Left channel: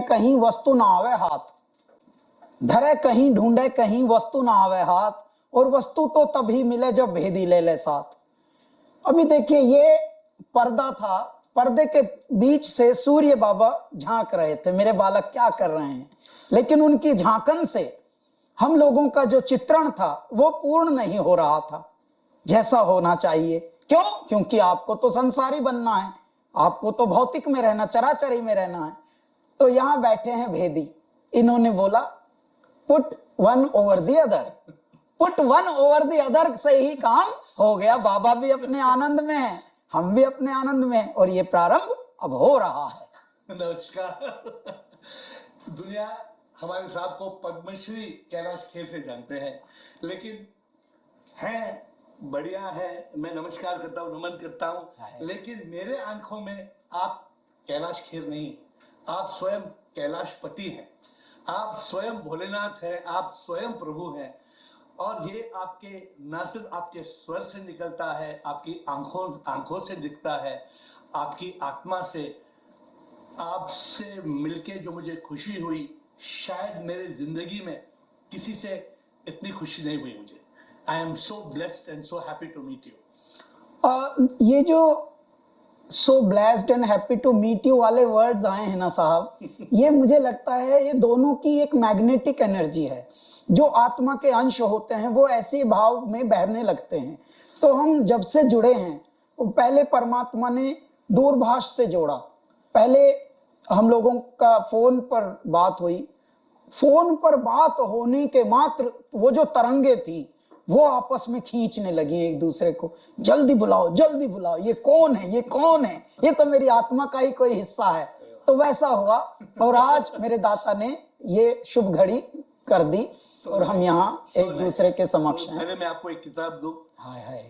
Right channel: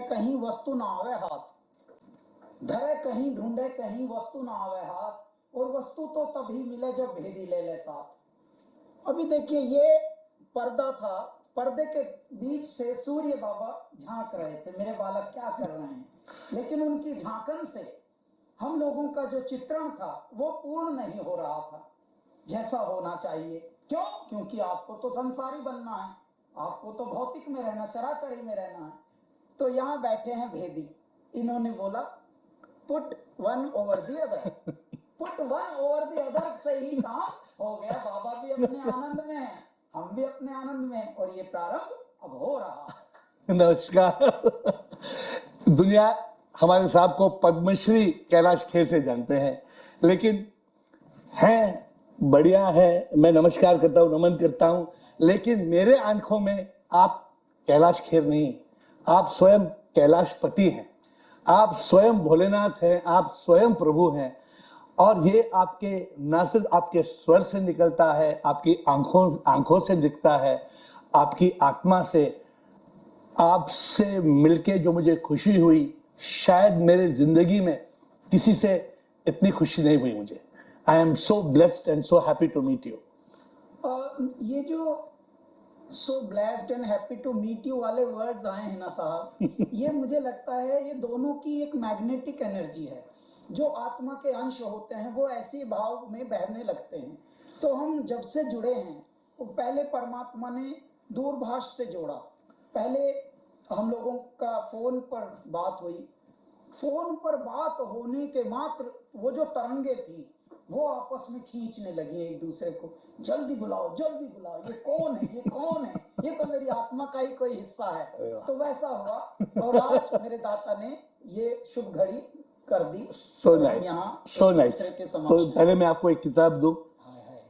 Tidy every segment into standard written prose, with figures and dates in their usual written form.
ढूंढे कहीं वस्तु ना आवे हाथ, धरे कहीं ढूंढे कहीं वस्तु ना आवे हाथ, और वस्तु तो तभी मिले जब भेदी ले ले साथ। अभी देखिए ये पर्दा था, पर्दे के बीच से सूर्य बाबा झांक रहे थे मेरे बालक क्या कर रहे हैं, लेकिन उनकी झांकन से हम लोगों का जो चित्रण था वो पूर्ण नहीं हो रहा था जैसा होना चाहिए। क्यों? क्योंकि आपको तो संसारी बनना है, आपको तो भौतिक में रहना, चराचरी में रहना है। तो यहां बैठे हैं भेदी, इन्होंने बोला put one over the other, put one over the other से ही काम हो गया। बाबा भी अपने आनंद में है, हम भी अपने आनंद में, और ये प्रारंभ अब हो रहा है। नमस्कार। दुनिया हमारे साहब को पद्मश्री कैलाश खेर से जानते हैं, लेकिन है बढ़िया है, मैं नमस्कार करता हूँ, नमन करता हूँ, लेकिन मेरे आंखों में आप कैलाश खेर नहीं, आप स्वयं कैलाशपति हैं, आप स्वयं भोलेनाथ हैं, आप स्वयं प्रभु हैं। और ये आपके न सिर्फ आपके स्वर से निकलता है, आपकी आंखों से दिखता है, आपकी आत्मा से। आपसे मिलके जो मुझे खुशी हुई, शायद मेरे जिंदगी में किसी से इतनी खुशी नहीं हुई मुझे। I am so blessed and so happy to meet you. ये जो so blessed and happy to meet you वाले वर्ड्स आए हैं ना साहब, ये मुझे लगता है ये दोनों की एक मैग्नेटिक एनर्जी है। जो आत्मा के अंश होते हैं वो ऐसे भाव में बहने लगते हैं। तो हम जब से जुड़े हैं, पहले परमात्मा ने दूरभाष से जोड़ा, पहले हम लोगों का फोन पर बात हुई, फोन पर बात होने के मात्र वो जो तरंगे थी वो आपस में खींचने लगी एक दूसरे को, जल्दी बुलाओ जल्दी बुलाओ, ये कौन है, ये कौन है, ये तो मेरी आत्मा का ही कोई हिस्सा है। तो वैसा हुआ, और आज मेरे दाता ने ये शुभ घड़ी कर दी, और हम यहाँ एक दूसरे के समक्ष हैं। पहले मैं आपको एक किताब दूं।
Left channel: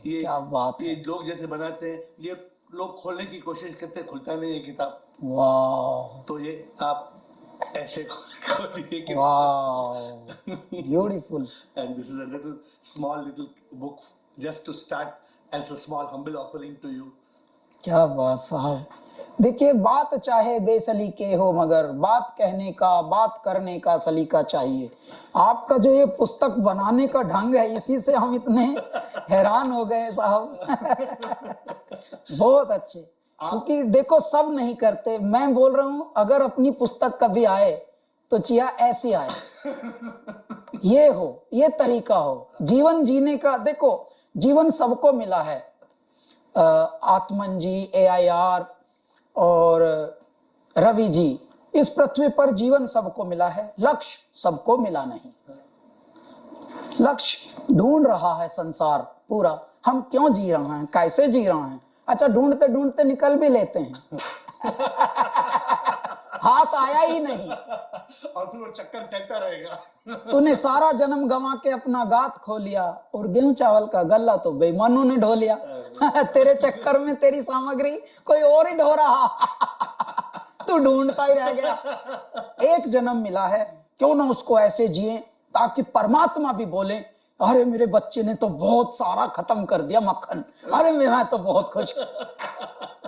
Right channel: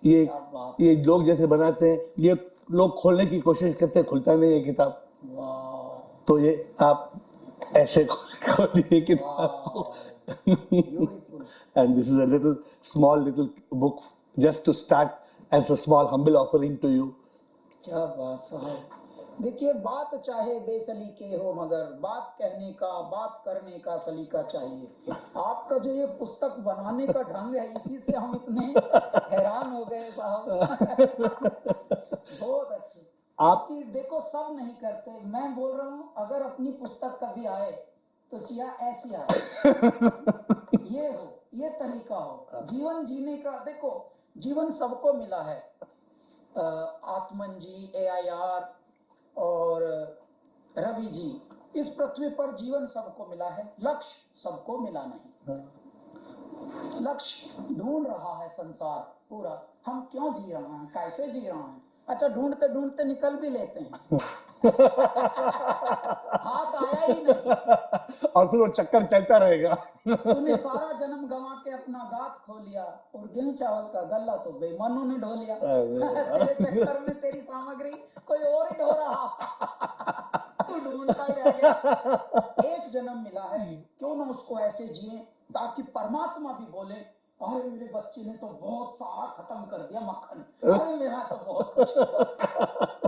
ये क्या बात, ये लोग जैसे बनाते हैं, ये लोग खोलने की कोशिश करते, खुलता नहीं ये किताब। वाह, तो ये आप ऐसे खोलिए किताब। Beautiful. And this is a small book just to start as a small humble offering to you. क्या बात साहब। देखिए, बात चाहे बेसलीके हो मगर बात कहने का, बात करने का सलीका चाहिए। आपका जो ये पुस्तक बनाने का ढंग है, इसी से हम इतने हैरान हो गए साहब। बहुत अच्छे। आपकी देखो सब नहीं करते, मैं बोल रहा हूँ अगर अपनी पुस्तक कभी आए तो चिया ऐसी आए। ये हो, ये तरीका हो जीवन जीने का। देखो जीवन सबको मिला है, आत्मन जी, AIR और रवि जी, इस पृथ्वी पर जीवन सबको मिला है, लक्ष्य सबको मिला नहीं। लक्ष्य ढूंढ रहा है संसार पूरा, हम क्यों जी रहे हैं, कैसे जी रहे हैं। अच्छा, ढूंढते ढूंढते निकल भी लेते हैं। हाथ आया ही नहीं, और फिर वो चक्कर चलता रहेगा। तूने सारा जन्म गंवा के अपना गात खो लिया, और गेहूं चावल का गल्ला तो बेईमानों ने ढो लिया। तेरे चक्कर में तेरी सामग्री कोई और ही ढो रहा, तू ढूंढता ही रह गया। एक जन्म मिला है, क्यों ना उसको ऐसे जिए ताकि परमात्मा भी बोले, अरे मेरे बच्चे ने तो बहुत सारा खत्म कर दिया मक्खन, अरे मैं तो बहुत खुश।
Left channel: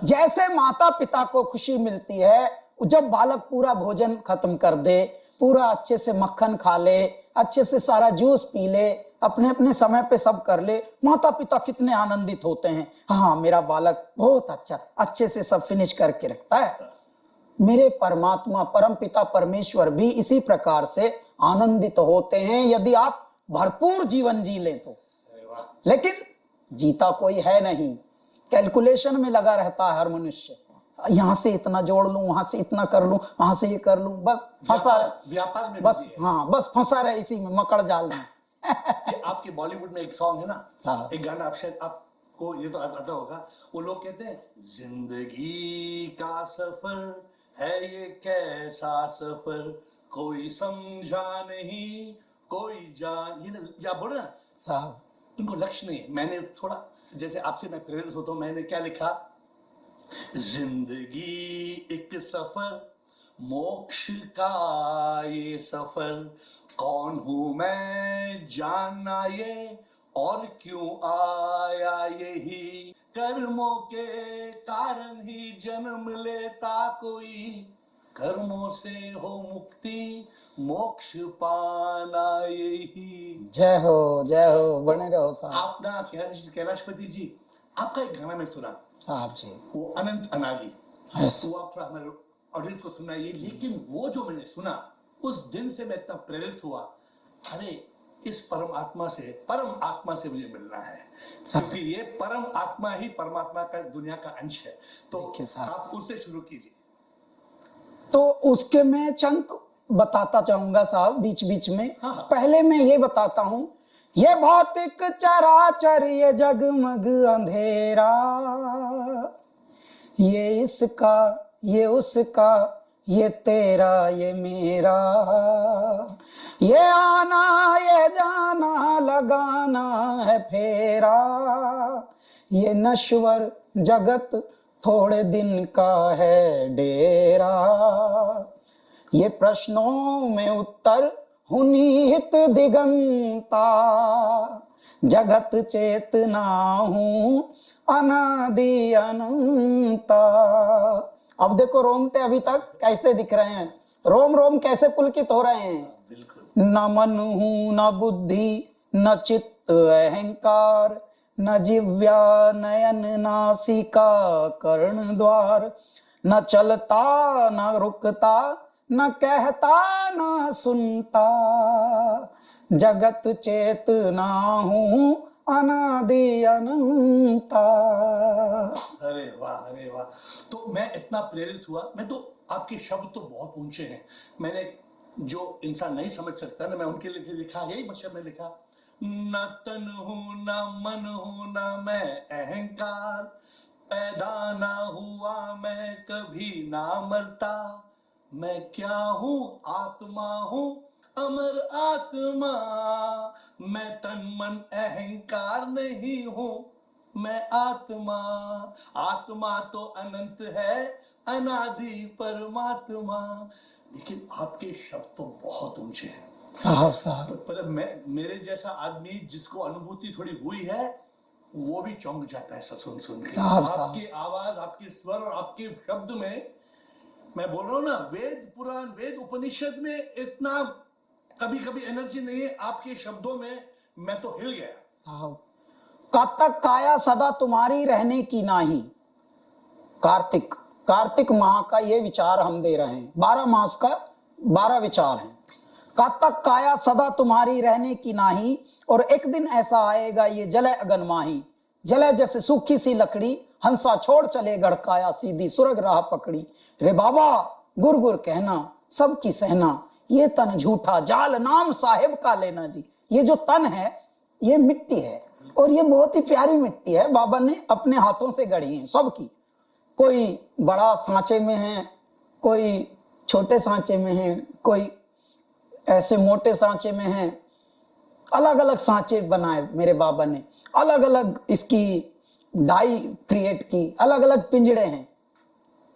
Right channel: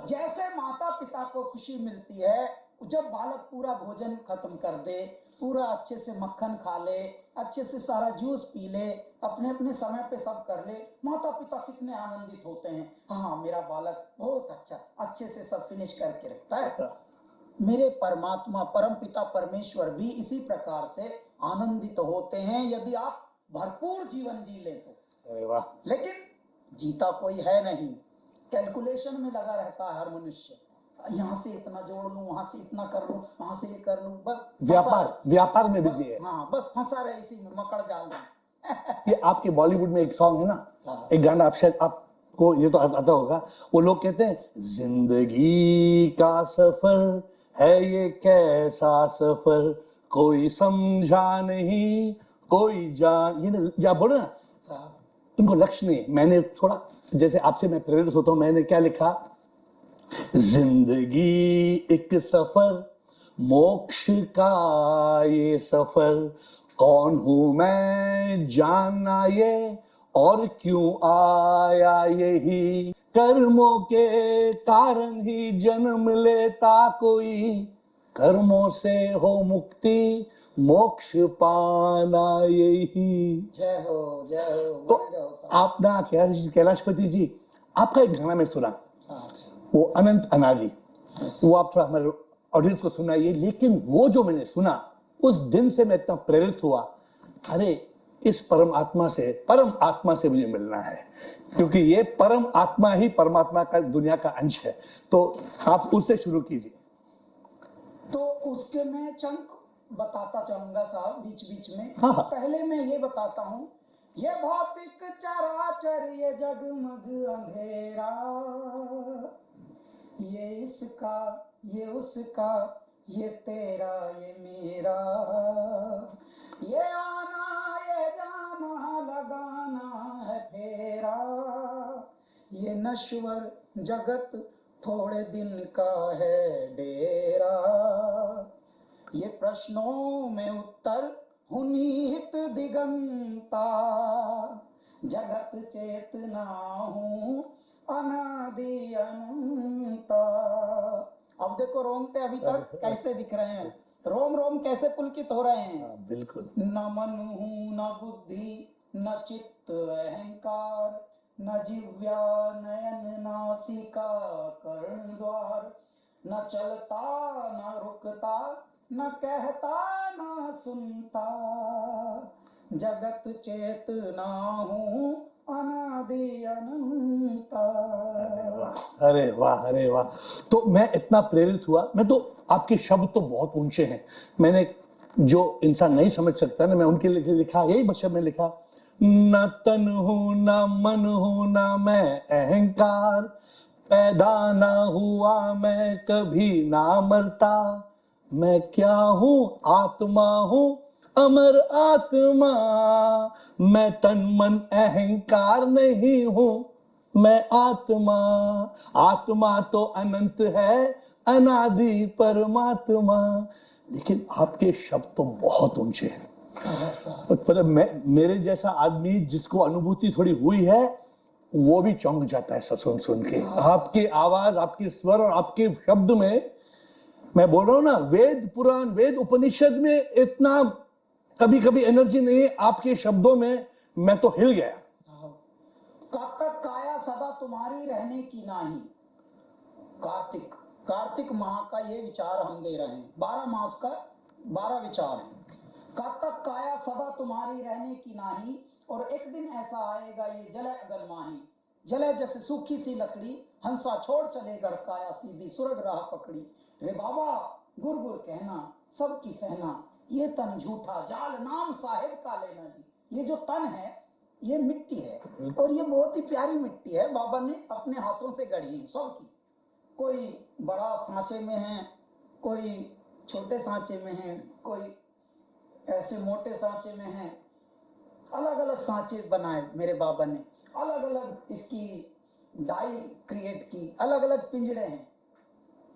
जैसे माता पिता को खुशी मिलती है जब बालक पूरा भोजन खत्म कर दे, पूरा अच्छे से मक्खन खा ले, अच्छे से सारा जूस पी ले, अपने अपने समय पे सब कर ले, माता पिता कितने आनंदित होते हैं। हाँ, मेरा बालक बहुत अच्छा, अच्छे से सब फिनिश करके रखता है। मेरे परमात्मा परम पिता परमेश्वर भी इसी प्रकार से आनंदित होते हैं यदि आप भरपूर जीवन जी ले तो। लेकिन जीता कोई है नहीं, कैलकुलेशन में लगा रहता है हर मनुष्य, यहाँ से इतना जोड़ लूं, वहां से इतना कर लूं, वहां से ये कर लूं, बस व्यापार में बस, हाँ बस फंसा रहे इसी में, मकड़ जाल में। ये आपके बॉलीवुड में एक सॉन्ग है ना, एक गाना, आप शायद आपको ये तो आता होगा, वो लोग कहते हैं जिंदगी का सफर है ये कैसा सफर, कोई समझा नहीं कोई जान, ये या बोले ना साहब, इनको लक्ष्य नहीं। मैंने थोड़ा जैसे आपसे मैं प्रेरित होता हूं, मैंने क्या लिखा, जिंदगी एक सफर, मोक्ष का ये सफर, कौन हूं मैं जानना ये, और क्यों आया यही, कर्मों के कारण ही जन्म लेता कोई, कर्मों से हो मुक्ति, मोक्ष पाना यही। जय हो बने रहो साहब। आप ना कैलाशपति जी, आपका एक गाना में सुना साहब जी, वो अनंत अनादि, Yes. वो आप थोड़ा हमारे ऑडियंस को सुनाइए। लेकिन वो जो मैंने सुना, उस दिन से मैं इतना प्रेरित हुआ, अरे इस परम आत्मा से मुझे मिलना है, क्योंकि ये परम आत्मा ही परमात्मा का दुनिया का अंश है। तो आप उससे शुरू कीजिए। तो उसके मैं चंक बताता चाहूंगा साहब बीच बीच में। हाँ, हाँ। पहले मैं ये बताता हूँ, ये भौतिक चराचर, ये जगमग अंधेरा, ये इसका ये उसका, ये तेरा ये मेरा, ये आना ये जाना, लगाना है फेरा, ये नश्वर जगत थोड़े दिन का है डेरा, ये प्रश्नों में उत्तर हुनिहित दिगंता, जगत चेतना हूँ अनादि अनंता। अब देखो रोमटे अभी तक कैसे दिख रहे हैं, रोम रोम कैसे पुलकित हो रहे हैं। बिल्कुल। न मन हूँ न बुद्धि न चित्त अहंकार, न जिव्या नयन नासिका कर्ण द्वार, न चलता न रुकता, न कहता न सुनता, जगत चेतना हूँ अनादि अनंता। अरे वाह, अरे वाह। तो मैं इतना प्रेरित हुआ, मैं तो आपके शब्द तो बहुत ऊंचे हैं, मैंने जो इंसान नहीं समझ सकता ना, मैं उनके लिए लिखा, यही शब्द में लिखा, न तन हूं न मन हूं न मैं अहंकार, पैदा ना हुआ मैं कभी ना मरता, मैं क्या हूँ आत्मा हूँ अमर आत्मा, मैं तन मन अहंकार नहीं हूँ, मैं आत्मा, आत्मा तो अनंत है अनादि परमात्मा। लेकिन आपके शब्द तो बहुत ऊंचे हैं साहब पर मेरे जैसा आदमी जिसको अनुभूति थोड़ी हुई है, वो भी चौंक जाता है सब सुन के। आपकी आवाज, आपकी स्वर और आपके शब्द में, मैं बोल रहा हूँ ना, वेद पुराण वेद उपनिषद में इतना कभी कभी एनर्जी नहीं है, आपके शब्दों में मैं तो हिल गया। कब तक काया सदा तुम्हारी रहने की नाही, कार्तिक माह का ये विचार हम दे रहे हैं, 12 मास का 12 विचार हैं। कब तक काया सदा तुम्हारी रहने की नाही, और एक दिन ऐसा आएगा ये जले अगन माही, जले जैसे सूखी सी लकड़ी, हंसा छोड़ चले गढ़काया सीधी सुरग राह पकड़ी, रे बाबा गुर गुर कहना सबकी सहना, ये तन झूठा जाल नाम साहेब का लेना जी। ये जो तन है ये मिट्टी है, और ये बहुत ही प्यारी मिट्टी है, बाबा ने अपने हाथों से गढ़ी है सबकी। कोई बड़ा सांचे में है, कोई छोटे सांचे में है, कोई ऐसे मोटे सांचे में है, अलग अलग सांचे बनाए मेरे बाबा ने, अलग अलग इसकी डाई क्रिएट की, अलग अलग पिंजड़े हैं।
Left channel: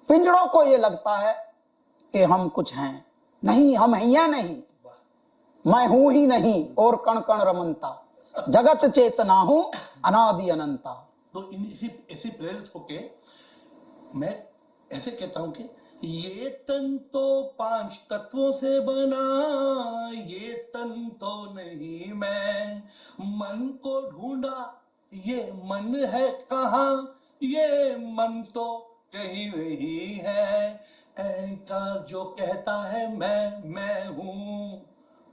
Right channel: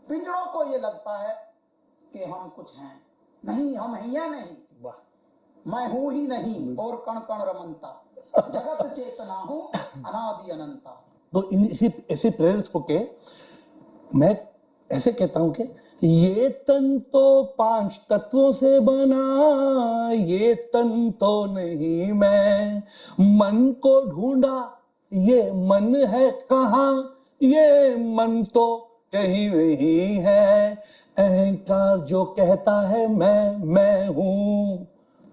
पिंजड़ों को ये लगता है कि हम कुछ हैं, नहीं हम हैं या नहीं, मैं हूं ही नहीं और कण कण रमनता, जगत चेतना हूं अनादि अनंता। तो ऐसे प्रेरित होके मैं ऐसे कहता हूं कि ये तन तो 5 तत्वों से बना, ये तन तो नहीं मैं, मन को ढूंढा ये मन है कहाँ, ये मन तो कहीं नहीं है, अहंकार जो कहता है मैं हूँ,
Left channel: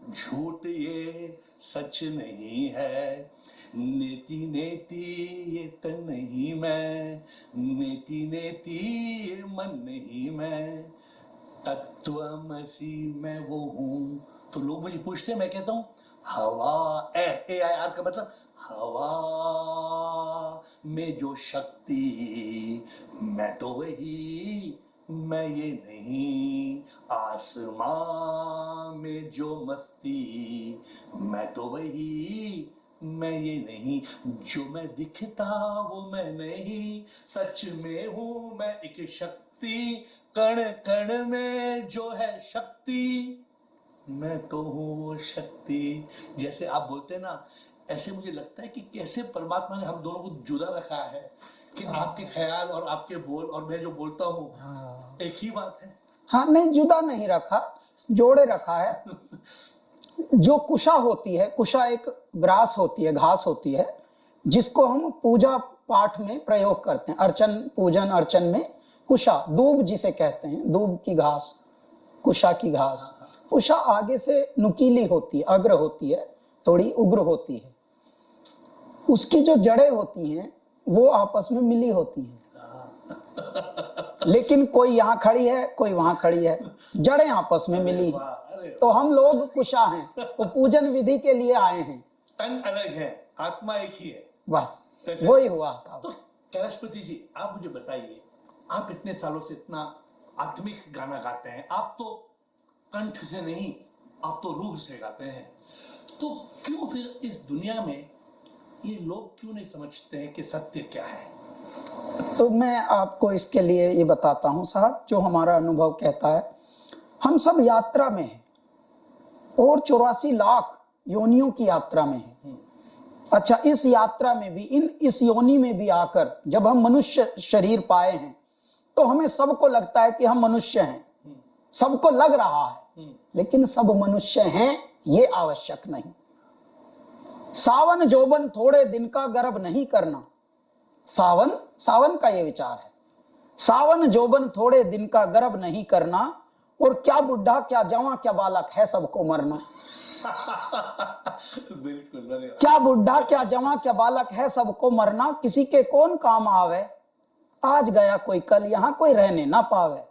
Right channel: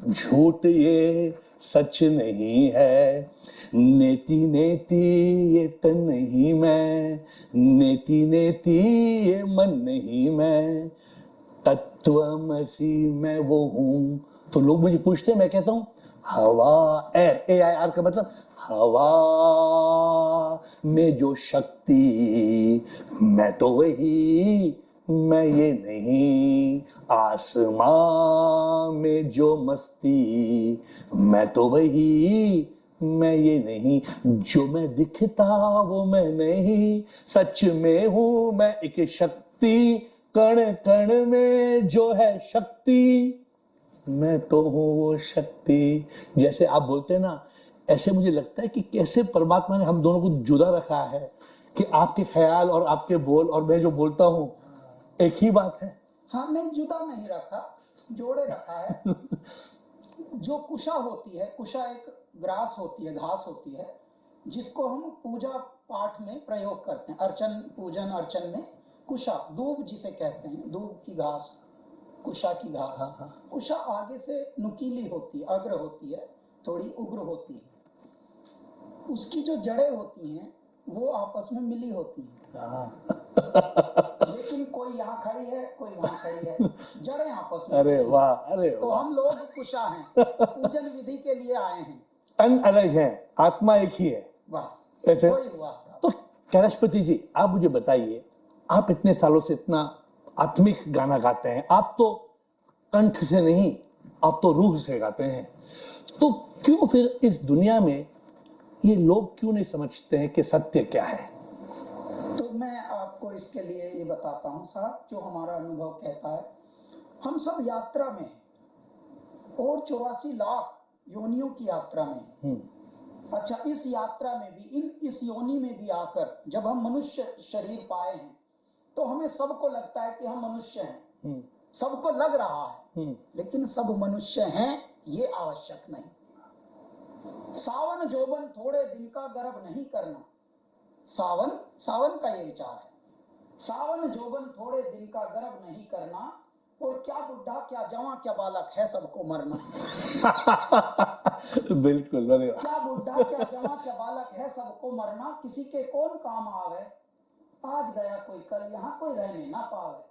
झूठ ये सच नहीं है, नेति नेति ये तन नहीं मैं, नेति नेति ये मन नहीं मैं, तत्वमसि मैं वो हूँ। तो लोग मुझे पूछते हैं, मैं कहता हूँ हवा, AIR का मतलब हवा में जो शक्ति, मैं तो वही, मैं ये नहीं, आसमां में जो मस्ती, मैं तो वही, मैं ये नहीं, जो मैं दिखता वो मैं नहीं, सच में हूँ मैं एक शक्ति, कण कण में जो है शक्ति, मैं तो हूँ वो शक्ति। जैसे आप बोलते हैं ना, ऐसे मुझे लगता है कि कैसे परमात्मा ने हम दोनों को जुदा रखा है, कि आपके ख्याल और आपके बोल और मैं जो बोलता हूँ एक ही बात है। हाँ, नहीं जुदा नहीं रखा, जोड़े रखा है। जो कुशा होती है, कुशा एक ग्रास होती है, घास होती है, जिसको हम पूजा पाठ में प्रयोग करते हैं, अर्चन पूजन अर्चन में। कुशा, दूब जिसे कहते हैं, दूब की घास, कुशा की घास। कुशा आगे से नुकीली होती है, अग्र होती है, थोड़ी उग्र होती है। उसकी जो जड़ें होती हैं वो आपस में मिली होती हैं, लेकिन कोई यहाँ खड़ी है, कोई वहां खड़ी है, जड़ें आपस में मिली। अरे तो हम लोग कुशा हैं, वो पूजन विधि के लिए आए हैं। तन अलग है, आत्मा एक ही है, बस ऐसे? वही हुआ साहब। तो कैलाशपति जी, आप मुझे बताइए, आप इतने सालों से इतना आत्मिक गाना गाते हैं, आप तो कंठ से नहीं, आप तो रूह से गाते हैं, तो क्यों फिर इस दुनिया में ये लोग क्यों नहीं समझते हैं कि सत्य क्या है? तो मैं आपको इसके लिए ये बताता हूं साहब, जो हमारा अनुभव कहता है, हम सब यात्रा में हैं और 84 लाख योनियों की यात्रा में हैं। अच्छा, इस यात्रा में भी, इस योनि में भी आकर जब हम मनुष्य शरीर पाए हैं तो हमें सबको लगता है कि हम मनुष्य हैं, सबको लग रहा है, लेकिन सब मनुष्य हैं ये आवश्यक नहीं। सावन जोबन थोड़े दिन का गर्व नहीं करना, सावन का ये विचार है, सावन जोबन थोड़े दिन का गर्व नहीं करना, और क्या बुढ़ा क्या जवां क्या बालक है सबको मरना। बिल्कुल, अरे वाह। क्या बुढ़ा क्या जवां क्या बालक है सबको मरना, किसी के कौन काम आवे, आज गया कोई कल यहाँ कोई रहने ना पावे।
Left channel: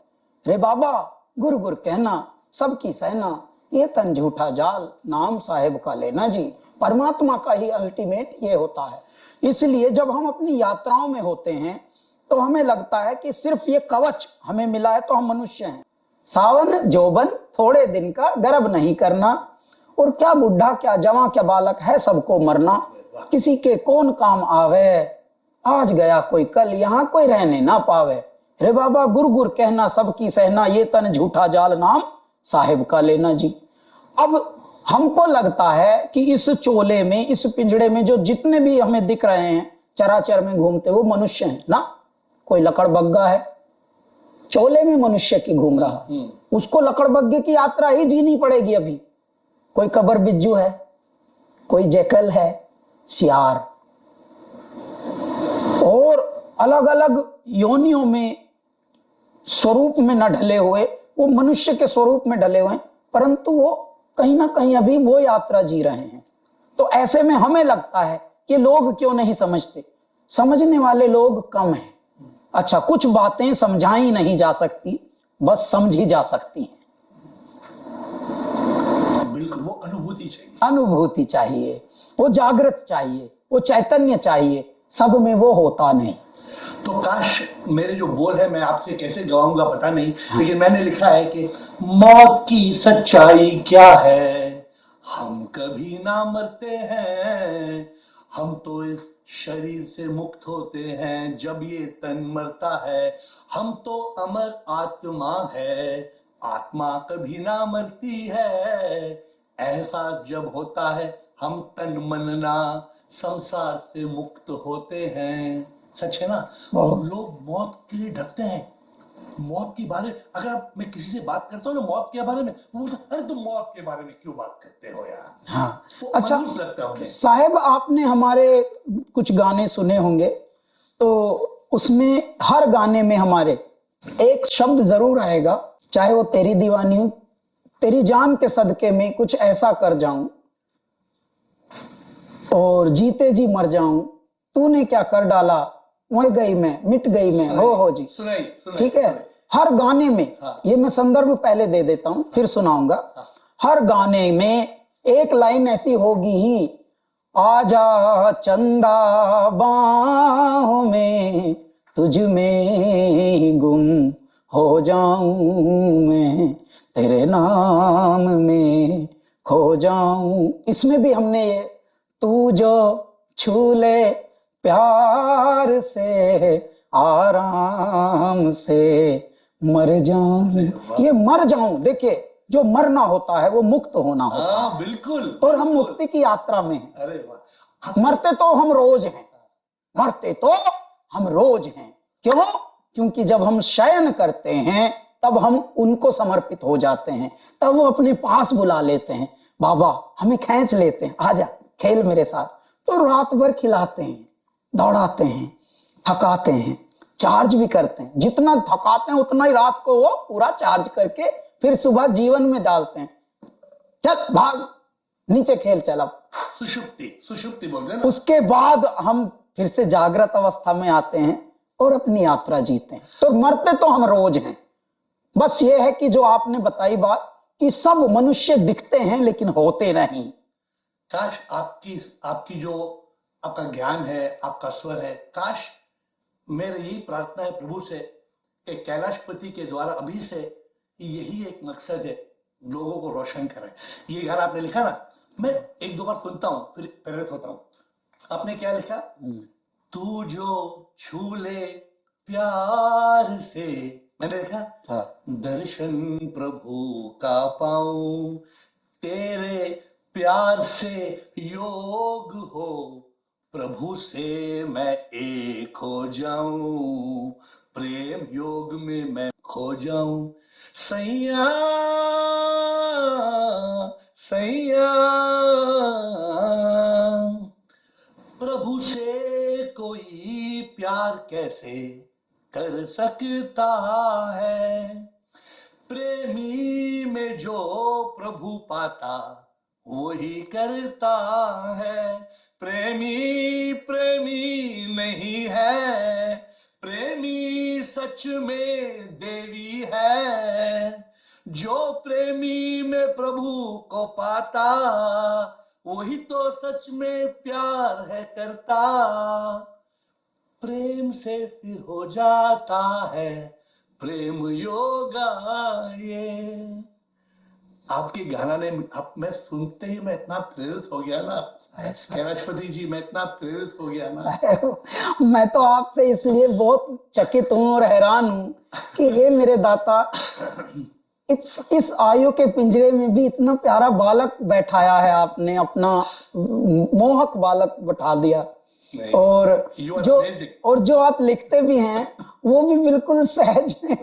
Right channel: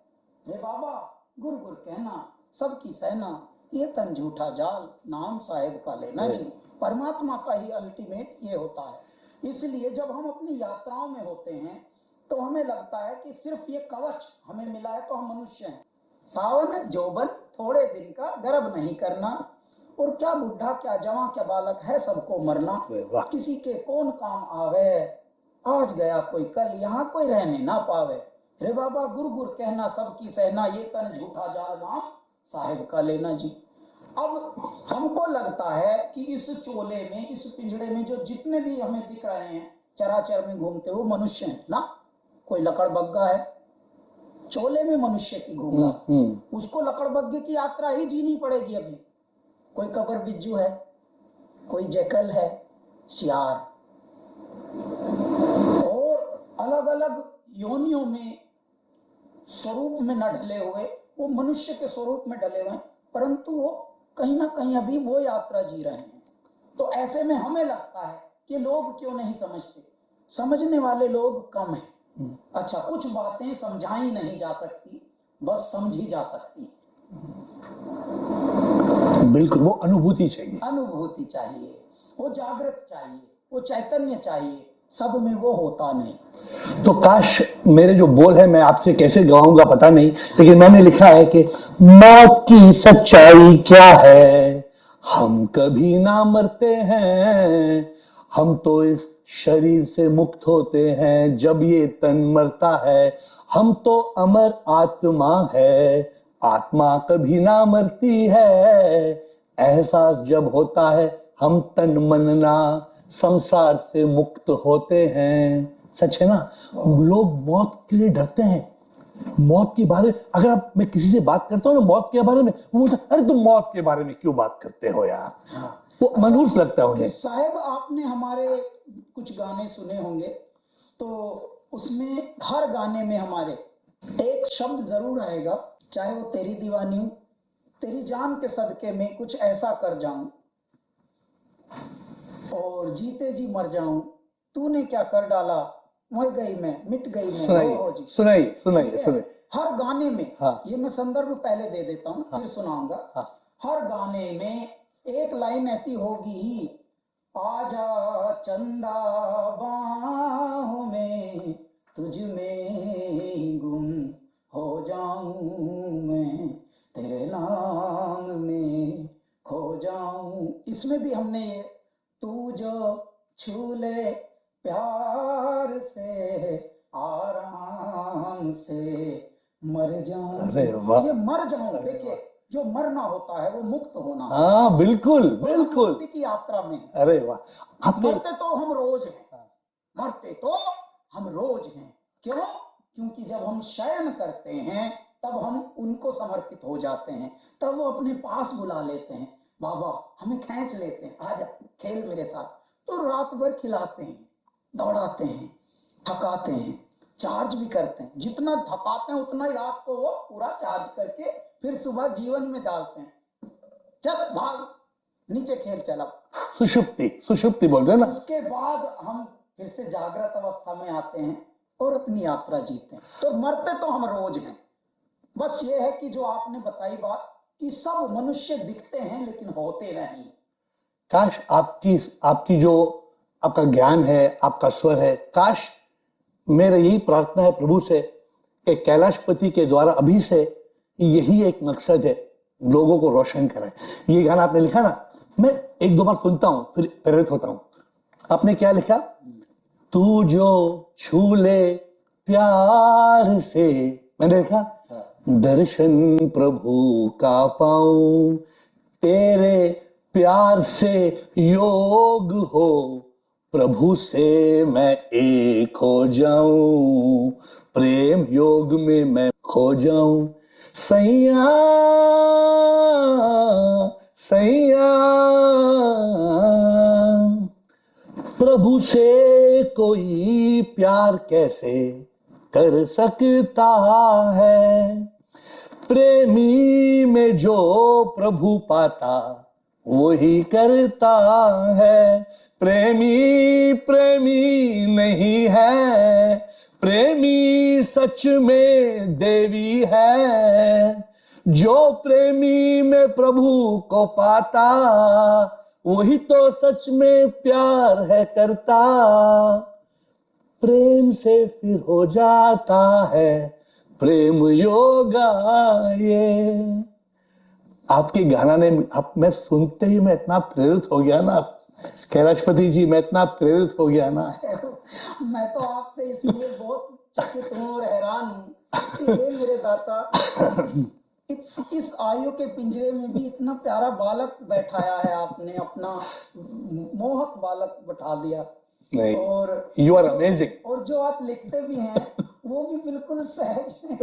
रे बाबा गुर गुर कहना सबकी सहना, ये तन झूठा जाल नाम साहेब का लेना जी। परमात्मा का ही अल्टीमेट ये होता है। इसलिए जब हम अपनी यात्राओं में होते हैं तो हमें लगता है कि सिर्फ ये कवच हमें मिला है तो हम मनुष्य हैं। सावन जोबन थोड़े दिन का गर्व नहीं करना, और क्या बुढ़ा क्या जवां क्या बालक है सबको मरना, किसी के कौन काम आवे, आज गया कोई कल यहाँ कोई रहने ना पावे। रे बाबा गुर गुर कहना सबकी सहना, ये तन झूठा जाल नाम साहिब का लेना जी। अब हमको लगता है कि इस चोले में, इस पिंजड़े में जो जितने भी हमें दिख रहे हैं चराचर में घूमते, वो मनुष्य हैं ना। कोई लकड़बग्गा है, चोले में मनुष्य की घूम रहा, उसको लकड़बग्गे की यात्रा ही जीनी पड़ेगी अभी। कोई कबर बिज्जू है, कोई जैकल है, सियार, और अलग अलग योनियों में स्वरूप में न ढले हुए, वो मनुष्य के स्वरूप में ढले हुए, परंतु वो कहीं ना कहीं अभी वो यात्रा जी रहे हैं। तो ऐसे में हमें लगता है कि लोग क्यों नहीं समझते, समझने वाले लोग कम हैं। अच्छा, कुछ बातें समझाई नहीं जा सकती, बस समझी जा सकती हैं। बिल्कुल, वो अनुभूति चाहिए, अनुभूति चाहिए, वो जागृत चाहिए, वो चैतन्य चाहिए, सब में वो होता नहीं। तो काश मेरे जो बोल है मैं आपसे कैसे गवाऊंगा पता नहीं, लेकिन मैंने लिखा है कि मौत की सच्चाई क्या है, हम कभी ना मरते हैं, हम तो इस शरीर से मुक्त होते हैं जब ये तन मरता है, हम तो अमर आत्मा है, आत्मा कभी ना मरती है, एहसास जब होता है हम तन मनना संसार से मुक्त होते हैं। सच है ना? हम लोग मौत के लिए डरते हैं, मौत के बारे में अगर आप, मैं किसी से बात करता हूँ ना मौत के बारे में, वो बोलता अरे तुम मौत के बारे में क्यों बात करते हो यार। हाँ, वो अच्छा मनहूस लगता है उन्हें। साहब, आपने हमारे कुछ गाने सुने होंगे, तो उसमें हर गाने में हमारे एक शब्द जरूर आएगा, चाहे वो तेरी दीवानी हो, तेरी जान के सदके में कुछ ऐसा कर जाऊं और जीते जी मर जाऊं, तूने क्या कर डाला, मर गई मैं मिट गई मैं, हो जी। सुनाइए ठीक है, हर गाने में। हाँ। ये मैं संदर्भ पहले दे देता हूं, फिर सुनाऊंगा। हाँ। हर गाने में एक लाइन ऐसी होगी ही, आजा चंदा बाहों में, तुझ में ही गुम हो जाऊं मैं, तेरे नाम में खो जाऊं। इसमें भी हमने ये, तू जो छू ले प्यार से आराम से मर जाऊं, ये मर जाऊं, देखिए जो मरना होता है वो मुक्त होना होता है। हाँ बिल्कुल, और हम मुक्ति की यात्रा में हैं। अरे वाह, मरते तो हम रोज हैं, मरते तो हम रोज हैं। क्यों? क्योंकि जब हम शयन करते हैं तब हम उनको समर्पित हो जाते हैं, तब वो अपने पास बुला लेते हैं, बाबा हमें खींच लेते हैं, आजा खेल मेरे साथ। तो रात भर खिलाते हैं, दौड़ाते हैं, थकाते हैं, चार्ज भी करते हैं, जितना थकाते हैं उतना ही रात को वो पूरा चार्ज करके फिर सुबह जीवन में डालते हैं। चल भाग नीचे खेल चला, सुषुप्ति बोलते हैं ना। उसके बाद हम फिर से जागृत अवस्था में आते हैं और अपनी यात्रा जीते हैं। तो मरते तो हम रोज हैं, बस ये है कि जो आपने बताई बात कि सब मनुष्य दिखते हैं लेकिन होते नहीं। काश आपकी जो आपका ज्ञान है, आपका स्वर है, काश मेरा यही प्रार्थना है प्रभु से कि कैलाशपति के द्वारा अभी से यही एक मकसद है, लोगों को रोशन करें। ये गाना आपने लिखा ना, मैं एक दो बार सुनता हूं फिर प्रेरित होता हूं। आपने क्या लिखा? तू जो छू ले प्यार से, मैंने लिखा दर्शन प्रभु का पाऊं, तेरे प्यार से योग हो, प्रभु से मैं एक हो जाऊं, प्रेम योग में मैं खो जाऊं। सैया सैया प्रभु से कोई प्यार कैसे कर सकता है, प्रेमी में जो प्रभु पाता वही करता है। प्रेमी प्रेमी नहीं है, प्रेमी सच में देवी है, जो प्रेमी में प्रभु को पाता वही तो सच में प्यार है करता, प्रेम से फिर हो जाता है प्रेम योगा। ये आपके गाना ने मैं सुनते ही मैं इतना प्रेरित हो गया ना कैलाशपति जी, मैं इतना प्रेरित हो गया ना। मैं तो आपसे इसलिए बहुत चकित हूं और हैरान हूं कि ये मेरे दाता इस आयु के पिंजरे में भी इतना प्यारा बालक बैठाया है आपने, अपना मोहक बालक बैठा दिया। और जो आप लिखते भी हैं वो भी बिल्कुल सहज है।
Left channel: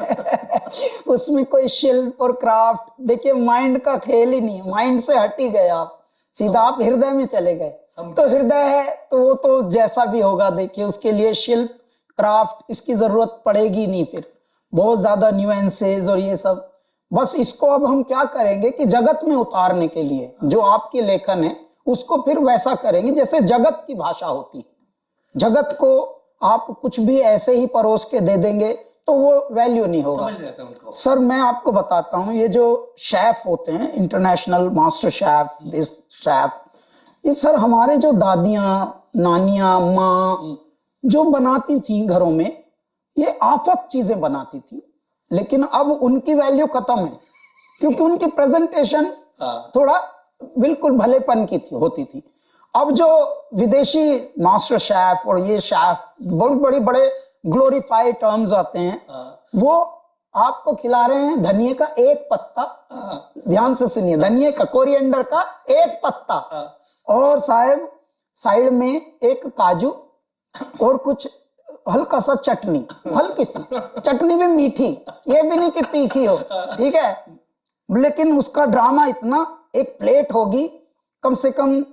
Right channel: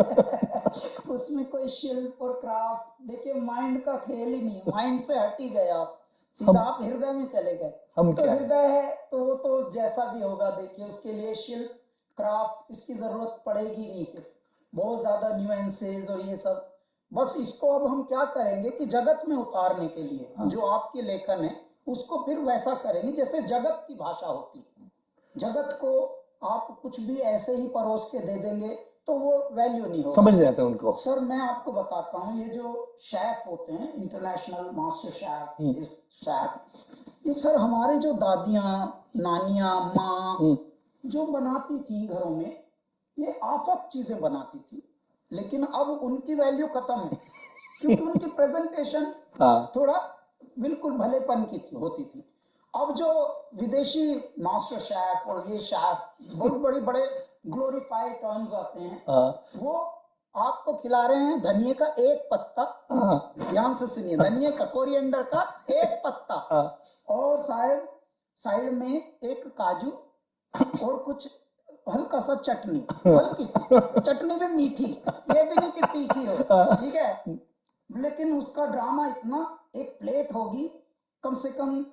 उसमें कोई शिल्प और क्राफ्ट, देखिए माइंड का खेल ही नहीं, माइंड से हट ही गए आप, सीधा आप हृदय में चले गए। तो हृदय है तो वो तो जैसा भी होगा, देखिए उसके लिए शिल्प क्राफ्ट इसकी जरूरत पड़ेगी नहीं, फिर बहुत ज्यादा न्यूएंसेस और ये सब। बस इसको अब हम क्या करेंगे कि जगत में उतारने के लिए जो आपके लेखन है उसको फिर वैसा करेंगे जैसे जगत की भाषा होती है। जगत को आप कुछ भी ऐसे ही परोस के दे देंगे तो वो वैल्यू नहीं होगा, समझ नहीं आता उनको। सर मैं आपको बताता हूँ, ये जो शेफ होते हैं, international master chef, this chef, ये सर हमारे जो दादियां नानियां माँ जो बनाती थी घरों में, ये आफत चीजें बनाती थी, लेकिन अब उनकी वैल्यू खत्म है क्योंकि उनकी प्रेजेंटेशन थोड़ा बिल्कुल भलेपन की होती थी। अब जो विदेशी मास्टर शेफ और ये शेफ बहुत बड़े ग्लोरीफाइड टर्म्स आते हैं, वो आपको खिला रहे हैं धनिये का एक पत्ता, ध्यान से सुनिए, धनिये का, कोरिएंडर का एक पत्ता, और साहब साइड में एक काजू और कुछ हल्का सा चटनी, हल्की सी चटनी भी मीठी, ये भी नहीं कि तीखी हो, ठीक है, लेकिन उसका ड्रामा इतना, एक प्लेट होगी कम से कम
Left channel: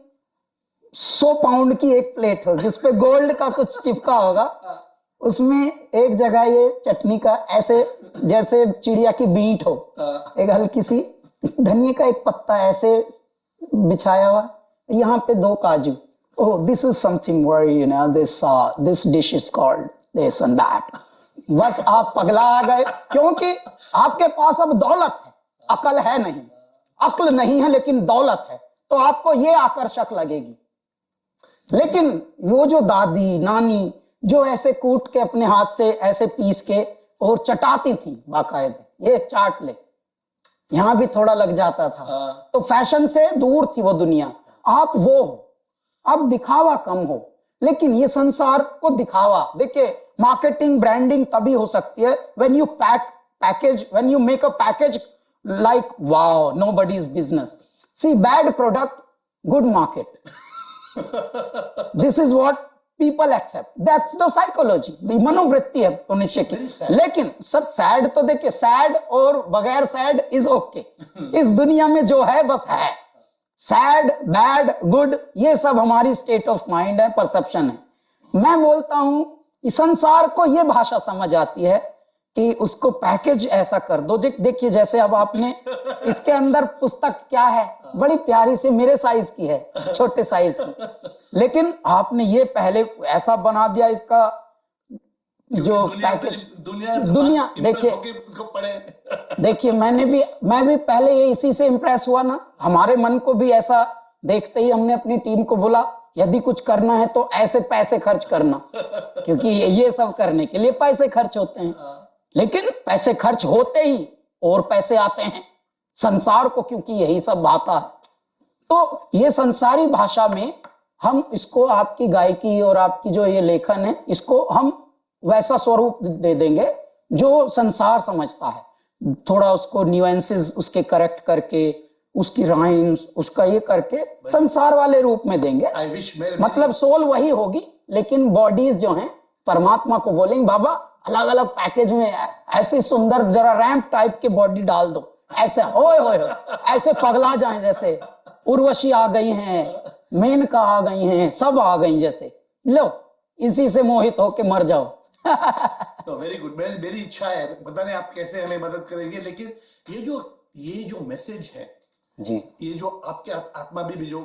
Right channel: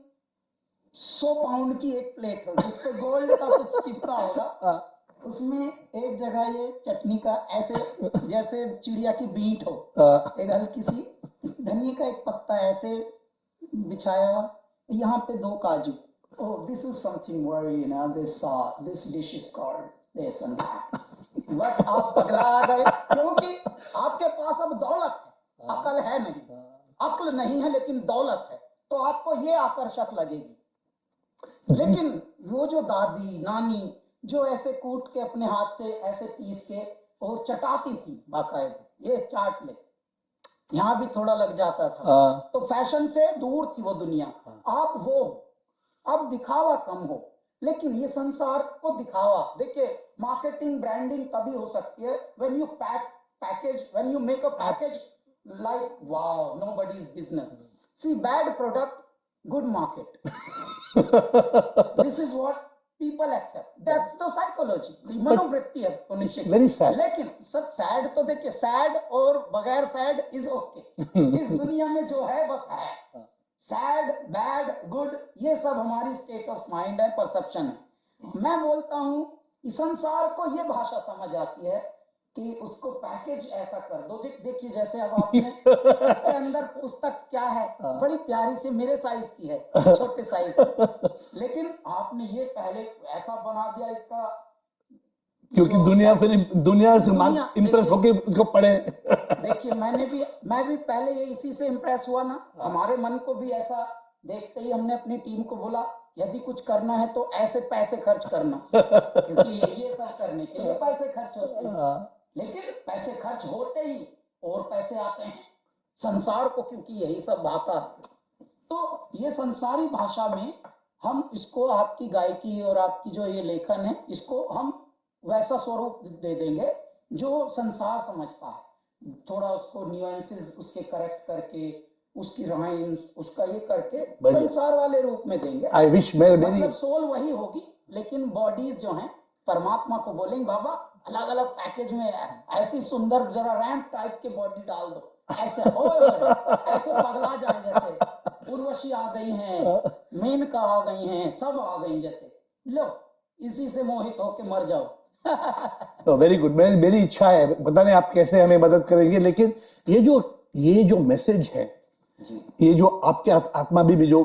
100 पाउंड की एक प्लेट होगी, उस पे गोल्ड का कुछ चिपका होगा, उसमें एक जगह ये चटनी का ऐसे जैसे चिड़िया की बीट हो, एक हल्की सी धनिया का एक पत्ता ऐसे बिछाया हुआ, यहाँ पे 2 काजू, oh this is something where you know this dish is called this and that। बस आप पगला आ गए, क्योंकि आपके पास अब दौलत है, अकल है नहीं, अक्ल नहीं है लेकिन दौलत है, तो आपको ये आकर्षक लगेगी। लेकिन वो जो दादी नानी जो ऐसे कूट के अपने हाथ से ऐसे पीस के और चटाती थी बाकायदे, ये चाट ले, यहाँ भी थोड़ा लग जाता था, तो फैशन से दूर थी वो दुनिया। आप वो हो, अब दिखावा कम हो, लेकिन ये संसार को दिखावा, देखिए मार्केटिंग ब्रांडिंग तभी हो सकती है when you when you make a package like wow, nobody's business। See, bad product, good market। This is what people accept, that's the psychology, मनोवृत्ति है मनुष्य की। Very sad. लेकिन सर सैड तो देखिए, सैड और बगैर सैड इज ओके। इस दुनिया में जो है बस है, सैड बैड गुड ये सब हमारी स्टेट ऑफ माइंड है, परसेप्शन है। मैं बोलता हूं कि संसार को ये भाषा समझ आती है कि उसको पैकेज ऐसा कर दो। देखिए जैसे अब आपने इसके अंदर पुस्तक क्या है, बड़ी प्यारी सी मेरे साइज की है, छोटे साइज की, लेकिन आपने ये पहले ऐसा बना दिया इसका, क्योंकि दुनिया देखिए इम्प्रेस होके उसको पढ़े। देखिए मैं भी पहले ये इसी से इम्प्रेस हुआ ना। हमारे मन को भी ऐसा देखते ही हमने अपनी टीम को बोला यदि कुछ करना है तो ऐसे पैसे खर्च करना, क्योंकि ये सब करने के लिए पैसे खर्च होते हैं। लेकिन पैसे खर्च होते ही और पैसे आते हैं संसार को, क्योंकि यही सब भाता है। तो ये संसारी भाषा में हम इसको, आपकी गायकी और आपकी जो ये लेखन है, इसको हम वैसा स्वरूप दे देंगे जो संसार समझता है। थोड़ा उसको न्यूएंसेस उसके करेक्ट करके, उसकी राइम्स उसका ये करके संसार वाले रूप में देंगे। आई विश मतलब सोल वही होगी, लेकिन बॉडीज जो हैं परमात्मा को बोलेंगे बाबा अलग अलग पैकेज में ऐसी सुंदर जरा रैंप टाइप के बॉडी डाल दो, ऐसे ओए ओए ऐसे पगला जाएं, जैसे उर्वशी आ गई हैं, मेनका आ गई हैं, सब आ गई, जैसे लो इसी से मोहित होके मर जाओ। Very good. मेरी इच्छा है, पता नहीं आप कैसे हमें मदद करेंगे, लेकिन ये जो मैसेज है जी, ये जो आपके आत्मा में भी जो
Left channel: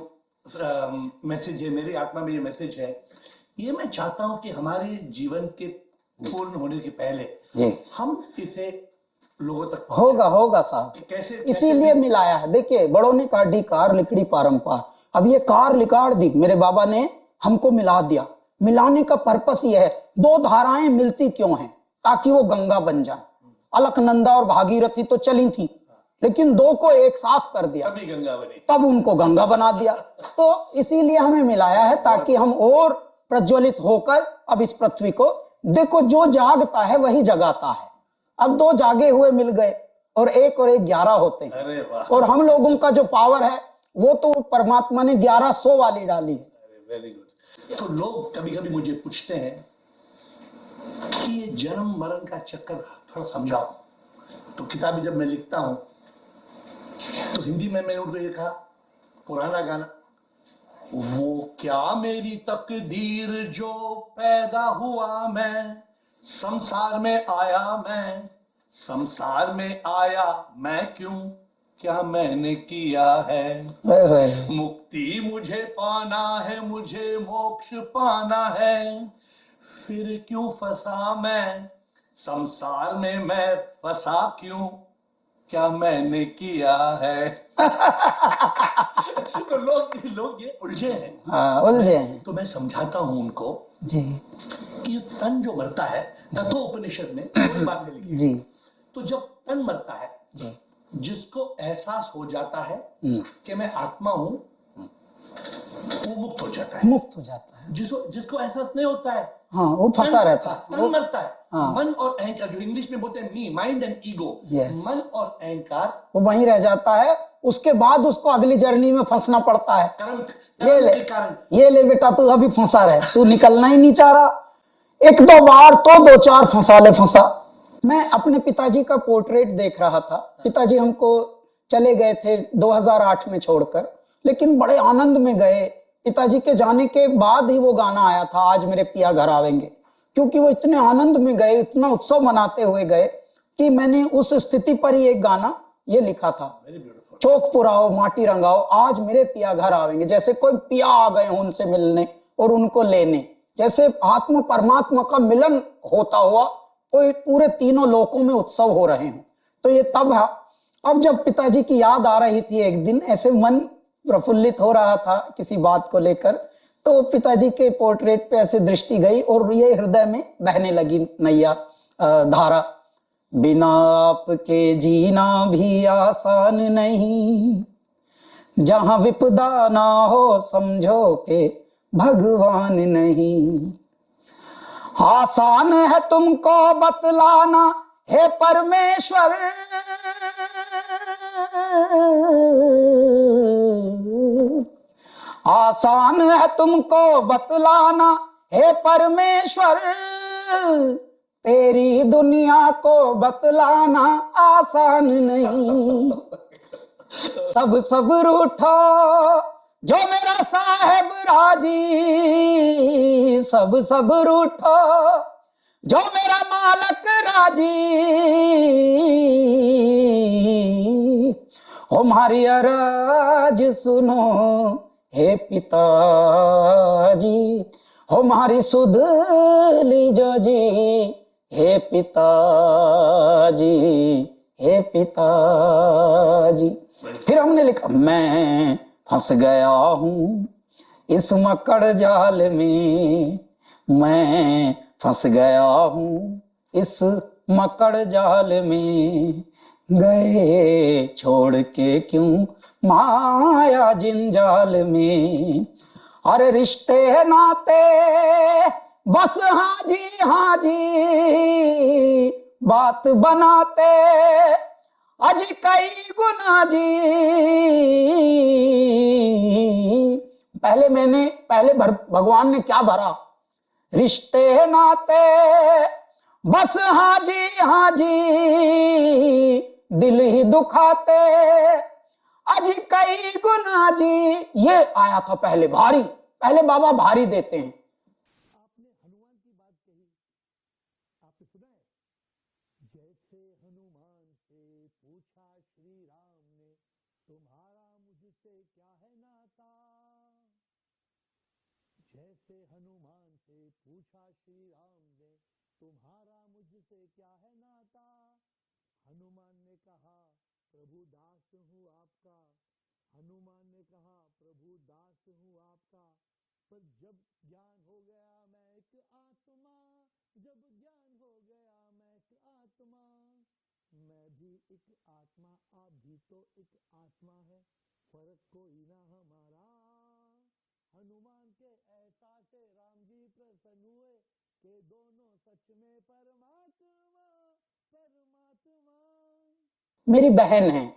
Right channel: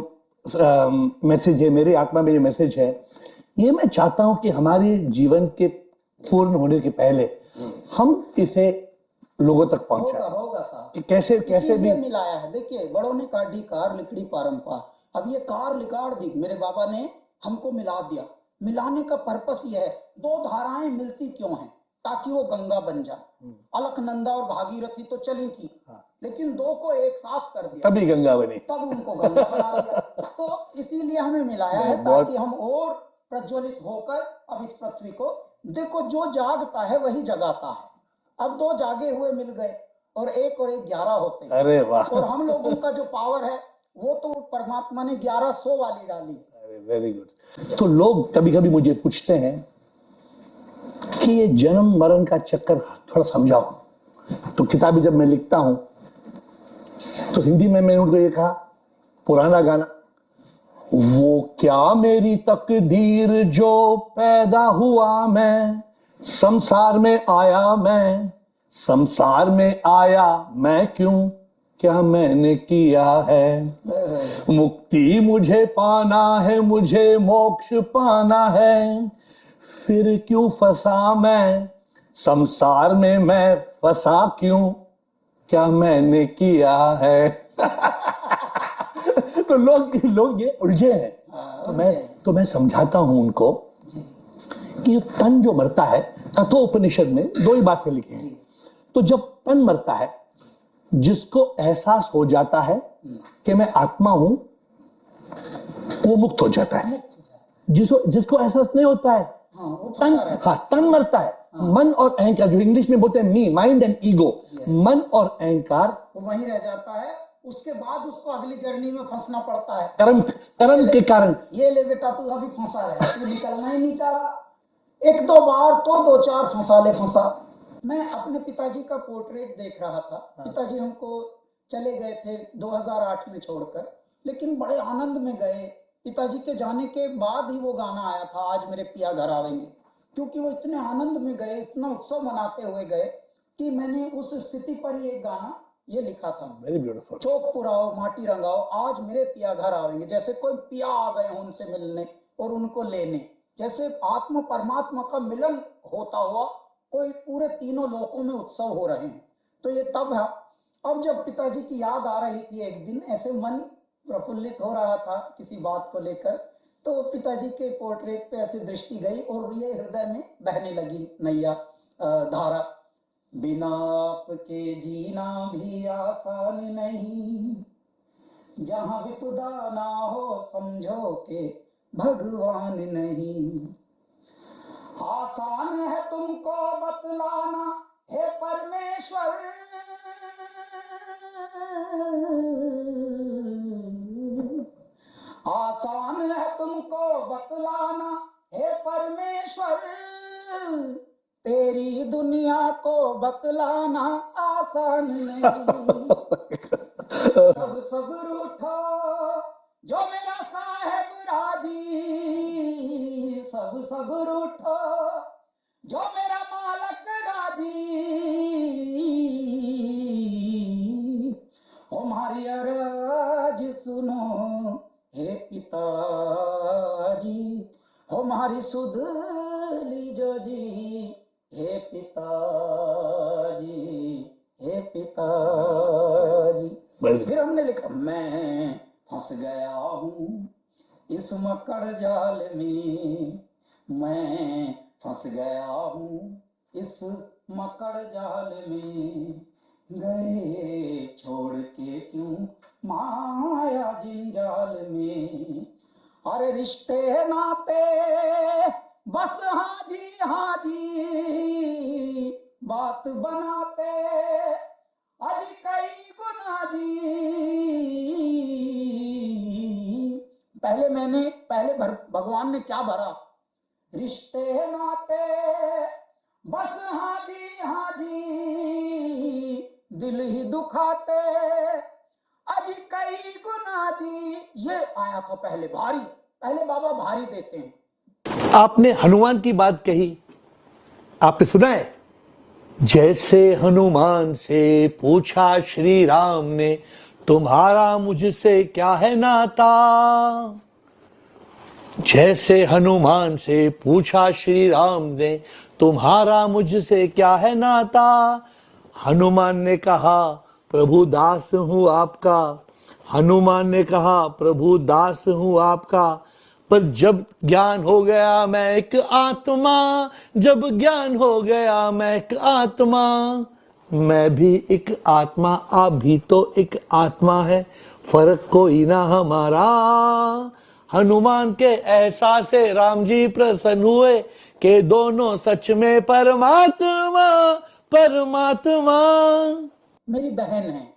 मैसेज है, मेरी आत्मा में ये मैसेज है, ये मैं चाहता हूं कि हमारे जीवन के पूर्ण होने के पहले जी हम इसे लोगों तक होगा साहब। कि कैसे इसीलिए मिलाया है। देखिए बड़ों ने काढ़ी कार लिकड़ी पारंपार, अब ये कार लिकाड़ दी, मेरे बाबा ने हमको मिला दिया। मिलाने का पर्पस ये है, दो धाराएं मिलती क्यों हैं, ताकि वो गंगा बन जाए। अलकनंदा और भागीरथी तो चली थी, लेकिन दो को एक साथ कर दिया, तभी गंगा बनी, तब उनको गंगा बना दिया। तो इसीलिए हमें मिलाया है, ताकि हम और प्रज्वलित होकर अब इस पृथ्वी को, देखो जो जागता है वही जगाता है। अब दो जागे हुए मिल गए और एक 11 होते हैं। अरे वाह। और हम लोगों का जो पावर है वो तो परमात्मा ने 1100 वाली डाली है। Very good. तो लोग कभी कभी मुझे पूछते हैं कि ये जन्म मरण का चक्कर थोड़ा समझाओ। तो किताबें जब मैं लिखता हूं तो हिंदी में मैंने उनको ये कहा, पुराना गाना, वो क्या मेरी तकदीर जो पैदा हुआ मैं, संसार में आया मैं, संसार में आया मैं क्यों, क्या मैंने किया है, मुक्ति मुझे पाना है, मुझे मोक्ष पाना है, फिर क्यों फंसा मैं संसार में, मैं फंसा क्यों, क्या मैंने किया है। तो लोग ये उलझे हैं। हाँ, उलझे हैं। तो मैं समझाता हूं उनको जी कि तन जो मरता है, तत्वोपनिषद में 2 ही बातें लिखी जी। तो जब तन मरता है, जिसको एहसास हो जाता है कि मैं आत्मा हूं, वो मुक्त हो जाता है। जिसको एहसास नहीं होता है, हाँ, वो फंसा रहता है। तन मरता है। हाँ। मन और अहंकार, जो इंग्लिश में बोलते हैं मी, माइंड एंड ईगो, मन और अहंकार वो वहीं रह जाता है। उसके बाद उसको अगली जर्नी में फंसना पड़ता है, कर्म के कारण। ये ले बेटा तू अभी फंसा रहे, तू निकलना ही नहीं चाह रहा, 1-2 बार तो 2-4 फंसा ले फंसा। मैं अपने पिताजी का पोर्ट्रेट देख रहा था। पिताजी हमको चले गए थे 2008 में छोड़कर, लेकिन बड़े आनंद में गए। पिताजी के जाने के बाद ही वो गाना आया था, आज मेरे पिया घर आवेंगे, क्योंकि वो इतने आनंद में गए, इतना उत्सव मनाते हुए गए कि मैंने उस स्थिति पर ही एक गाना ये लिखा था, चौक पुराओ माटी रंगाओ आज मेरे पिया घर आवेंगे। जैसे कोई पिया आ गए उनसे मिलने और उनको लेने, जैसे आत्मा परमात्मा का मिलन होता हुआ कोई पूरे तीनों लोकों में उत्सव हो रहे हैं। तो ये तब है। अब जब पिताजी की याद आ रही थी, एक दिन ऐसे मन प्रफुल्लित हो रहा था किसी बात को लेकर, तो पिताजी के पोर्ट्रेट पे ऐसे दृष्टि गई और ये हृदय में बहने लगी नैया धारा, बिना आपके जीना भी आसान नहीं, जहां विपदा ना हो समझो के भगवान नहीं, आसान है तुमको बतलाना हे परमेश्वर, आसान है तुमको बतलाना हे परमेश्वर तेरी दुनिया को बतलाना आसान नहीं। सब रूठो जो मेरा साहेब राजी, सब रूठो जो मेरा मालक राजी। हमारी अरज सुनो हे पिताजी, हमारी सुध लीजो जी हे पिताजी, हे पिताजी। फिर हमने लिखा मैं फंस गया हूँ इस मकड़ जाल में, मैं फंस गया हूँ इस मकड़ जाल में। गए छोड़ के क्यों माया जंजाल में। अरे रिश्ते नाते बस हाँ जी बात बनाते अज कई गुना जी। पहले भगवान ने क्या भरा, रिश्ते नाते बस हाँ जी दिल ही दुखाते अज कई गुना जी। ये आया था पहले भारी, पहले बाबा भारी देते हैं। आपने हनुमान की बात कही, आपने सुना है, जैसे हनुमान से पूछा श्री राम ने तुम्हारा मुझसे क्या है नाता। जैसे हनुमान से पूछा श्री राम ने तुम्हारा मुझसे क्या है नाता। हनुमान ने कहा प्रभु दास हूँ आपका, हनुमान ने कहा प्रभु दास हूँ आपका। पर जब ज्ञान हो गया मैं एक आत्मा, जब ज्ञान हो गया मैं एक आत्मा। मैं भी एक आत्मा, आप भी तो एक आत्मा है, फर्क कोई ना हमारा। हनुमान के एहसास से राम जी प्रसन्न हुए कि दोनों सच में परमात्मा परमात्मा। मेरी बहन है,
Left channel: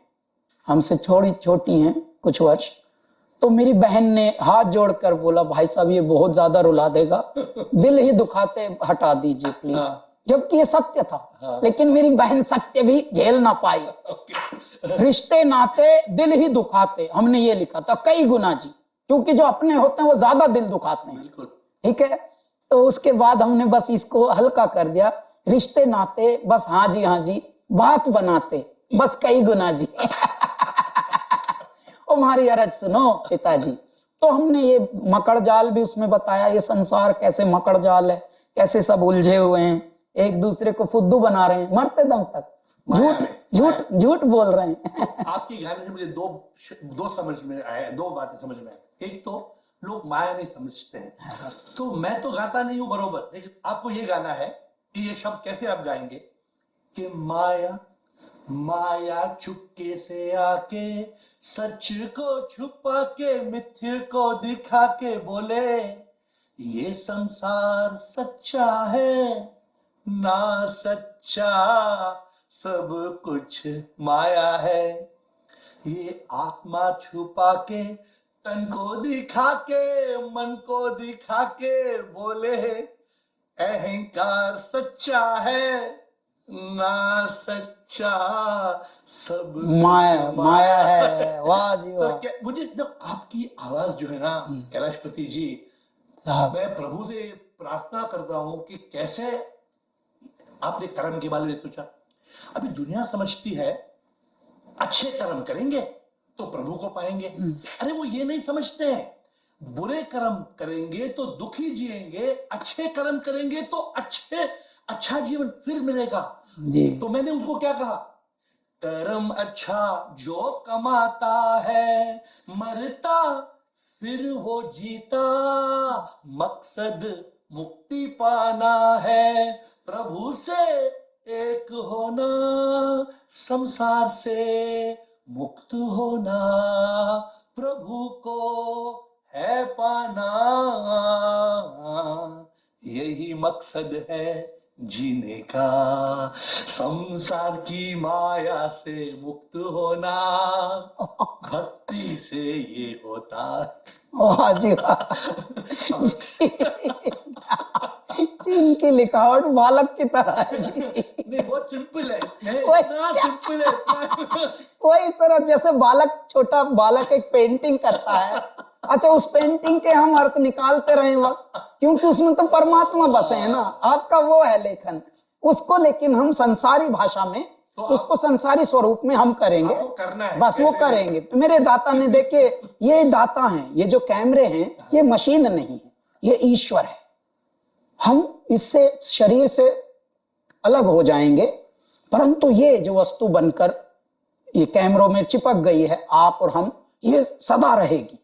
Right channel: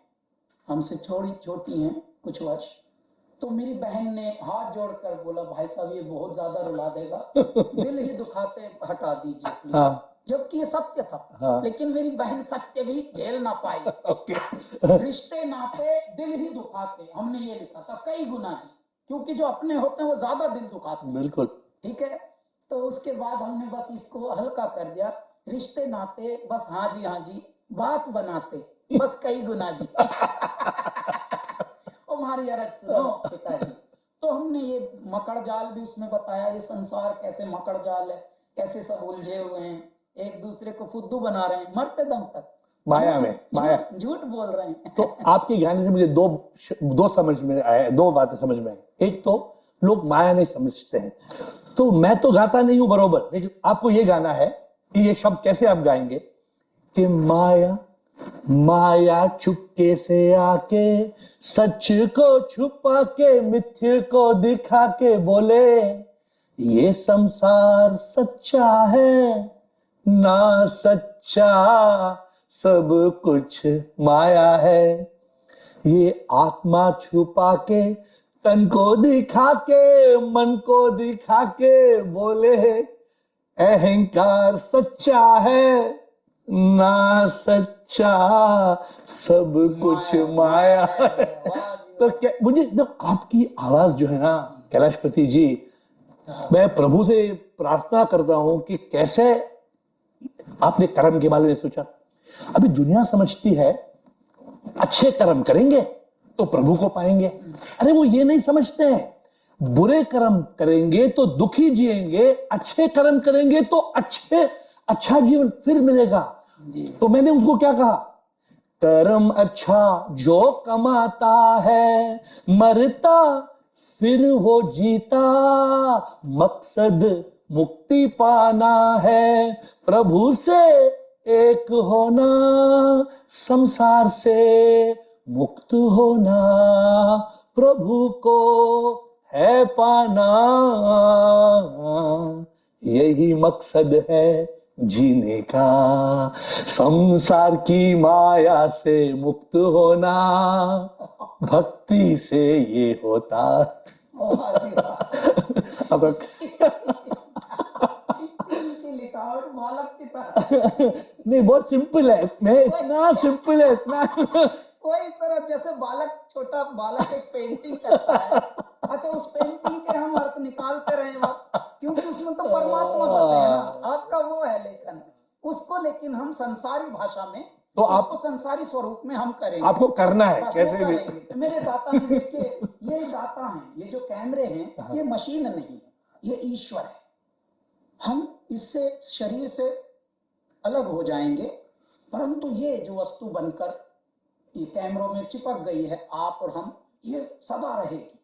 हमसे थोड़ी छोटी हैं कुछ वर्ष, तो मेरी बहन ने हाथ जोड़कर बोला भाई साहब ये बहुत ज्यादा रुला देगा, दिल ही दुखाते हटा दीजिए प्लीज। हाँ। जबकि ये सत्य था। हाँ। लेकिन मेरी बहन सत्य भी झेल ना पाई। रिश्ते नाते दिल ही दुखाते, हमने ये लिखा था कई गुना जी, क्योंकि जो अपने होते हैं वो ज्यादा दिल दुखाते हैं। बिल्कुल ठीक है, तो उसके बाद हमने बस इसको हल्का कर दिया, रिश्ते नाते बस हाँ जी बात बनाते बस कई गुना जी। हमारी अरज सुनो पिताजी। तो हमने ये मकड़ जाल भी उसमें बताया, ये संसार कैसे मकड़ जाल है, कैसे सब उलझे हुए हैं, एक दूसरे को फुद्दू बना रहे हैं मरते दम तक, झूठ बोल रहे हैं। तो आपके गाने से मुझे दो समझ में आया, दो बातें समझ में आई। एक तो लोग माया नहीं समझते हैं, तो मैं तो गाता नहीं हूं बरोबर, लेकिन आपको ये गाना है कि ये शब्द कैसे आप गाएंगे कि माया माया चुपके से आके सच को छुपा के मिथ्य को दिखा के बोले ये संसार सच्चा है ना सच्चा सब कुछ माया है। ये आत्मा छुपा के तन को दिखा के मन को दिखा के बोले अहंकार सच्चा है ना सच्चा सब कुछ माया है। वाह जी तो वाह। क्या मुझे आपकी आवाज जो है ना कैलाशपति जी, मैं प्रभु से प्रार्थना करता हूं कि कैसे आपने कर्म के बारे में सोचा। अभी दुनिया समझती है अच्छे कर्म करेंगे तो प्रभु को पाएंगे, अरे वो ये नहीं समझते हैं, बुरे कर्म करेंगे तो दुखी जिएंगे, अच्छे कर्म करेंगे तो अच्छा जीवन फिर मिलेगा जी। तो मैंने उनको क्या कहा, कर्म अच्छा जो कमाता है मरता फिर वो जीता, मकसद मुक्ति पाना है प्रभु से एक होना, संसार से मुक्त होना प्रभु को है पाना, यही मकसद है जीने का, संसार की माया से मुक्त होना भक्ति से ये होता। वाह जी वाह। की लिखावट बालक की तरह है। नहीं, बहुत सिंपल है, इतना सिंपल है, इतना वही तरह जैसे बालक, छोटा बालक एक पेंटिंग करता है, अच्छा उस पेंटिंग के हम अर्थ निकालते रहे बस, क्योंकि उसमें तो परमात्मा बसे है ना। आपका वो है लेखन, उसको लेकिन हम संसारी भाषा में, तो उसको संसारी स्वरूप में हम करेंगे, आपको करना है, बस वो करेंगे। मेरे दाता ने देखे, ये दाता हैं, ये जो कैमरे हैं ये मशीन नहीं है, ये ईश्वर है। हम इससे शरीर से अलग हो जाएंगे, परंतु ये जो वस्तु बनकर ये कैमरों में चिपक गई है, आप और हम, ये सदा रहेगी।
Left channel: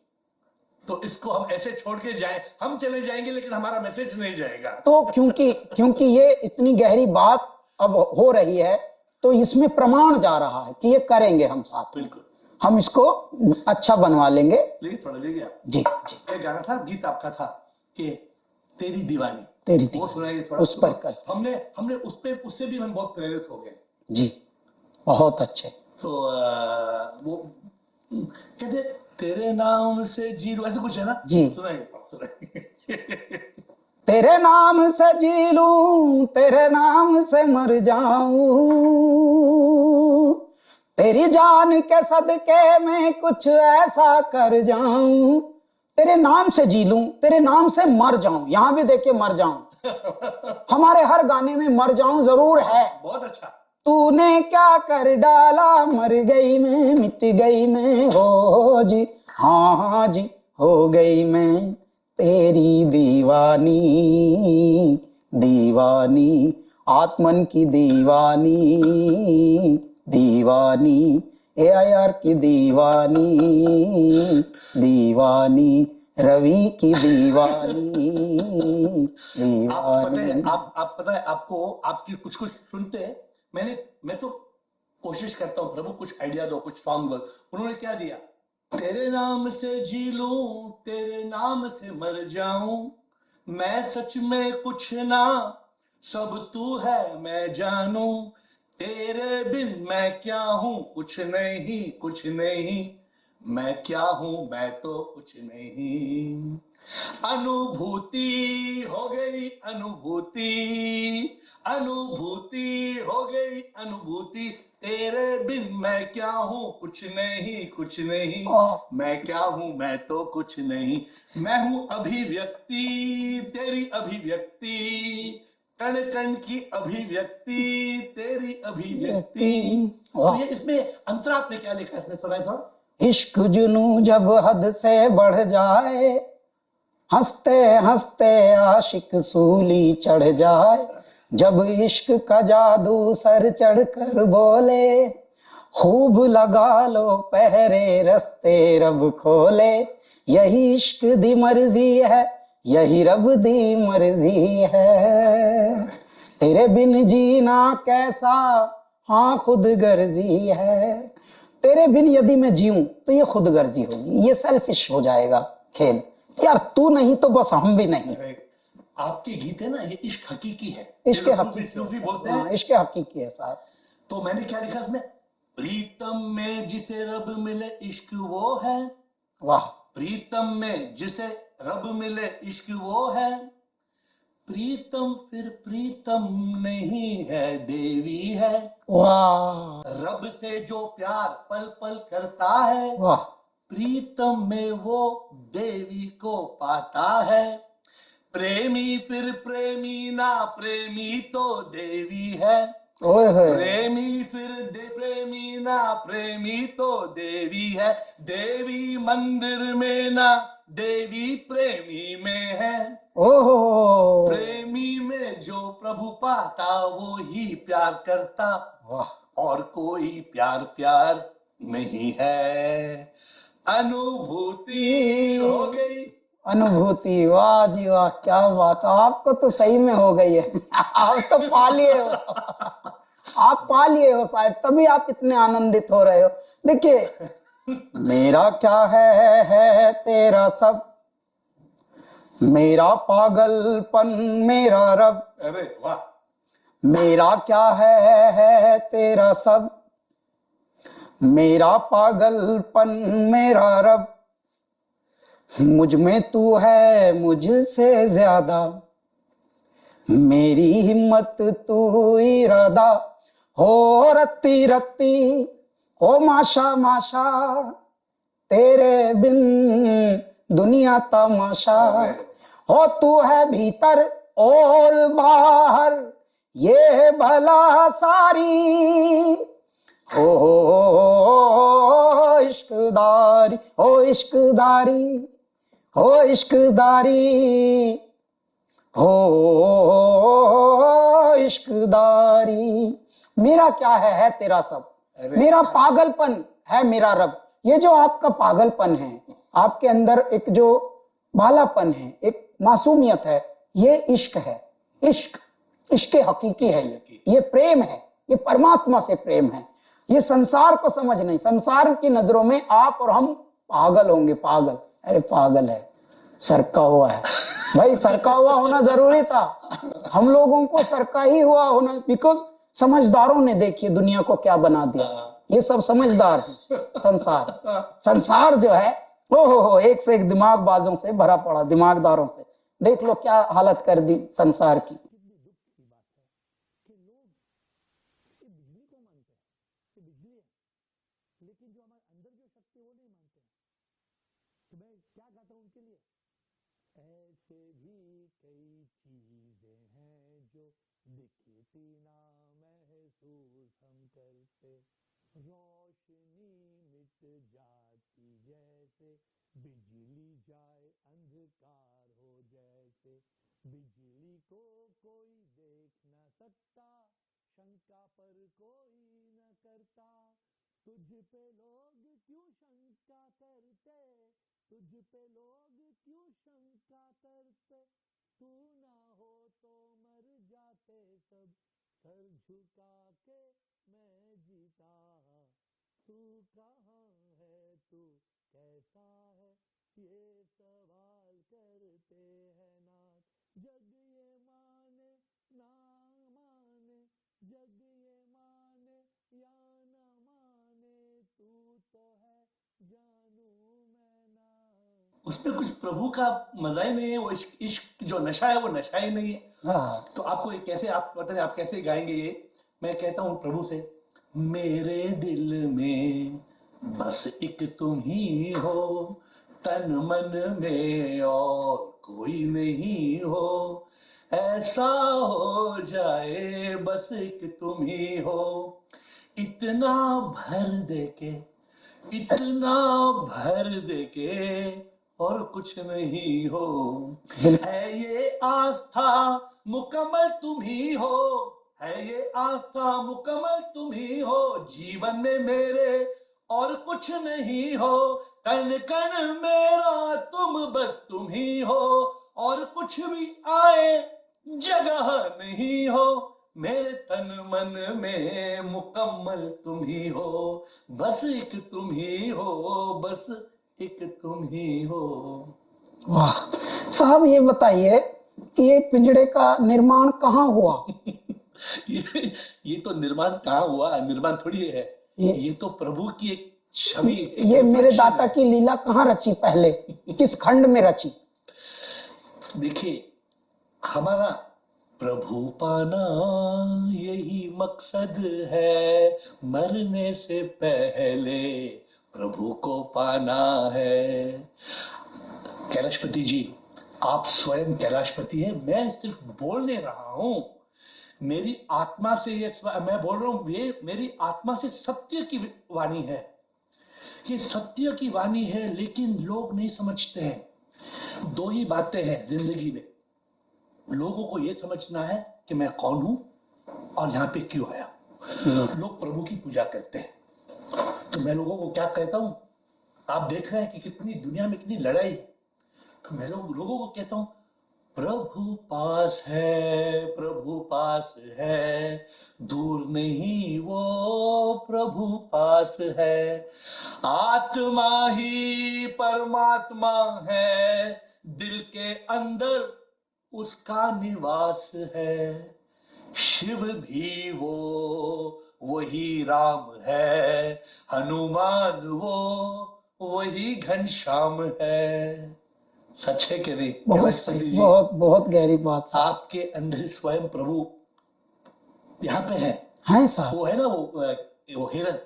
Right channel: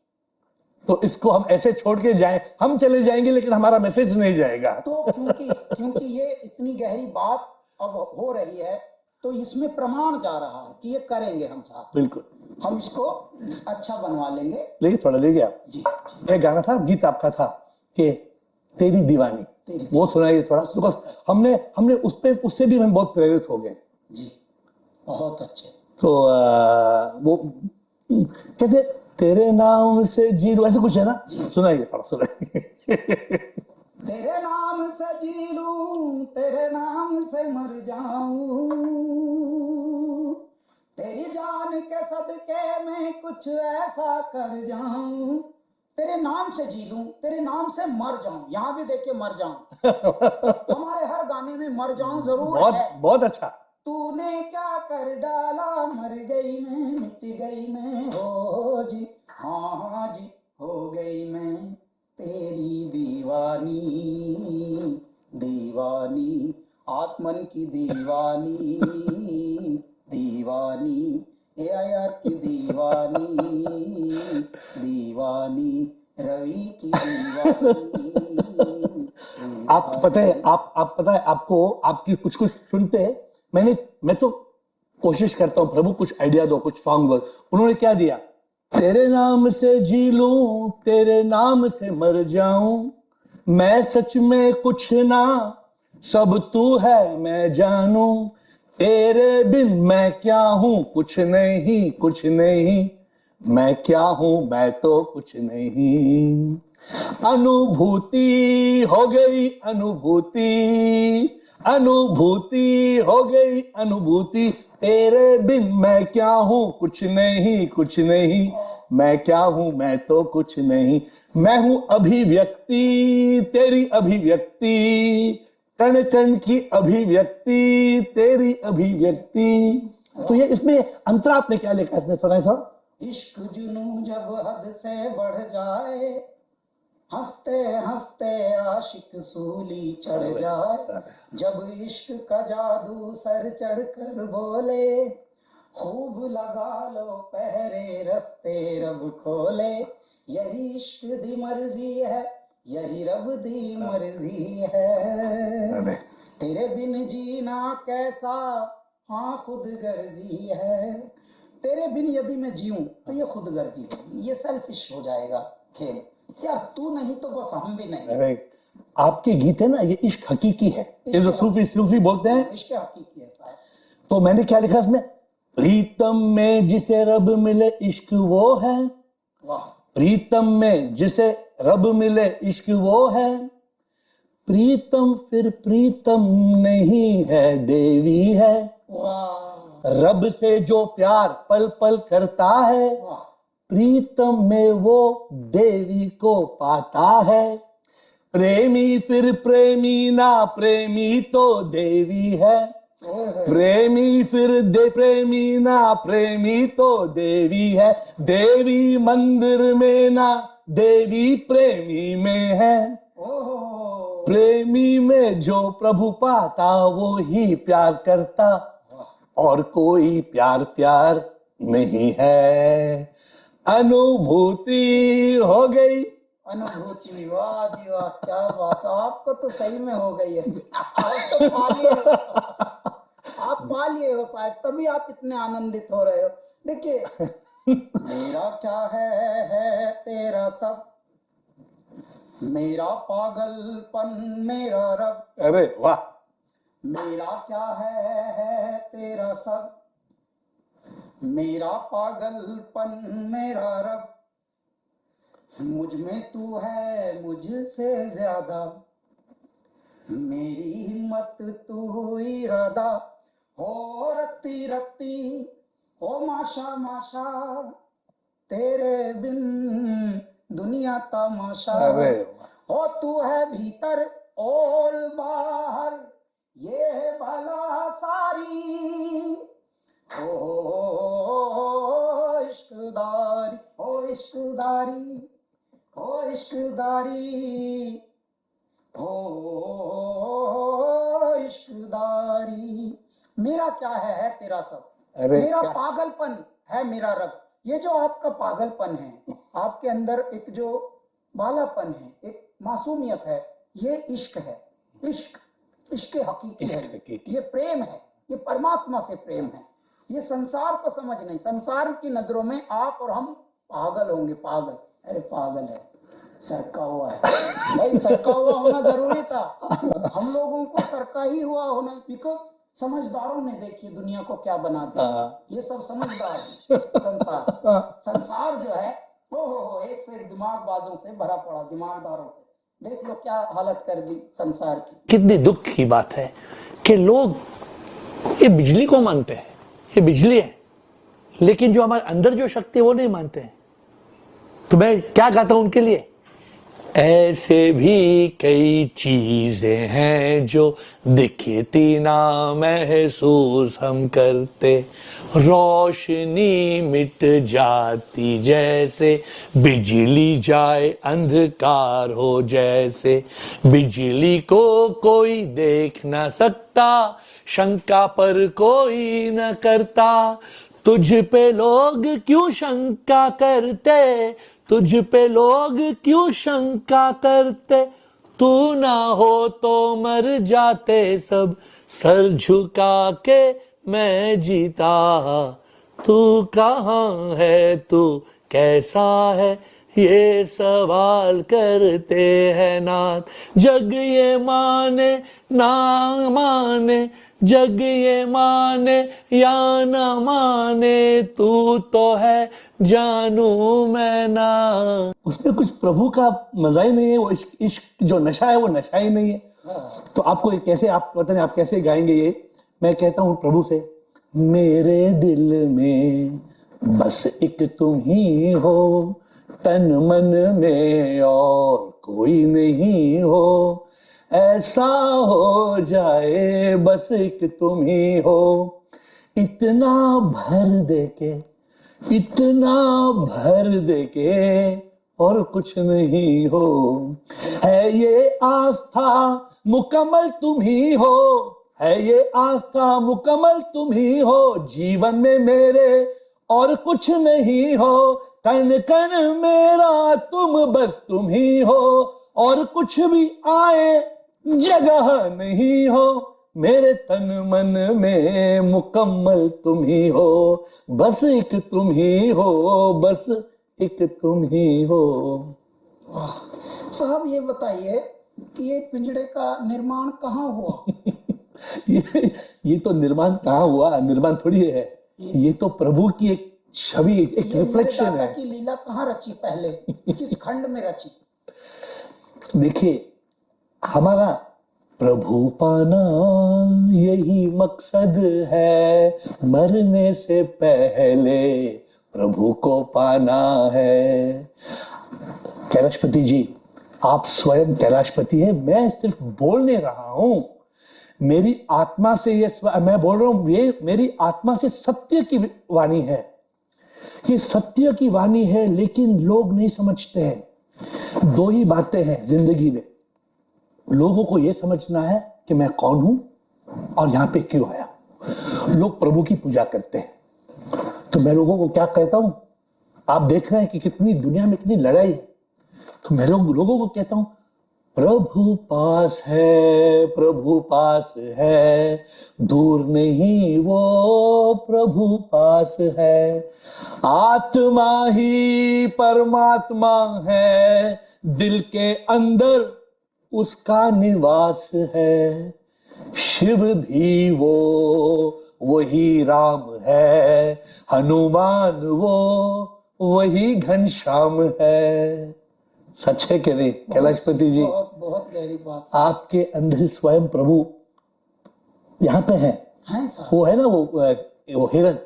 तो इसको हम ऐसे छोड़ के जाए, हम चले जाएंगे लेकिन हमारा मैसेज नहीं जाएगा। तो क्योंकि ये इतनी गहरी बात अब हो रही है, तो इसमें प्रमाण जा रहा है कि ये करेंगे हम साथ। बिल्कुल, हम इसको अच्छा बनवा लेंगे। लेकिन थोड़ा ले गया जी, ये गाना था, गीत आपका था कि तेरी दीवानी, वो सुनाइए थोड़ा। उस पर हमने उस पे, उससे भी हम बहुत प्रेरित हो गए जी, बहुत अच्छे। तो वो कहते तेरे नाम से जी लूं, ऐसा कुछ है ना जी, सुनाइए थोड़ा, सुनाइए। तेरे नाम से जी लूं, तेरे नाम से मर जाऊं, तेरी जान के सदके में कुछ ऐसा कर जाऊं, तेरे नाम से जी लूं, तेरे नाम से मर जाऊं। यहां भी देखिए मर जाऊं, हमारे हर गाने में मर जाऊं जरूर है। बहुत अच्छा। तूने क्या कर डाला, मर गई मैं, मिट गई मैं, हो जी, हाँ हाँ जी, हो गई मैं तेरी दीवानी, दीवानी, आत्मन की दीवानी, दीवानी, AIR की दीवानी, दीवानी, रवि की दीवानी, दीवानी। आप पता है आपको, आपकी कुछ सुनते मैं तो कोशिश करता हूँ, प्रभु कुछ आइडिया दो, कुछ सॉन्ग। उन्होंने क्या दिया, तेरे नाम से जी लूं, तेरे नाम से मर जाऊं, मैं सच में कुछ ना, सब तू है मैं जानूं, तेरे बिन मैं क्या हूं, कुछ नहीं, कुछ नहीं, मैं क्या हूं, मैं तो कुछ नहीं। अनुभूति हो गई, अनुभूति, अनुभूति हो गई, अनुभूति, तेरे बिन मैं क्या हूं, कुछ नहीं, कुछ नहीं, मैं क्या हूं, मैं तो कुछ नहीं। मैं हूं अभिव्यक्ति, तेरी अभिव्यक्ति, कण कण की अभिव्यक्ति, तेरी अभिव्यक्ति। तो ये इसमें अंतर आपने क्या लिखा है इसमें, सुनाए थोड़ा। इश्क जुनू जब हद से बढ़ जाए, हंसते हंसते आशिक सूली चढ़ जाए, जब इश्क का जादू सर चढ़ कर बोले, खूब लगा लो पहरे रस्ते रब खोले, यही इश्क दी मर्जी है, यही रब दी मर्जी है, तेरे बिन जीना कैसा, हाँ खुद गर्जी है, तेरे बिन यदि मैं जीऊं तो ये खुद गर्जी होगी, ये सेल्फिश हो जाएगा खेल, यार तू नहीं तो बस हम भी नहीं। आपके गीत है ना, ये इश्क हकीकी है, सूफी बोलते हैं, इश्क हकीकी है साहब। तो मैंने क्या लिखा इसमें, प्रीतम में जिसे रब मिले इश्क वो है, वाह, प्रीतम में जिसे रब मिले इश्क वो है, प्रीतम फिर प्रीतम नहीं है देवी है, वाह, रब से जो प्यार पल पल करता है, वाह, प्रीतम में वो देवी को पाता है, प्रेमी फिर प्रेमी ना प्रेमी तो देवी है, प्रेमी फिर प्रेमी ना प्रेमी तो देवी है, देवी मंदिर में ना देवी प्रेमी में है, ओहो, प्रेमी में जो प्रभु पाता वो ही प्यार करता, और कोई प्यार प्यार नहीं है, अनुभूति हो गई, अनुभूति, वाह जी वाह, क्या बात, आपको तो सही में हो गई है, आप तो पा लिए हो, आप पा लिए हो शायद, तभी आप इतने आनंदित हो रहे हो। देखिए, मेरा क्या है तेरा सब, मेरा पागलपन मेरा रब, अरे वाह, मेरा क्या है तेरा सब, मेरा पागलपन मेरा रब, मुझ में तू है मुझसे ज्यादा, मेरी हिम्मत तू इरादा हो रत्ती रत्ती, हो माशा माशा तेरे बिन दुनिया तमाशा। अरे हो तू है भीतर और बाहर ये भला सारी, हो इश्कदारी, हो इश्कदारी, हो इश्कदारी, हो इश्कदारी। मेरा क्या है तेरा सब, अरे मेरा पागलपन है मेरा रब। ये जो आपका पागलपन है, आपके अंदर एक जो बालापन है, एक मासूमियत है, ये इश्क है। इश्क इश्क हकीकी है, ये प्रेम है, ये परमात्मा से प्रेम है। ये संसार को समझ नहीं, संसार की नजरों में आप और हम पागल होंगे, पागल। अरे पागल है, सरका हुआ है भाई, सरका हुआ होना जरूरी था। हम लोगों को सरका ही हुआ होना, बिकॉज समझदारों ने देखिए दुनिया को क्या बना दिया। ये सब समझदार है। संसार जो है हो एक से एक दिमागबाजों से भरा पड़ा, दिमागदारों से। देख लो क्या हालत कर दी संसार की। कितनी दुख की बात है कि लोग ये बिजली को मानते हैं, ये बिजली है, लेकिन जो हमारे अंदर जो शक्ति है वो नहीं मानते हैं। तो मैं क्या गाता हूं उनके लिए, ऐसे भी कई चीजें हैं जो दिखती ना महसूस हम करते, रोशनी मिट जाती जैसे, बिजली जाए अंधकार हो जैसे, बिजली को कोई देख ना सकता, शंका पर कोई न करता, तुझ पे लोग क्यों शंका करते, तुझ पे लोग क्यों शंका करते, तू ना हो तो मर जाते सब, सर झुका के मैं जीता, तू कहाँ है तू कैसा है, ये सवाल करते हैं नाथ। जग ये माने ना माने, जग ये माने या न माने, तू तो है जानू मैं ना। उसमें कुछ प्रभु का मजा ही नहीं है, वो इश्क जो नशा है वो नशा ही नहीं है। तो आपको ये कैसे, आप पता नहीं आप कैसे गाएंगे ये। मैं कहता हूँ प्रभु से, मेरे दिल में बस एक तुम ही हो, तन मन में और कोई नहीं हो, ऐसा हो जाए बस एक तुम ही हो, इतना भर दे के, इतना भर दे के और कुछ नहीं हो, है ये आस्था मुकम्मल तुम ही हो, है ये आस्था मुकम्मल तुम ही हो, जीवन में मेरे और कुछ नहीं हो, कण कण मेरा तुम बस तुम ही हो, और कुछ भी आए जगह नहीं हो, मेरे तन मन में मुकम्मल तुम ही हो, बस एक तुम ही हो, बस एक तुम ही हो। वाह साहब, ये बताइए कि ये पिंजड़े का निर्माण कहाँ हुआ? ये तो निर्माण कहाँ हुआ, निर्माण थोड़ी है, ये तो प्रभु की एक छवि, ये मेरे दाता की लीला कहाँ रची पहले, किस खंड में रची? देखिए, हमारा प्रभु पाना यही मकसद है, मरने से पहले प्रभु को पाना है। कैलाशपति जी, आप स्वयं कैलाशपति हैं, मैं सिर्फ बोलने रहा हूं, मेरी आत्मा से ये मैं बोल रहा हूं, ये मेरी आत्मा से सत्य की वाणी है, ये सत्य की वाणी है, लेकिन लोग नहीं समझते हैं। दो ही बातें हैं जिंदगी में, लोगों को यह समझना है कि मैं कौन हूं और यहां पे क्यों आया। लोग प्रभु की पूजा करते हैं, तो मैं लोगों को क्या कहता हूं, आप देख रहे हैं कि कितनी दुनिया में कितनी लड़ाई है, तो मैं लोगों को कहता हूं, प्रभु पास है, प्रभु पास है, दूर नहीं वो प्रभु पास है, आत्मा ही परमात्मा है, दिल के अंदर उसका निवास है, शिव भी वो वही राम है, हनुमान वो वही घनश्याम है। सच है कि नहीं कैलाशपति जी? बहुत बहुत गहरी बात साहब। आपके अंदर स्वयं प्रभु यहाँ पे है साहब। वो है ना, वो हिरन,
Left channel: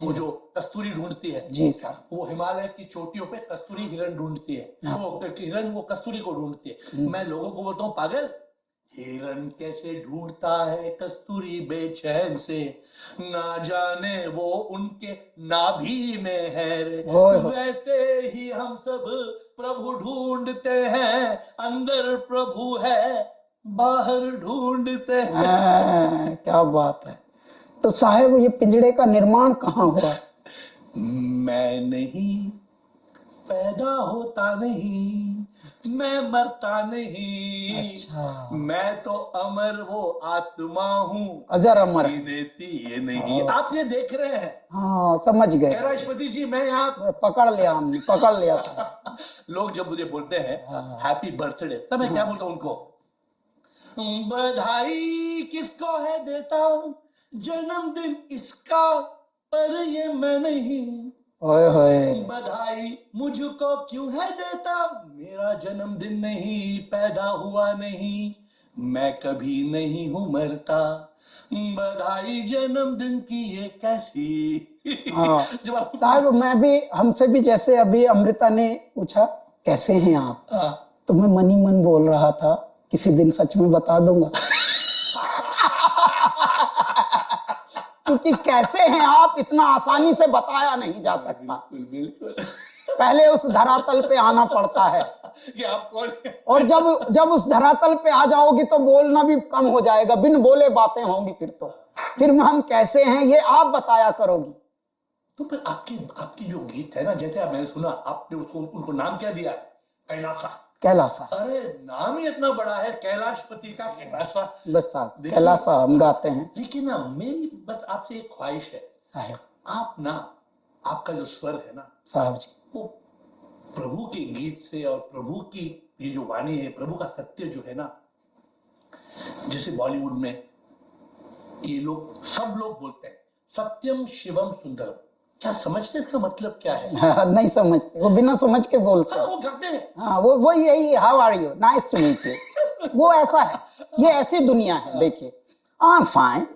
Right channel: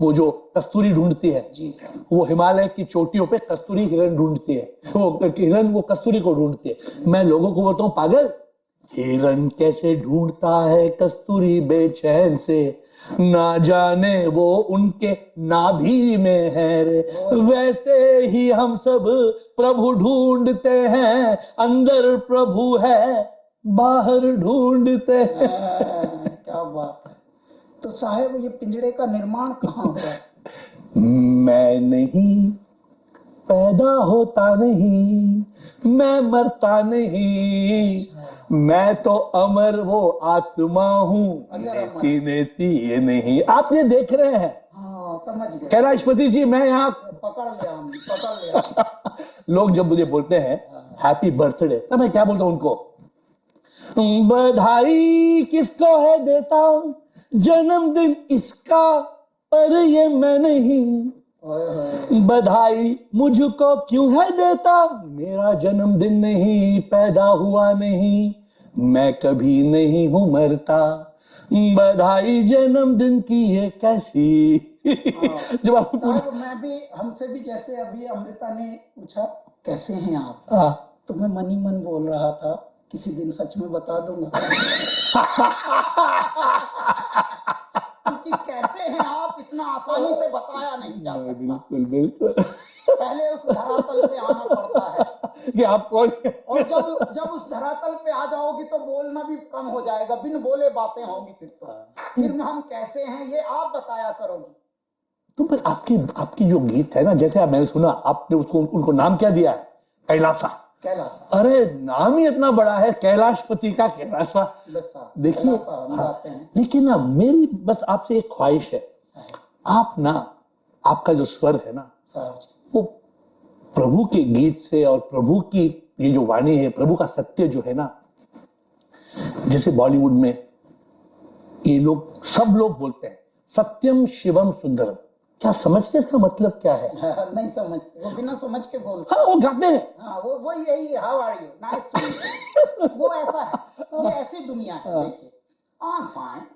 वो जो कस्तूरी ढूंढती है जी साहब। वो हिमालय की चोटियों पे कस्तूरी हिरन ढूंढती है, तो हिरन वो कस्तूरी को ढूंढती है। मैं लोगों को बताऊं पागल, हिरन कैसे ढूंढता है कस्तूरी बेचैन से, ना जाने वो उनके नाभि में है रे। वैसे ही हम सब प्रभु ढूंढते हैं, अंदर प्रभु है बाहर ढूंढते हैं। क्या बात है। तो साहब ये पिंजड़े का निर्माण कहाँ हुआ? मैं नहीं पैदा होता नहीं, मैं मरता नहीं। अच्छा। मैं तो अमर वो आत्मा हूँ, अजर अमर। ये नहीं। आप ये देख रहे हैं? हाँ समझ गए कैलाशपति जी, मैं यहाँ पकड़ लिया, हमने पकड़ लिया। लोग जब मुझे बोलते हैं हैप्पी बर्थडे, तब मैं क्या बोलता हूँ उनको? बधाई किसको है देता, जन्मदिन इसका, पर ये मैं नहीं। बधाई मुझको क्यों है देता, मेरा जन्मदिन नहीं, पैदा हुआ नहीं, मैं कभी नहीं हूं मरता। बधाई जन्मदिन की ये कैसी। हाँ। जब आप साहब मैं भी, हमसे भी जैसे अभी अमृता ने पूछा कैसे हैं आप, तो मैं मन ही मन बोल रहा था किसी दिन सच में बता दूंगा। क्योंकि कैसे हैं आप इतना आसानी से बताया नहीं जा सकता। बिल्कुल बिल्कुल। पहले उस धरातल पे आना पड़ता है कि आप कौन है? और जब उस धरातल पे आ जाओगी तो बोलना भी कम हो जाएगा, बिन बोले बातें होंगी फिर हम कैसे हैं ये आप बताया करोगी। तो फिर आपकी जो गीत है ना, जैसे मैंने सुना आपने उसको उनको नाम क्या दिया है? कैलासा। कैलासा। अरे नाम ही इतना बड़ा है, कैलाशपति का कैलासा। बस साहब कैलासा हम गाते हैं। लेकिन ना मेरी बस आपसे एक ख्वाहिश है साहब, आप ना, आपका जो स्वर है ना साहब जी, वो प्रभु के गीत से और प्रभु की ये जो वाणी है, प्रभु का सत्य जो है ना, जैसे बॉलीवुड में ये लोग सब लोग बोलते हैं सत्यम शिवम सुंदरम, क्या समझते इसका मतलब क्या है? नहीं समझते, वो बिना समझ के बोलते। हाँ, वो गाते हैं। हाँ वो यही how are you, nice to meet you, वो ऐसा है, ये ऐसी दुनिया है। देखिए I am fine,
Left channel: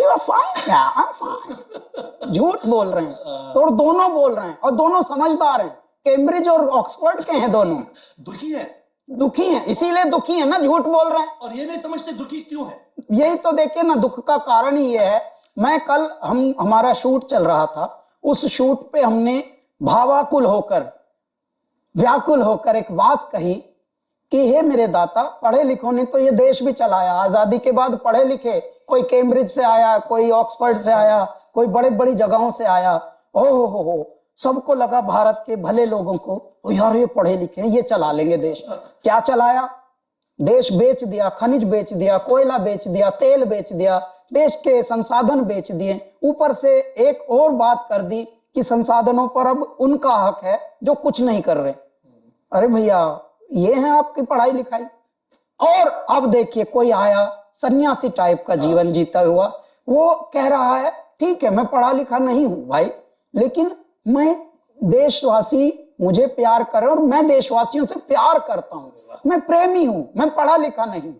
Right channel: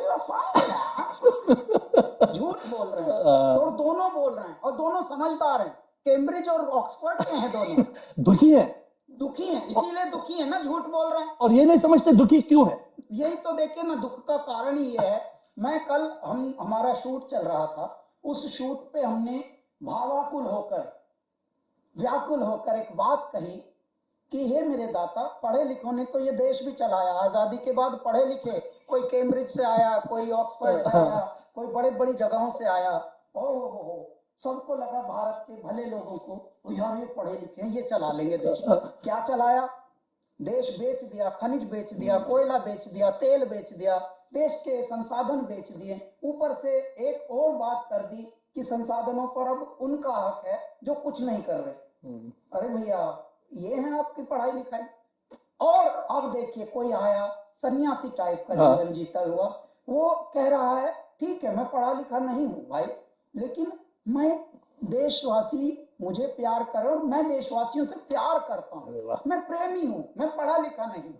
you are fine, I am fine. झूठ बोल रहे हैं और दोनों बोल रहे हैं और दोनों समझदार हैं। कैम्ब्रिज और ऑक्सफोर्ड के हैं दोनों। दुखी है, दुखी हैं, इसीलिए दुखी है ना, झूठ बोल रहे हैं। और ये नहीं समझते दुखी क्यों है। यही तो देखिए ना, दुख का कारण ही ये है। मैं कल हमारा शूट चल रहा था, उस शूट पे हमने भावाकुल होकर, व्याकुल होकर एक बात कही कि हे मेरे दाता, पढ़े लिखों ने तो ये देश भी चलाया, आजादी के बाद पढ़े लिखे, कोई कैम्ब्रिज से आया, कोई ऑक्सफोर्ड से आया, कोई बड़े बड़ी जगहों से आया, हो सबको लगा भारत के भले लोगों को, ओ यार ये पढ़े लिखे ये चला लेंगे देश। क्या चलाया? देश बेच दिया, खनिज बेच दिया, कोयला बेच दिया, तेल बेच दिया, देश के संसाधन बेच दिए। ऊपर से एक और बात कर दी कि संसाधनों पर अब उनका हक है जो कुछ नहीं कर रहे। अरे भैया, ये है आपकी पढ़ाई लिखाई। और अब देखिए कोई आया सन्यासी टाइप का जीवन जीता हुआ, वो कह रहा है ठीक है मैं पढ़ा लिखा नहीं हूं भाई, लेकिन मैं देशवासी मुझे प्यार करे और मैं देशवासियों से प्यार करता हूं, मैं प्रेमी हूं, मैं पढ़ा लिखा नहीं हूं।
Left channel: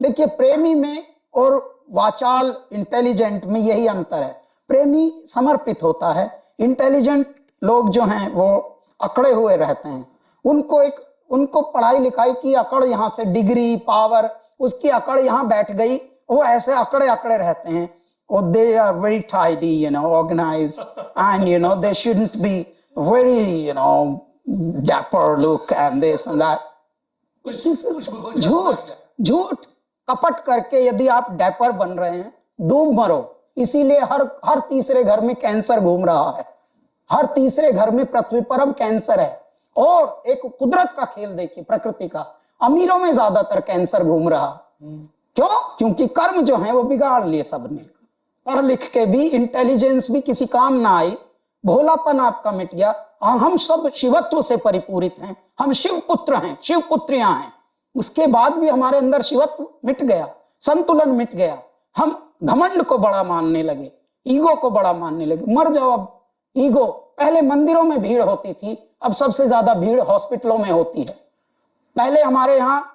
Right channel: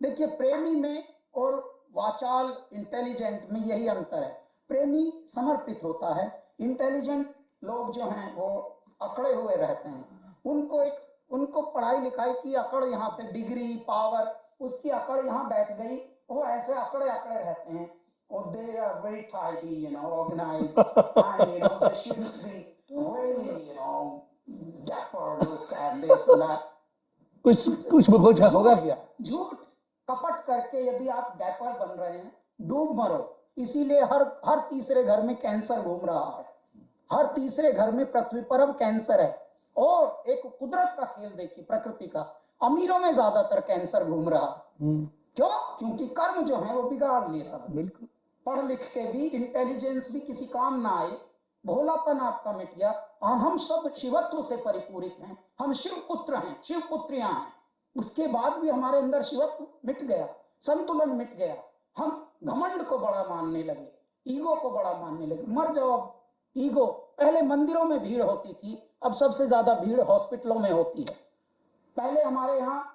देखिए प्रेमी में और वाचाल इंटेलिजेंट में यही अंतर है। प्रेमी समर्पित होता है, इंटेलिजेंट लोग जो हैं वो अकड़े हुए रहते हैं। उनको पढ़ाई लिखाई की अकड़, यहाँ से डिग्री पावर उसकी अकड़ यहाँ बैठ गई, वो ऐसे अकड़े अकड़े रहते हैं। और they are very tidy, you know, organised, and you know they shouldn't be very, you know, dapper look and this and that. कुछ झूठ कपट करके यदि आप डैपर बन रहे हैं, डूब मरो। इसीलिए हर तीसरे घर में कैंसर घूम रहा है, हर तीसरे घर में पृथ्वी पर अब कैंसर है। और एक कुदरत का खेल देखिए, प्रकृति का, अमीरों में ज्यादातर कैंसर घूम रहा। क्यों? क्योंकि कर्म जो है वो बिगाड़ लिए सबने। पढ़ लिख के भी, इंटेलिजेंस भी किसी काम ना आई, भोलापन आपका मिट गया। हम सब शिवत्व से परिपूरित हैं, हम शिव पुत्र हैं, शिव पुत्रियां हैं। उसके बाद भी हमारे अंदर शिवत्व मिट गया, संतुलन मिट गया। हम घमंड को बड़ा मानने लगे, ईगो को बड़ा मानने लगे। मर जाओ अब ईगो। पहले मंदिरों में भीड़ होती थी, अब सबसे ज्यादा भीड़ हॉस्पिटलों में होती है। पहले हमारे यहाँ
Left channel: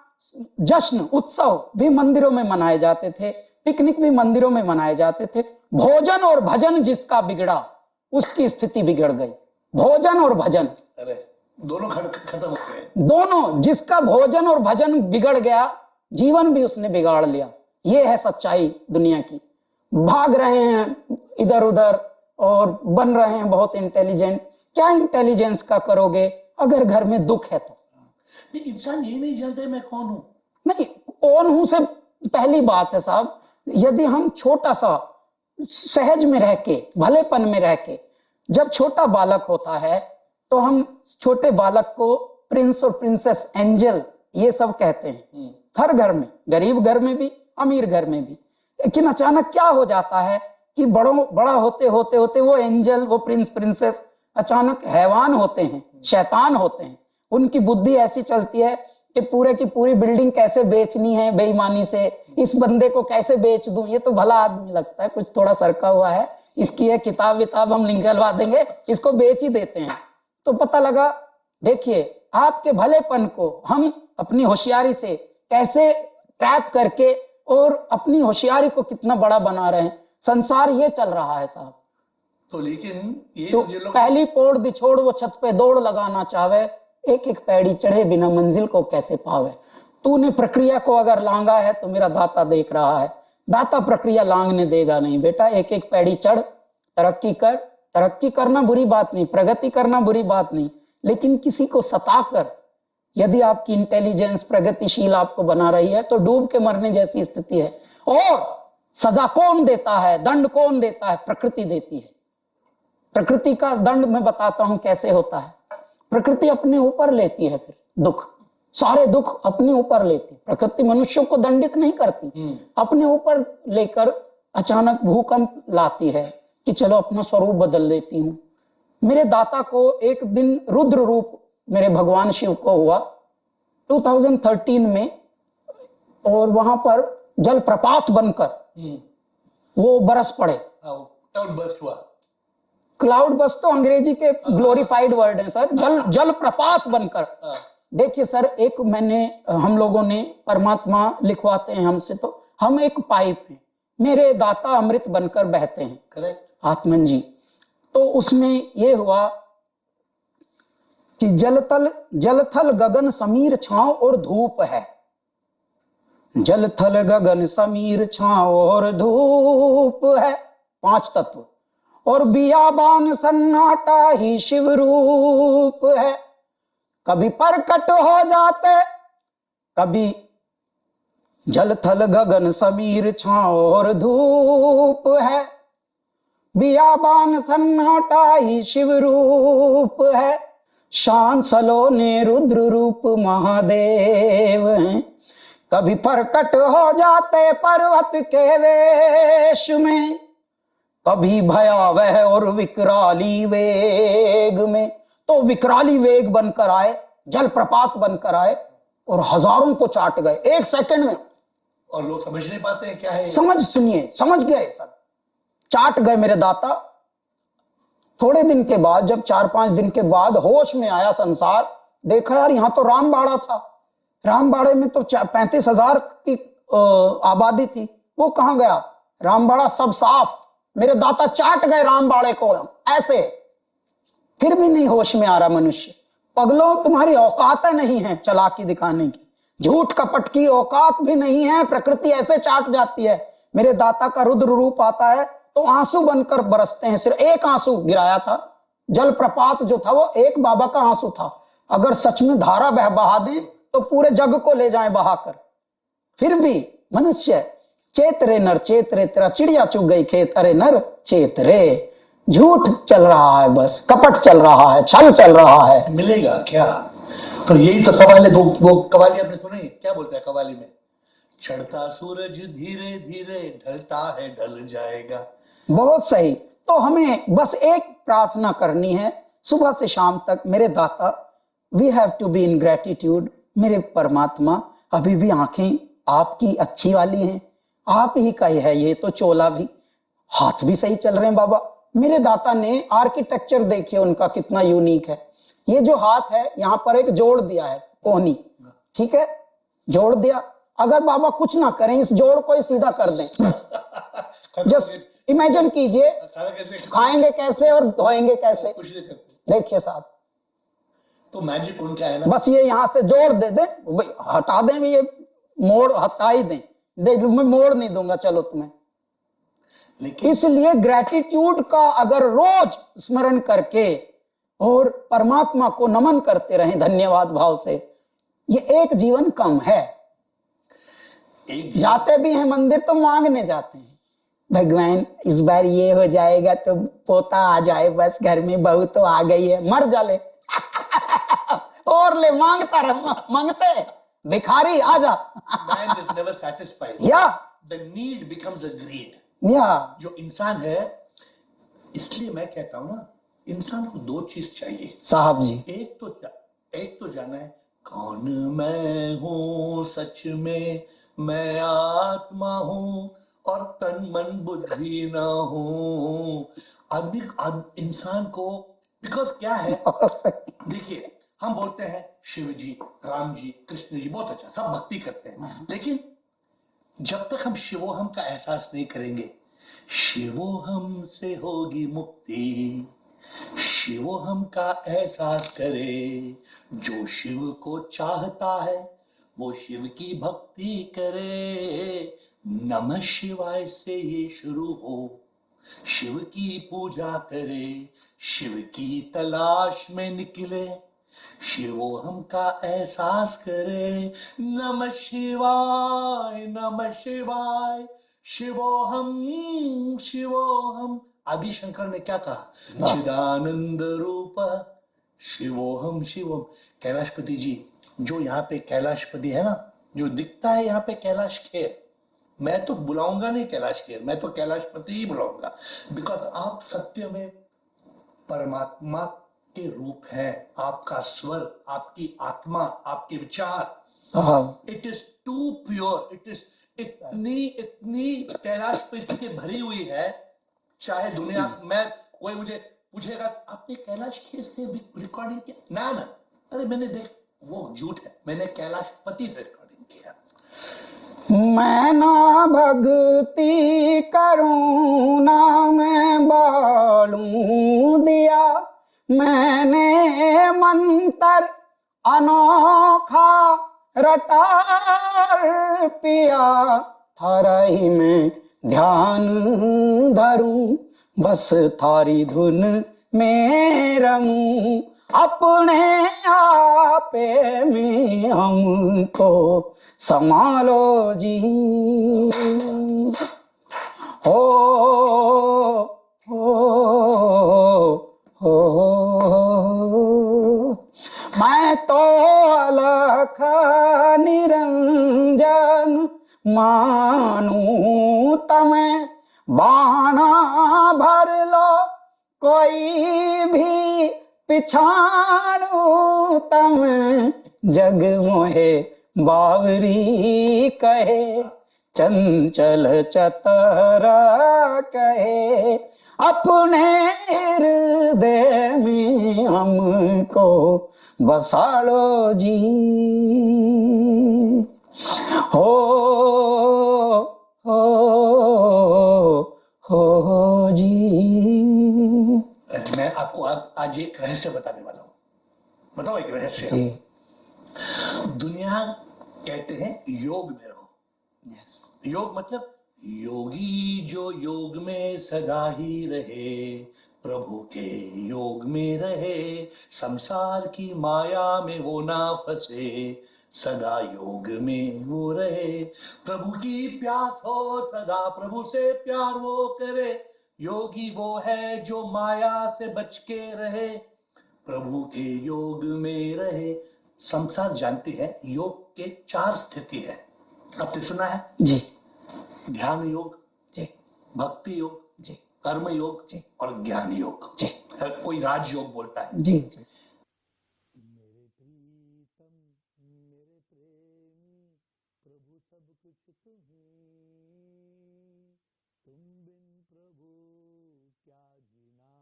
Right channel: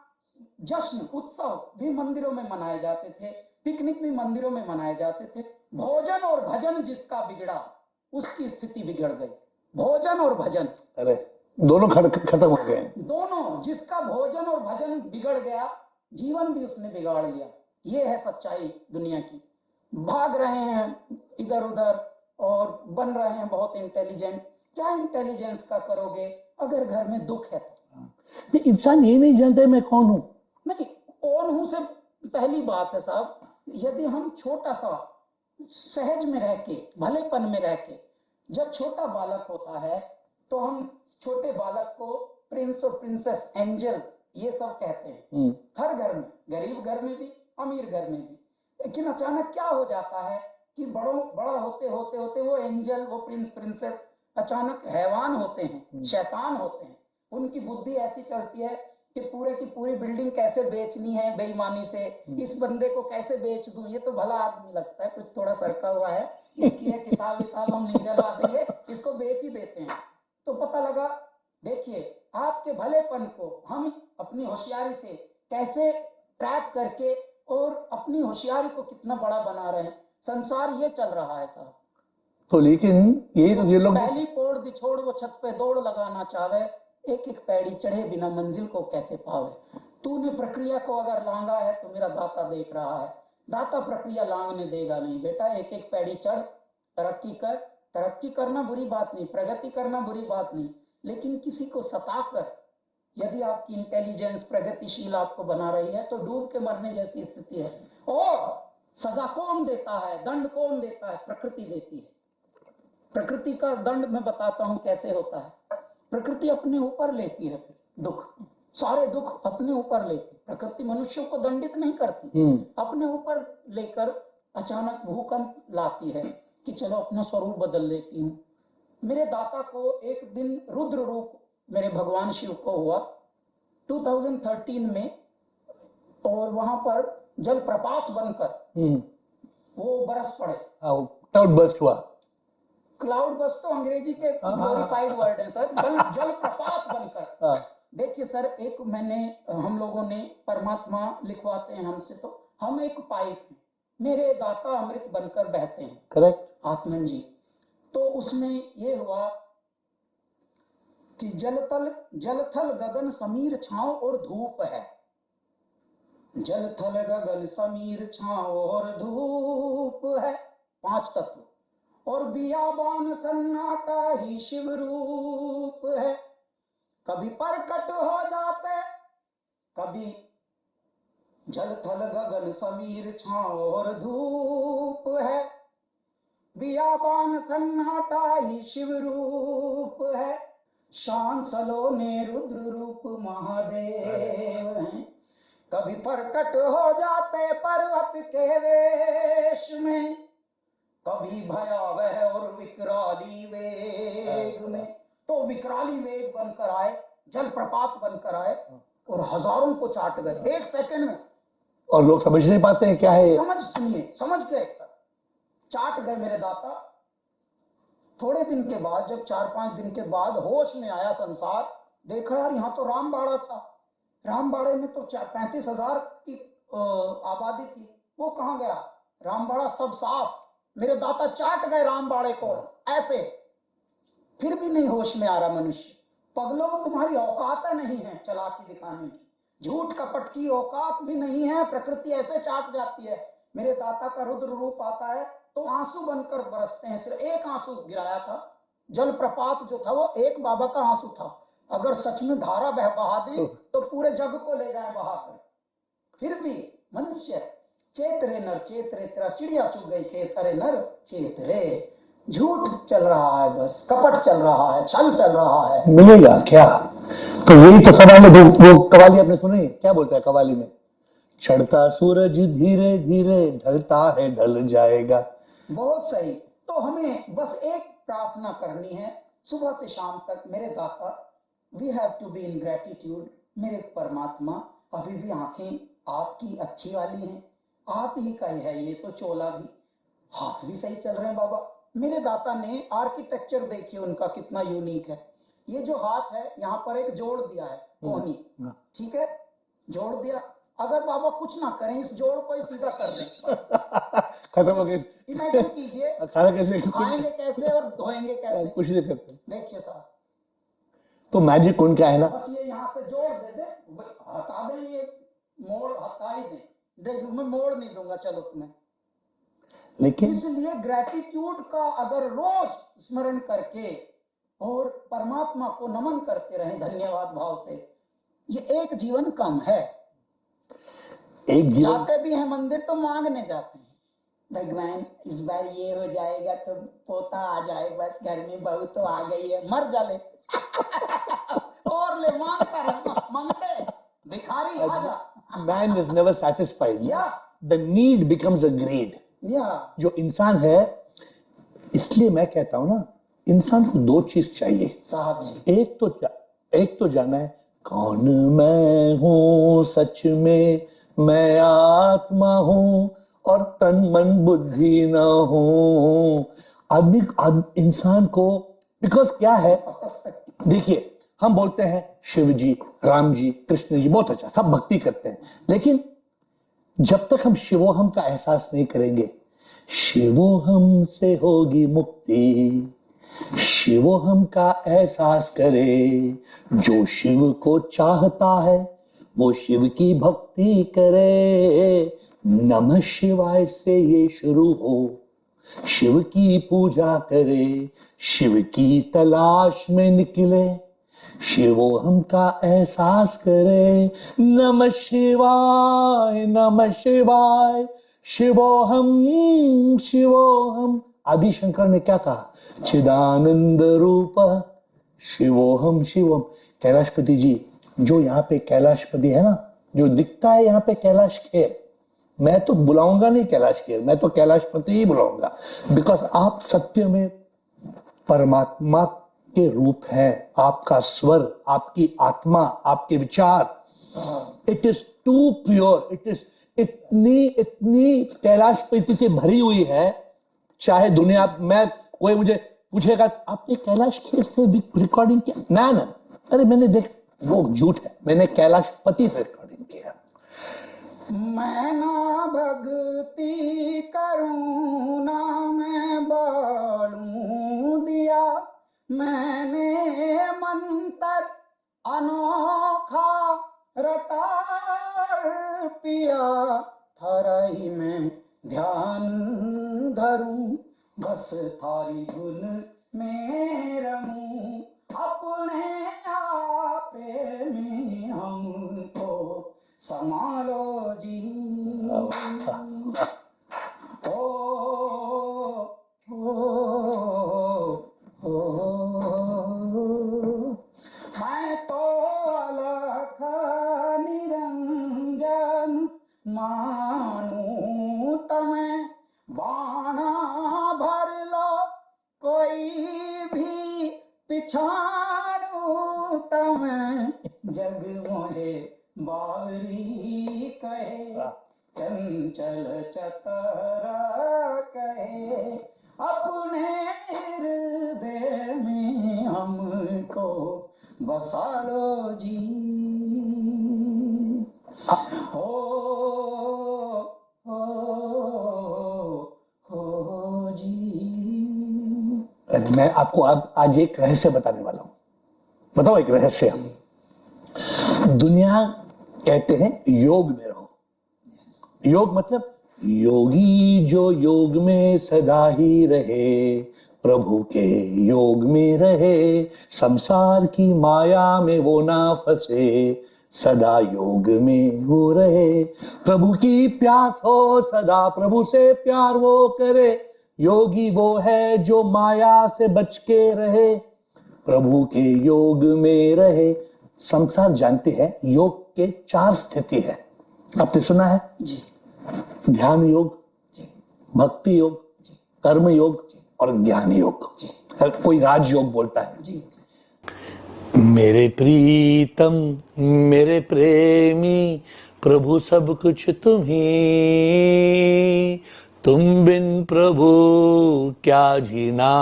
जश्न उत्सव भी मंदिरों में मनाए जाते थे, पिकनिक भी मंदिरों में मनाए जाते थे। भोजन और भजन जिसका बिगड़ा उसकी स्थिति बिगड़ गई। भोजन और भजन, अरे दोनों खत्म हो गए। दोनों, जिसका भोजन और भजन बिगड़ गया जीवन भी उसने बिगाड़ लिया। ये है सच्चाई दुनिया की। भाग रहे हैं इधर उधर और बन रहे हैं बहुत इंटेलिजेंट। क्या इंटेलिजेंस का करोगे अगर घर में दुख है तो? इंसान ये नहीं जानता मैं कौन हूं। नहीं, कौन हूं से पहली बात है साहब। यदि हम छोटा सा सहज में रह के, भलेपन में रह के, जब छोटा बालक होता है तो हम छोटे बालक को प्रिंस और प्रिंसेस, एंजल, ये सब कहते हैं। हर घर में, गरीब घर में भी, अमीर घर में भी। लेकिन अचानक क्या हो जाता है कि बड़ा होते होते होते वो एंजल, वो प्रिंस प्रिंसेस अचानक हैवान होते हैं, शैतान होते हैं। उनकी बुद्धि ऐसी चलती है कि पूरे की पूरी बिल्डिंग कैसे बेचनी है बेईमानी से, इस बंदे को कैसे बेच दूं, ये तो भला आदमी लगता है, कुछ थोड़ा सरका हुआ है, इसकी है किताब विताब हम निकलवा देंगे, इसको बेच ही देते हैं। तो पता लगा, देखिए आपके भलेपन को हम अपनी होशियारी से कैसे ट्रैप करके और अपनी होशियारी को कितना बड़ा बना रहे हैं। संसार ये चल रहा है साहब। तो लेकिन ये लोग पहली पोड़ दिछोड़ वो छत पे दौड़ लगाना चाहे, एक एक पैड़ी चढ़े बिना मंजिल को कैसे पावे। तूने प्रक्रिया को अगर लांगा है तो मेरा दाता देख रहा है, दाता प्रक्रिया लांगने देगा नहीं। बेटा एक एक पैड़ी चढ़, तरक्की कर। तरक्की करना बुरी बात नहीं, प्रगति करना बुरी बात नहीं, लेकिन किसी को सताकर यदि आपकी इंटेलिजेंस प्रगतिशील आपको बना रही है तो डूब के मरने जैसी स्थिति है। और सजा कौन देता है, दंड कौन देता है? प्रकृति देती है। प्रकृति का दंड मैं बताता हूं कैसे होता है। प्रकृति अपने ऊपर लेती है फिर दुख, सारे दुख अपने ऊपर लेती। प्रकृति मनुष्यों को दंडित नहीं करती, अपने ऊपर लेकर अचानक भूकंप लाती है कि चलो अपना स्वरूप बदल देती हूँ। मेरे दाता को एक दिन रुद्र रूप मेरे भगवान शिव को हुआ 2013 में, और वहां पर जलप्रपात बनकर वो बरस पड़े। क्लाउड बस्ट हुआ। क्लाउड बस्ट तो अंग्रेजी के ग्लोरीफाइड वर्ड है सर। जल प्रपात बनकर। देखिए सर, एक हम लोगों ने, परमात्मा लिखवाते हैं हमसे, तो हम एक पाइप हैं, मेरे दाता अमृत बनकर बहते हैं। करेक्ट आत्मन जी। तो उसमें ये हुआ कि जलथल गगन समीर छांव और धूप है। जलथल गगन समीर छांव और धूप है, 5 तत्व। और बियाबान सन्नाटा ही शिव रूप है। कभी प्रकट हो जाते, कभी जलथल गगन समीर छांव और धूप है। बियाबान सन्नाटा ही शिव रूप है। शान सलोने रुद्र रूप महादेव हैं। कभी प्रकट हो जाते पर्वत के वेश में, कभी भयावह और विकराली वेग में। तो विकराली वेग बनकर आए, जलप्रपात बनकर आए और हजारों को चाट गए 1 सेकंड में। और लोग समझ नहीं पाते हैं क्या है। सुनिए, समझ गए सर, चाट गए मेरे दाता। थोड़े दिन के बाद, जब 4-5 दिन के बाद होश में आया संसार, देखा यार यहाँ तो रामबाड़ा था, रामबाड़े में तो 35,000 की आबादी थी, वो कहाँ गया? रामबाड़ा सब साफ। मेरे दाता चाट गए रामबाड़े को ऐसे। फिर भी नहीं होश में आ रहा मनुष्य। पगलों, तुम्हारी औकात नहीं है चालाकी दिखाने की, झूठ कपट की औकात भी नहीं है। प्रकृति ऐसे चाट जाती है। मेरे दाता का रुद्र रूप आता है तो आंसू बनकर बरसते हैं। सिर्फ एक आंसू गिराया था, जलप्रपात जो था वो एक बाबा का आंसू था। अगर सच में धारा बहा दें तो पूरे जग को ले जाएं बहाकर। फिर भी मनुष्य, चेत रे नर चेत रे, तेरा चिड़िया चुग गई खेत, अरे नर चेत रे। झूठ चल रहा है, बस कपट चल रहा है, छल चल रहा है। मिलेगा क्या? तो यही तो सवाल है। वो कवाली आपने सुनी, क्या बोलता है कवाली में? चढ़ता सूरज धीरे धीरे ढलता है, ढल जाएगा। बहुत सही। तो हमें बस एक प्रार्थना करनी है सुबह से शाम तक, मेरे दाता, we have to be in gratitude. मेरे परमात्मा, अभी भी आंखें आपकी अच्छी वाली हैं, आप ही का ही है ये तो चोला भी, हाथ भी सही चल रहे हैं बाबा। मेरे दाता ने आर्किटेक्चर देखिए उनका कितना यूनिक है। ये जो हाथ है यहाँ पर एक जोड़ दिया है कोहनी, ठीक है, जोड़ दिया। अगर बाबा कुछ ना करें, इस जोड़ को ही सीधा कर दें, खत्म हो जस्ट गई। इमेजिन कीजिए खाना कैसे खाएंगे कैसे और धोएंगे कैसे। कुछ नहीं करते। देखिए साहब, तो मैजिक उनका है ना, बस ये यहाँ से जोड़ दे दें, भाई हटा दें, ये मोड़ हटा ही दें, देख मैं मोड़ नहीं दूंगा चलो तुम्हें। लेकिन इसलिए ग्रेटिट्यूड का अगर रोज स्मरण करके और परमात्मा को नमन करते रहें धन्यवाद भाव से, ये एक जीवन कम है। एक जाते भी हैं मंदिर तो मांगने जाते हैं, भगवान इस बार ये हो जाएगा तो पोता आ जाए, बस घर में बहू तो आ गई है, मर जाले और ले मांगता रहे, मांगते भिखारी आ जा। man is never satisfied. या The need becomes a greed. या जो इंसान है, इसलिए मैं कहता हूं ना, इंसान को दो चीज चाहिए साहब जी। एक तो जाना है कौन मैं हूं सच में, मैं आत्मा हूं और तन मन बुद्धि न हूं। इंसान को, बिकॉज क्या है, देखिए हम बोलते हैं शिव जी, राम जी, कृष्ण जी, बहुत अच्छा, सब भक्ति करते हैं, लेकिन जब तक हम शिवोहम का एहसास नहीं करेंगे, शिवोहम से होगी मुक्ति। शिवोहम का एहसास करे, जो शिव को चाहता है वो शिव की भक्ति करे। नमः शिवाय से ये शुरू हो, शिव की पूजा करे, शिव की तलाश में निकले, शिवोहम का एहसास करे। नमः शिवाय नमः शिवाय, शिवोहम शिवोहम। आदि शंकर ने क्या कहा, चिदानंद रूप शिवोहम शिवम। कैलाशपति जी, जो यहाँ पे कैलाशपति है ना, जो दिखता है यहाँ पे कैलाश खेर, मैं तो बुलाऊंगा नहीं कैलाश खेर, मैं तो कैलाशपति ही बुलाऊंगा, बिकॉज आप सत्य में परमात्मा के रूप है। आपका स्वर, आपकी आत्मा, आपके विचार, it is too pure, it is इतनी कैलाशपति की भरी हुई है। चाहे दुनिया में कोई मुझे पूछेगा आपने कैलाश खेर से भी रिकॉर्डिंग किया, ना ना, अरे मैंने देख, वो झूठ है, मैंने कैलाशपति से रिकॉर्डिंग किया। मैं ना भक्ति करूं ना मैं बालूं दिया, मैंने मंत्र अनोखा रटा पिया, थारही में ध्यान धरूं, बस थारी धुन में रमूं, अपने आपे में हमको संभालो जी। हो मैं तो अलख निरंजन मानू तमें, बाणा भर लो कोई भी पिछाड़ू तमें, जग मोहे बावरी कहे, चंचल चतर कहे, अपने हृदय में हमको बसा लो जी। हो जी। मैं आपको आज एक रहस्य बताने वाला हूं। बताओ एक रहस्य। दुनिया कहते हैं योग में रहो, योग मतलब योगी जो योग में सदा ही रहे, प्रभु के योग में रहे, संसार की माया में वो ना फंसे, सदा योग में वो रहे, प्रभु की प्यास हो सदा, प्रभु से प्यार वो करे, योगी वो है जो माया से बच के रहे, प्रभु के योग में रहे। संसार जानते हैं योग के 4 स्थिति है, आपने सुना है जी। ध्यान योग जी, भक्ति योग जी, कर्म योग जी, और ज्ञान योग जी, हर कोई राज योग बोलता है। जी, जी। मेरे प्रीतम मेरे प्रेमी प्रभु सब कुछ तुम्ही, तुम बिन प्रभु क्या जीना,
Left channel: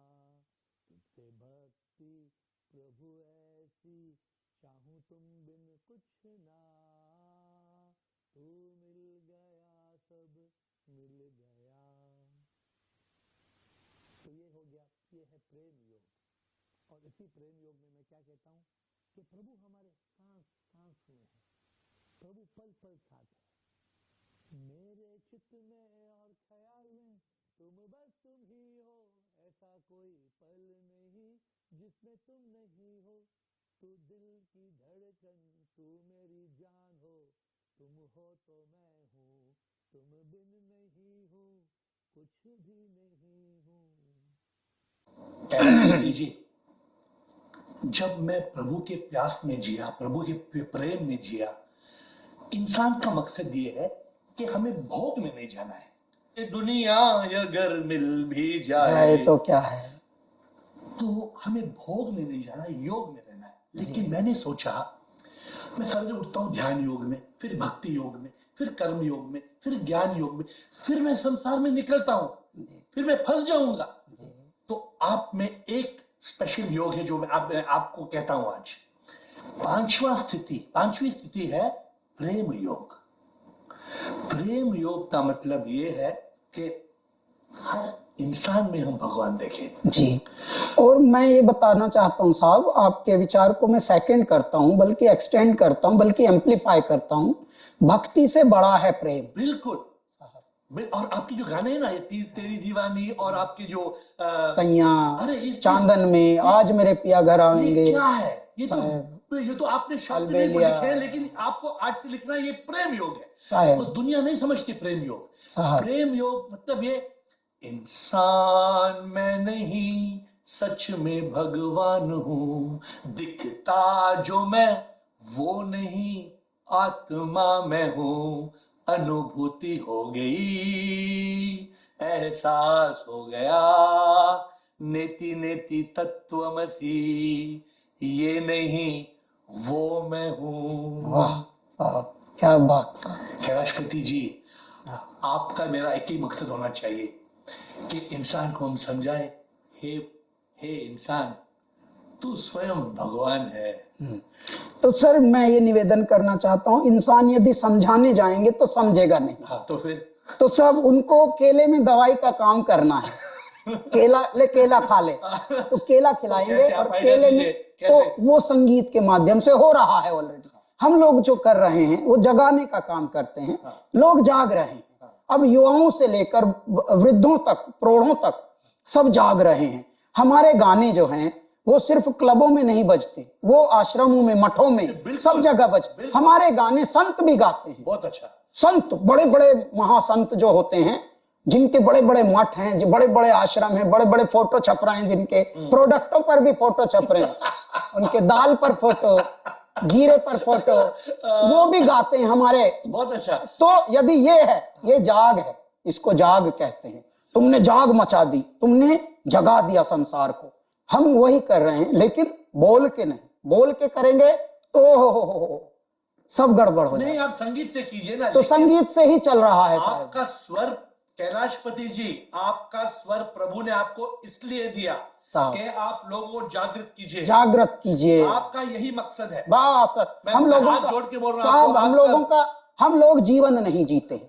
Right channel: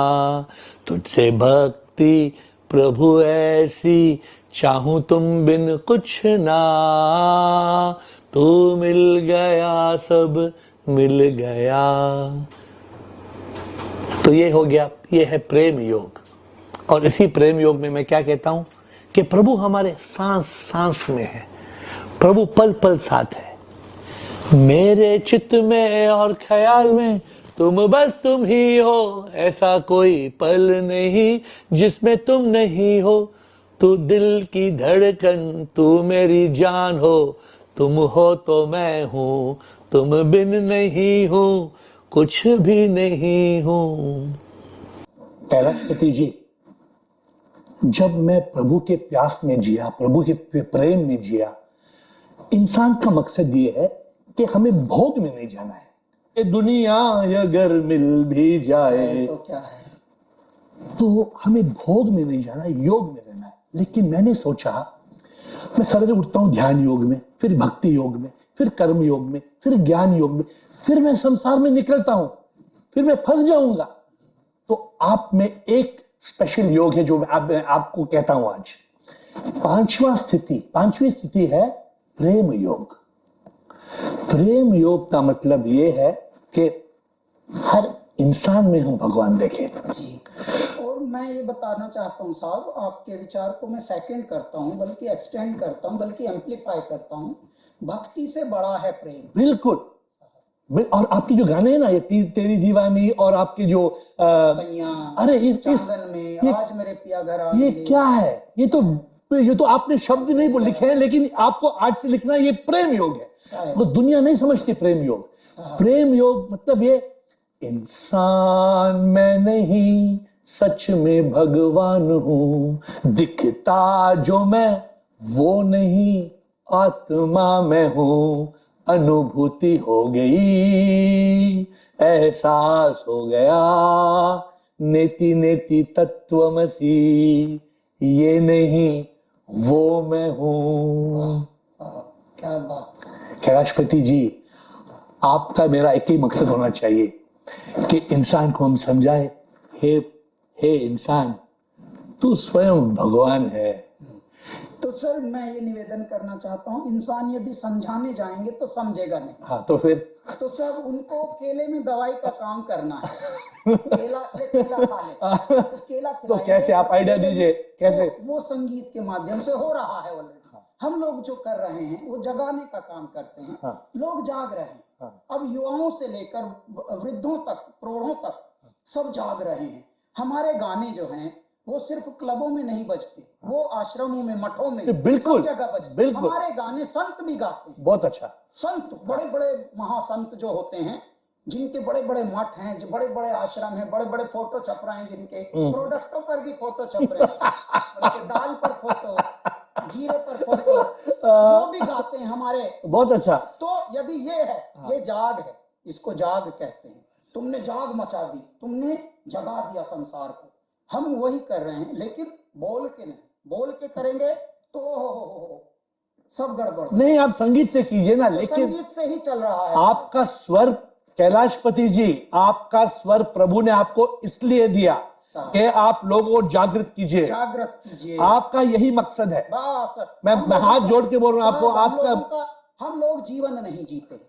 तुझसे भक्ति प्रभु ऐसी चाहूं तुम बिन कुछ ना, तू मिल गया सब मिल गया। तो ये हो गया, ये है प्रेम योग। और इसी प्रेम योग में मैं क्या कहता हूं कि प्रभु हमारे सांस सांस में है, प्रभु पल पल साथ है। मेरे चित्त में और ख्याल में तुम बस तुम ही हो, ऐसा कोई पल नहीं जिसमें तुम नहीं हो। तू दिल की धड़कन, तू मेरी जान हो, तुम हो तो मैं हूं, तुम बिन नहीं हूं, कुछ भी नहीं हूं। कैलाशपति जी, जब मैं प्रभु के प्यास में जिया, प्रभु के प्रेम में जिया, इंसान का मकसद ये है कि हमें भोग में नहीं जाना है। ये दुनिया अगर मिल भी जाए तो क्या है, तो हमें भोग में नहीं जाना, योग में रहना है। लेकिन मैंने सोचा, मैं सवेरे उठता हूं ध्यान योग में, फिर भक्ति योग में, फिर कर्म योग में, फिर ज्ञान योग में, फिर मैं संसार में निकलता हूं, फिर मैं फंस जाऊंगा। तो आप में एक स्पेशल योग है जो मैं आपको कहता हूं आज। पांचवी स्थिति है प्रेम योग। प्रेम योग का मतलब यह है कि हर इंसान में हम भगवान देखें। जी। और मैं ये बताना चाहता हूँ साहब, आपके विचार को मैं सेकंड करता हूँ, बल्कि एक्सटेंड करता हूँ, बल्कि एम्पलीफाई करता हूँ। भक्ति से बड़ा है प्रेम। बिल्कुल। और आपके जो गाने हैं ना, ये तेरी दीवानी, और आपके जो सैया, अरे ये चांदन में आज मेरे पिया घर आएंगे, ये क्या है? ये तो आपने शब्द नहीं लिखे हैं, लेकिन आपको आज से लिखना, ये प्रेम योग है। तो दुनिया नहीं समझती प्रेम योग। प्रेम योग मतलब ये, इंसान मैं नहीं सच में भगवान हूं, दिखता जो मैं वो नहीं आत्मा मैं हूं, अनुभूति हो गई एहसास हो गया, नेति नेति तत्वमसी, ये नहीं वो मैं हूं। वाह, क्या बात। कैलाशपति जी, आपका मेरा एक ही मकसद होना चाहिए कि इंसान को हम समझाए, हे इंसान, तू स्वयं भगवान है। तो सर मैं ये निवेदन करना चाहता हूँ, इंसान यदि समझाने जाएंगे तो समझेगा नहीं। हाँ, तो फिर तो सब उनको केले में दवाई का काम करना है। केला खा ले तो केला खिलाएंगे। तो कैसे आप आइडिया दीजिए, कैसे? तो वो संगीत के माध्यम से हो रहा है ऑलरेडी। हम लोग जो कर रहे हैं वो जगाने का काम करते हैं। हाँ। लोग जाग रहे हैं। अब युवाओं से लेकर वृद्धों तक, प्रौढ़ों तक सब जाग रहे हैं। हमारे गाने जो हैं वो सिर्फ क्लबों में नहीं बजते, वो आश्रमों में, मठों में, सब जगह बजते। हमारे गाने संत भी गाते हैं। बहुत अच्छा। संत, बड़े बड़े महासंत जो होते हैं, जिनके बड़े बड़े मठ हैं, जो बड़े बड़े आश्रम हैं, बड़े बड़े फोटो छप रहे हैं, जिनके प्रोडक्टों पर भी फोटो छप रहे हैं, उनके दाल पर फोटो, जीरे पर फोटो, वो भी गाते हैं हमारे। बहुत अच्छा। तो यदि ये है, ये जाग है, इसको जाग कहते हैं। तुमने जाग मचा दी, तुमने जगा दिया संसार को। हम वही कर रहे हैं, लेकिन बोल के नहीं। बोल के करेंगे तो सब गड़बड़ हो। नहीं, आप संगीत से कीजिए ना। तो संगीत से ही चल रहा है। आपका स्वर, कैलाशपति जी, आपका स्वर प्रभु ने आपको इसलिए दिया कि आप लोगों को जागृत कीजिए, जागृत कीजिए। आपका यही मकसद है। बस मैं हाथ जोड़ के बोल रहा हूं, हम लोग जीवन नहीं जीते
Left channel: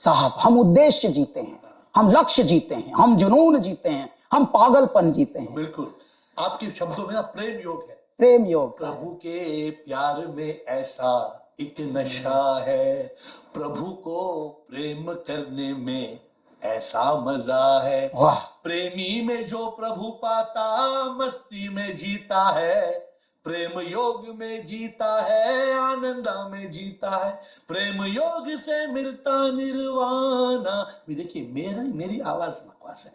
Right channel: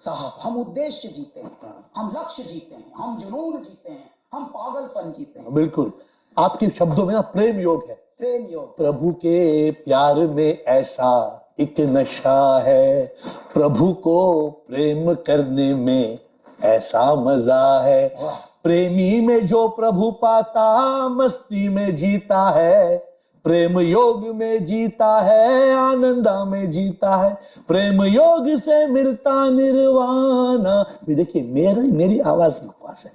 साहब, हम उद्देश्य जीते हैं, हम लक्ष्य जीते हैं, हम जुनून जीते हैं, हम पागलपन जीते हैं। बिल्कुल। आपके शब्दों में ना प्रेम योग है। प्रेम योग। प्रभु के प्यार में ऐसा एक नशा है, प्रभु को प्रेम करने में ऐसा मजा है। वाह। प्रेमी में जो प्रभु पाता, मस्ती में जीता है, प्रेम योग में जीता है, आनंदा में जीता है, प्रेम योग से मिलता निर्वाणा। देखिए मेरी आवाज बकवास है।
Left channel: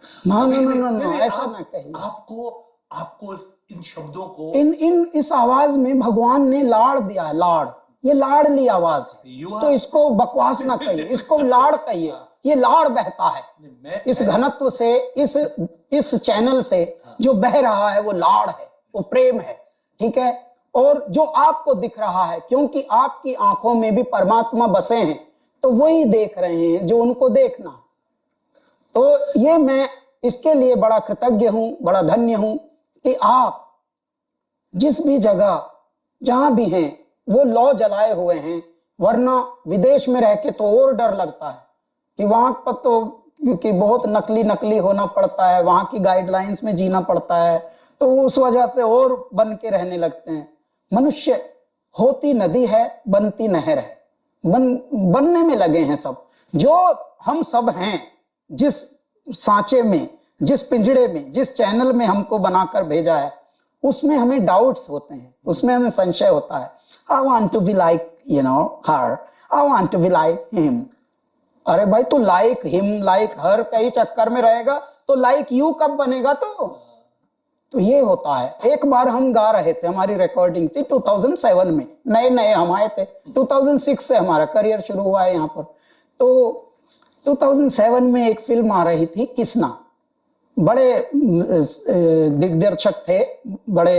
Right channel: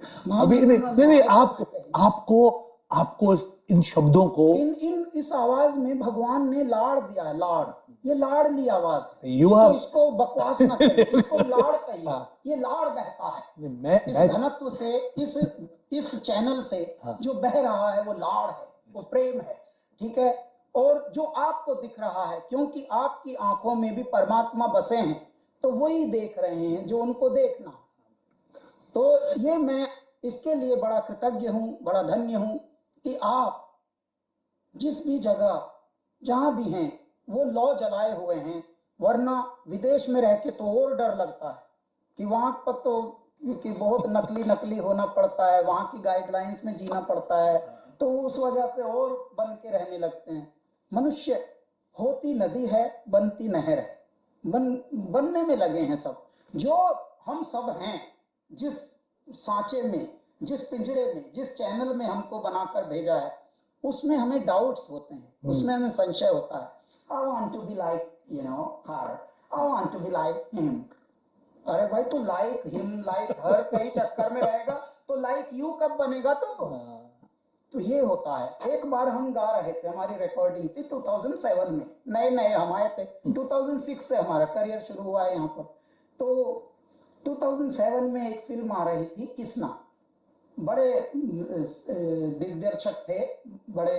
आपको इन शब्दों को, इस आवाज में भगवान ने लाड़ दिया है। लाड़, ये लाड़ली आवाज है। तो इसको बकवास ना कहिए, इसको लाड़ कहिए। ये लाड़ बहता है इस घनत्व से, इस चैनल से जो बह रहा है वो लाड़ है, वो प्रेम है। ठीक है। और जो आपको दिख रहा है, क्योंकि आपकी आंखों में भी परमात्मा बसे हैं, तो वही देख रहे हैं जो उनको देखना। तो ये मैं इसके लिए बड़ा कृतज्ञ हूं, बड़ा धन्य हूं कि आप जिस भी जगह जहां भी हैं वो लौ जलाए हुए हैं, वरना विदेश में रह के तो और डर लगता है कि वहां पर तो क्योंकि बहुत नकली नकली होना पड़ता है, वहां की गाइडलाइंस में जीना पड़ता है, तो उस वजह से और बन के रहने लगते हैं। मनुष्य होती नदी है, बनती नहर है, बनने में लगे हैं सब। जो हम सब हैं, जिस सांचे में, जिस पिंजड़े में, जिस चैनल में हमको बनाकर भेजा है, उसमें हमें डाउट्स होते हैं, उसमें हमें संशय होता है। I want to be like her, I want to be like him. अरे भाई, तू लाइक हिम लाइक हर कई चक्कर में रहेगा तो लाइक यू कब बनेगा? तो ये होता है। एक बार हम गा रहे थे, हमारी रिकॉर्डिंग थी 2007 में, नए नए हम आए थे, 2006 से हमारा करियर शुरू हुआ है यहाँ पर। तो 2007 में एक फिल्म आ रही थी किसना, बड़े दिग्दर्शक थे, बड़े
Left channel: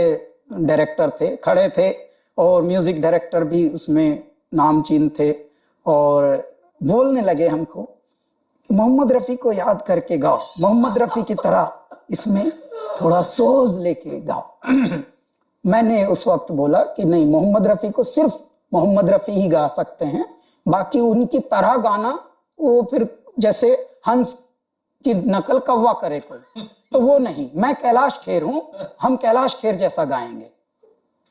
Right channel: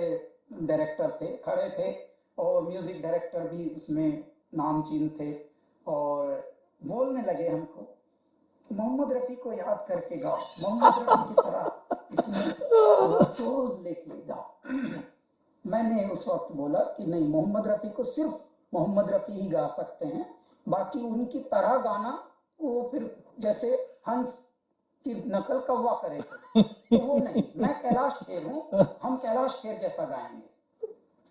डायरेक्टर थे, खड़े थे, और म्यूजिक डायरेक्टर भी उसमें नामचीन थे, और बोलने लगे हमको मोहम्मद रफी को याद करके गाओ, मोहम्मद रफी की तरह इसमें थोड़ा सोज लेके गाओ। मैंने उस वक्त बोला कि नहीं, मोहम्मद रफी को सिर्फ मोहम्मद रफी ही गा सकते हैं, बाकी उनकी तरह गाना वो फिर जैसे हंस की नकल कौवा करे कोई, तो वो नहीं। मैं कैलाश खेर हूं, हम कैलाश खेर जैसा गाएंगे।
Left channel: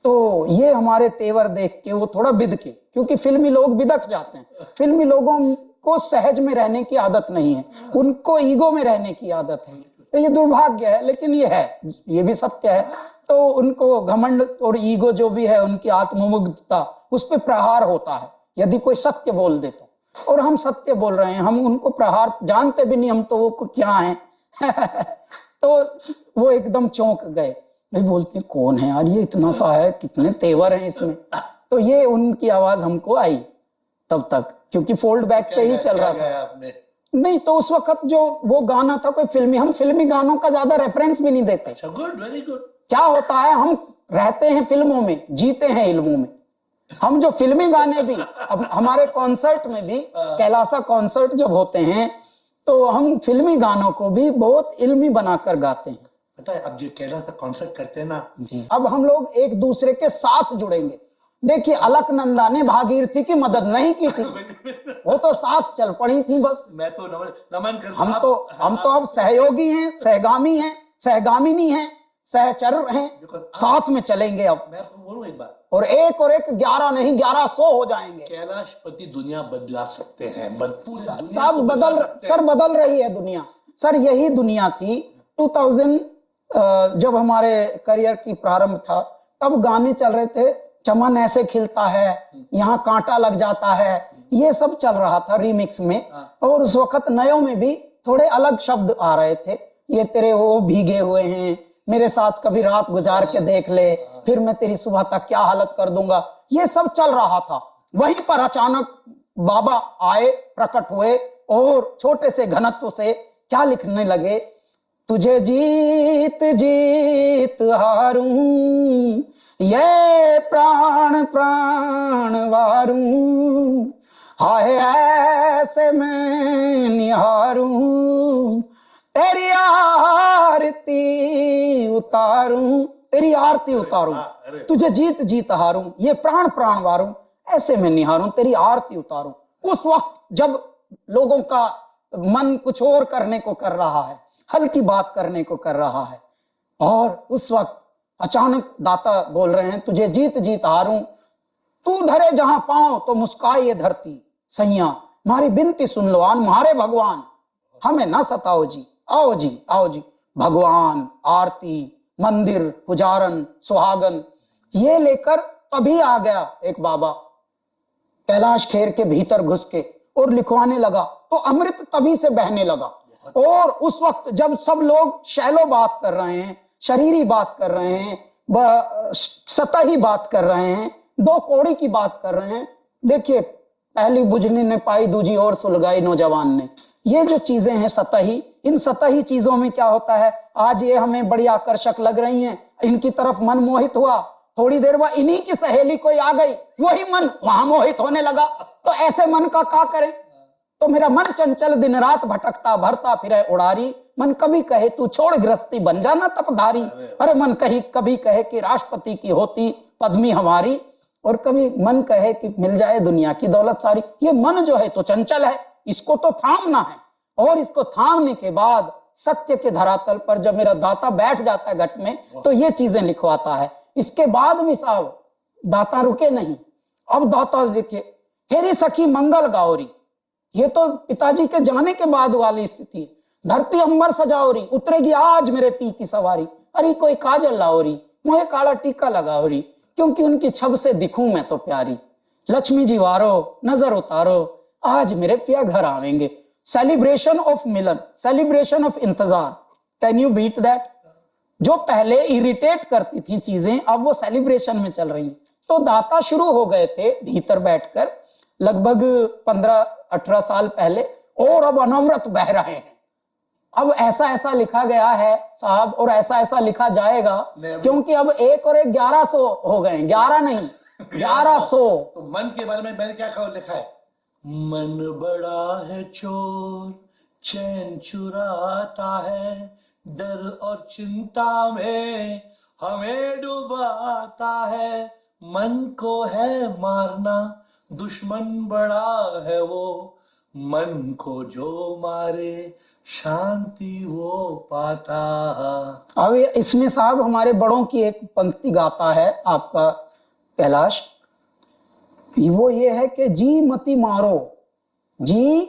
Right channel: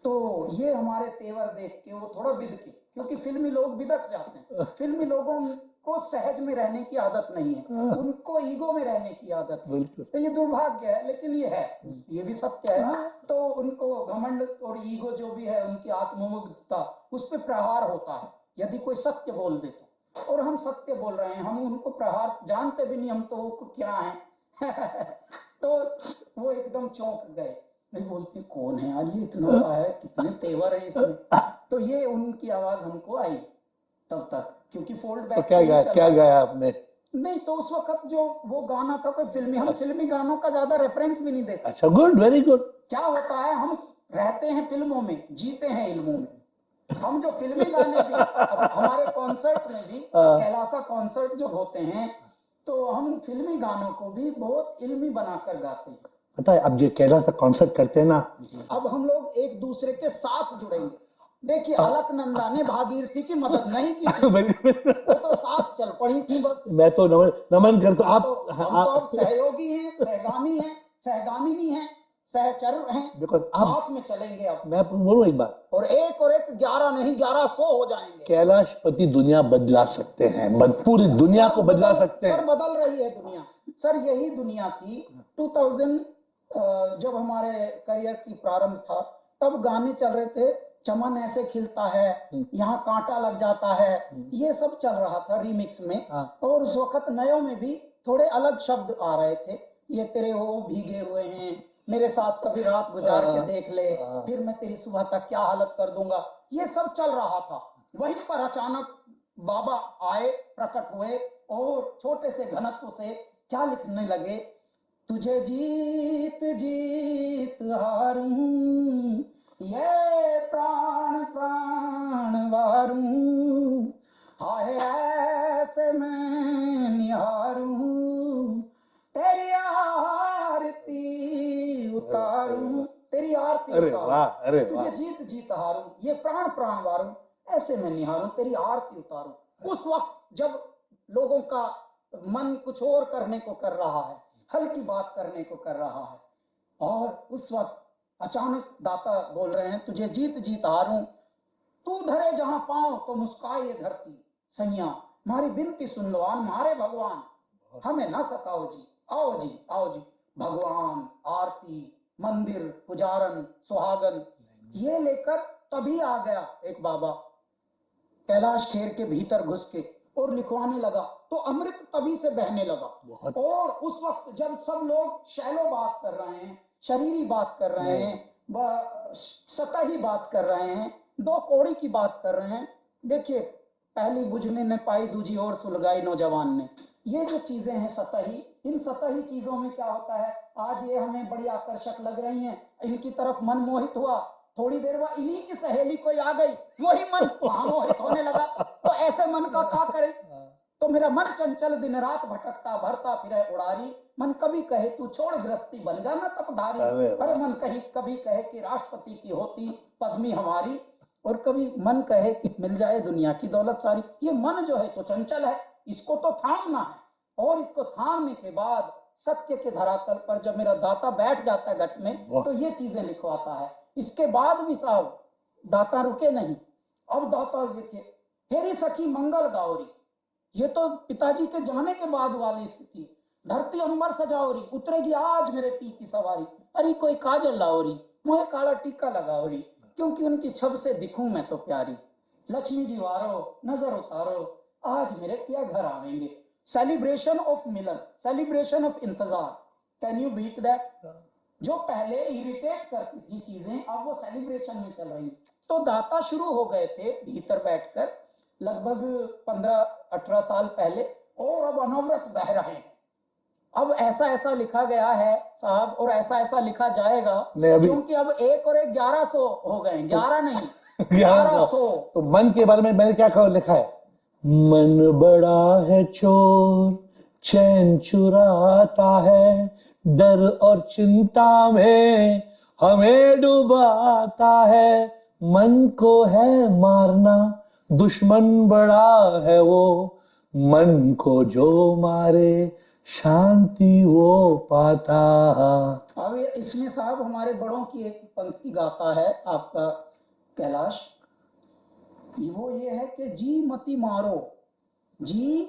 तो ये हमारे तेवर देख के वो थोड़ा बिद के, क्योंकि फिल्मी लोग बिदक जाते हैं, फिल्मी लोगों को सहज में रहने की आदत नहीं है, उनको ईगो में रहने की आदत है। तो ये दुर्भाग्य है, लेकिन ये है, ये भी सत्य है। तो उनको घमंड और ईगो जो भी है, उनकी आत्ममुग्धता, उस पर प्रहार होता है यदि कोई सत्य बोल दे तो। और हम सत्य बोल रहे हैं, हम उनको प्रहार जानते भी नहीं, हम तो वो क्या है। तो वो एकदम चौंक गए, भाई बोलते हैं कौन है यार ये, इतना सा है, कितने तेवर हैं इसमें। तो ये उनकी आवाज हमको आई तब तक, क्योंकि फोल्ड बैक पे ही चल रहा था। आपने नहीं तो उस वक्त जो वो गाना था कोई फिल्मी, हम फिल्मी गानों का ज्यादा रेफरेंस भी नहीं देते। अच्छा, गुड, वेरी गुड। क्या होता है, हम रहते हैं फिल्मों में, जीते हैं इल्मों में। हम जो फिल्मी गाने भी, अब हमारे कॉन्सर्ट में भी, कैलासा कॉन्सर्ट जब होते हैं तो हम फिल्मी गानों को भी बहुत इल्मी बनाकर गाते हैं। पता है, अब जो कैलासा कॉन्सर्ट करते हैं ना जी, अब हम लोग एक दूसरे के साथ जुड़ेंगे। देखिए, अलकनंदा ने भागीरथी की मदद नहीं की थी, वो तो साथ चल पड़ी थी बस। मैं तो नमन करता हूं। हम तो अब सहयोगी हैं, सहगामी हैं, सहगामिनी हैं, सहचर हैं, साथ में चलेंगे। अब मैं बोलूं एक बात, और एक 11 नहीं 1100 हो जाएंगे। कैलाशपति दुनिया बदला सकते हैं, पूरी दुनिया को बदला सकते हैं। सर बदल रही है दुनिया। सर यही दुनिया थी 2000 जब हमारे करियर की प्रारंभ था, तब गाने चल रहे थे, चमन ऐसे खिलता है, यहाँ कांटा लग जाता है, ये सब चल रहा था रीमिक्स में। और उस वक्त नयों में भी थोड़े अलग शब्द आ रहे थे, ये तेरे वो भीगे हुए हैं, मेरे साथ कभी रात गुजार के देख ले, फिर मैं तेरी सुबह तक क्या हालत कर दूंगा, ये सब चल रहा था। वहीं पर अचानक बाबा आए, प्रकट हुए, और छोटे से घनत्व से क्या लिखने लगे, तुझे जीत जीत हारूं, ये प्राण प्राण वारूं, हाय ऐसे मैं निहारूं, तेरी आरती उतारूं, तेरी आरती उतारूं, तुझे जीत जीत हारूं, ये प्राण प्राण वारूं, ऐसे मैं निहारूं, तेरी आरती उतारूं। उस वक्त जब लोगों का मन कुछ और करने को कर रहा है, हल्की बात करने को कर रहा है, और उस वक्त अचानक दाता बोल रहे हैं, तुझे जीत जीत हारूं, तू धरे जहां पांव तो मुस्काए ये धरती, सैया हमारी बिनती सुन लो आन मारे भगवान, हमें ना सताओ जी, आओ जी आओ जी। भगवान, आरती, मंदिर, पुजारन, सुहागन, ये लेकर तभी आ गया एक बाबा कैलाश खेर के भीतर घुस के, और लिखवाने लगा, तो अमृत तभी से बहने लगा। और उस वक्त जब सब लोग शैलो बात कर रहे हैं, शरीरी बात कर रहे हैं, सतही बात कर रहे हैं, दो कौड़ी की बात कर रहे हैं, देखिए पहली बुझनी ने पाई, दूजी और सुलगाई नौजवान ने, ये जो चीजें हैं सतही, इन सतही चीजों में क्या होता है, आज ये हमें बड़ी आकर्षक लग रही हैं, इनकी तरफ मन मोहित हुआ, थोड़ी देर बाद इन्हीं की सहेली कोई आ गई, वही मन वहां मोहित होने लगा, तो ऐसे मन का क्या करें। तो मेरा मन चंचल दिन रात भटकता भरता फिरे उड़ारी। मन कभी कहे तू छोड़ गृहस्थी बन जाना तपधारी। अरे मन कभी कहे कि राष्ट्रपति की होती पद्मी हमारी, और कभी मन कहे कि मिल जाए दुनिया की दौलत सारी। ये मन जो है तो चंचल है, इसको तो थामना है, और इसको थामने के बाद सत्य के धरातल पर जब मेरा दाता बैठ जाता है घट में, तो ये चीजें लिखवाता है। इसके बाद भी साहब दाता रुके नहीं। अब दाता देखिए, हेरी सखी मंगल गाओरी, ये तो पिताजी के जाने के बाद वाली स्थिति। धरती अंबर सजाओरी, उतरेगी आज मेरे पी की सवारी। अरे कोई काजल लाओरी, मोहे काला टीका लगाओरी, क्योंकि उनकी छब से दिखूं मैं तो प्यारी। लक्ष्मी जी वारो नजर उतारो, आज मेरे पिया घर आवेंगे। Celebration of milan, celebration of intezaar. Can you beat that? जो पहले इरिटेट करती थी चीजें, अब वो सेलिब्रेशन में चल रही। तो दाता शुरू हो गए थे भीतर बैठकर लगभग 15-18 साल पहले, और अब अनवरत बह रहे हैं। अब ऐसा ऐसा लिखा गया है साहब, और ऐसा ऐसा लिखा जाएगा, क्योंकि अब 1 और 1 1100 हो गए। 11 नहीं 1100। तो मन के बारे में मैंने क्या लिखा है? मन बड़ा है चोर, चैन चुराता है, डर और चिंता में हमें डुबाता है। मन को है मारना, दुश्मन बड़ा है वो, मन को जो मारे शांति वो पाता। अब इसमें साहब हमारे बड़ों की एक पंक्ति गाता है आपका कैलाश, वो ये है कि जी मती मारो, जी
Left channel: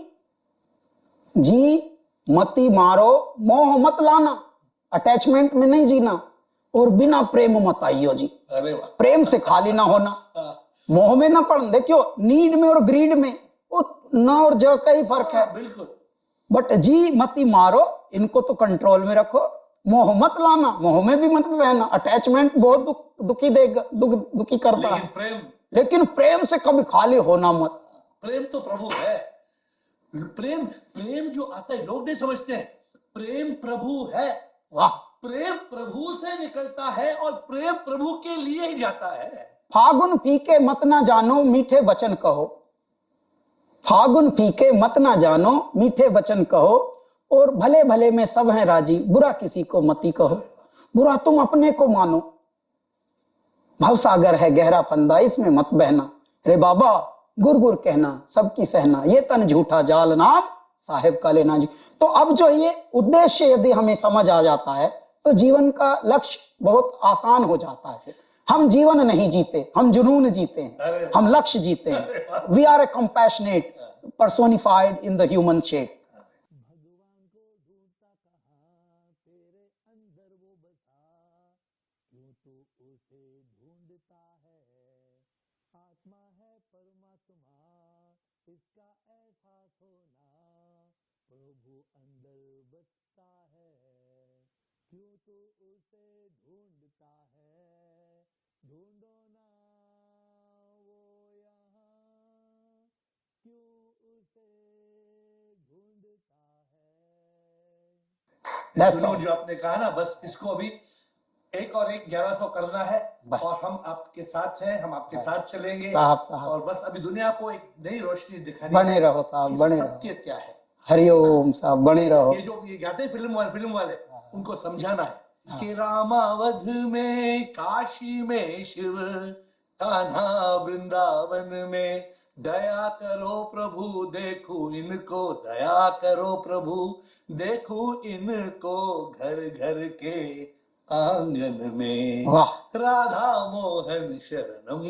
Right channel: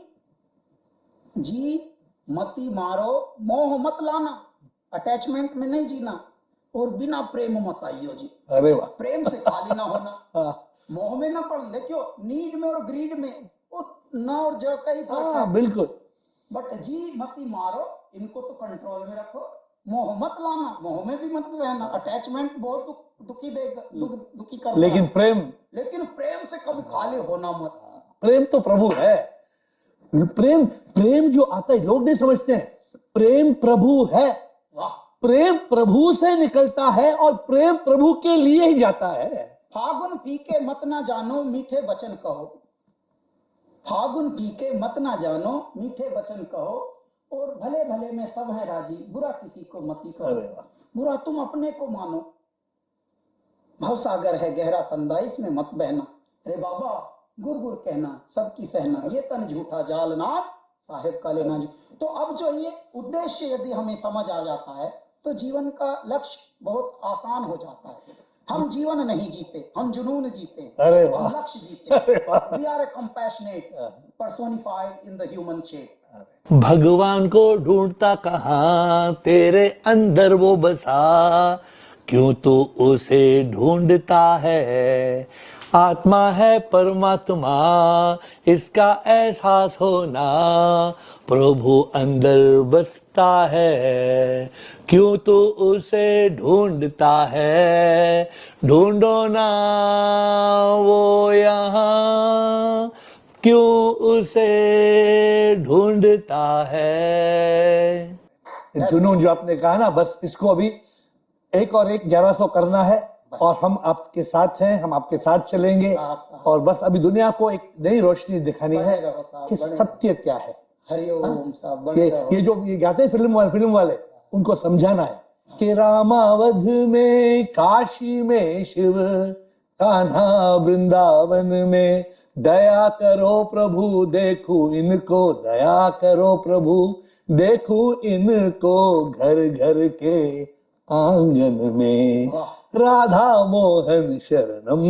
मती मारो, मोह मत लाना, अटैचमेंट में नहीं जीना, और बिना प्रेम मत आइयो जी। अरे वाह, प्रेम से खाली ना होना, मोह में ना पड़ना। देखियो नीड में और ग्रीड में वो न और जो का ही फर्क है। बिल्कुल। बट जी मती मारो, इनको तो कंट्रोल में रखो। मोह मत लाना, मोह में भी मत रहना। अटैचमेंट बहुत दुखी देगा, दुखी करता है। लेकिन प्रेम से कभी खाली होना मत। प्रेम तो प्रभु है। प्रेम जो आता है लोग नहीं समझते हैं। प्रेम प्रभु है। वाह, प्रेम प्रभु से निकलता है और प्रेम प्रभु के लिए ही जाता है। फागुन फीके मत ना जानो, मीठे वचन कहो। फागुन फीके मत ना जानो, मीठे वचन कहो, और भले भले में सब हैं राजी, बुरा किसी को मती कहो। बुरा तुम अपने को मानो, भवसागर है गहरा फंदा, इसमें मत बहना। रे बाबा गुर गुर कहना, सबकी सहना, ये तन झूठा जाल नाम साहेब का लेना जी। तो अब जो ये उद्देश्य यदि हमें समझ आ जाता है, तो जीवन का लक्ष्य बहुत आसान हो जाता है। हम जीवन नहीं जीते, हम जुनून जीते हैं, हम लक्ष्य जीते हैं। We are a compassionate personified in the human shape. भगवान को ढूंढता कहाँ, तेरे अंदर वो बसा, क्यों तू उसे ढूंढता है। आत्मा है परमात्मा, इसका एहसास होना, प्रभु अंदर बसता है, क्यों तू उसे ढूंढता है। ढूंढो ना वो यहाँ, क्यों उसे ढूंढता है। जुनून जो आपने कहा ना, बस इसको अभी 1 और 1 1100 करना है, और हम आपके साथ हैं, हम आपके साथ चलेंगे साहब। और बस अभी दुनिया को एक नई रोशनी दिखानी है। बने रहो साहब, कि बने सत्य क्या है। हरिओम साहब, बने रहो। ये जो ये गाते हैं फिल्म वाले, उनको समझाना है कि रामावध में, काशी में शिव, कान्हा वृंदावन में, दया करो प्रभु देखो इनको, दया करो प्रभु देखो इनको, घर घर के आंगन में। राधा मोहन शरणम,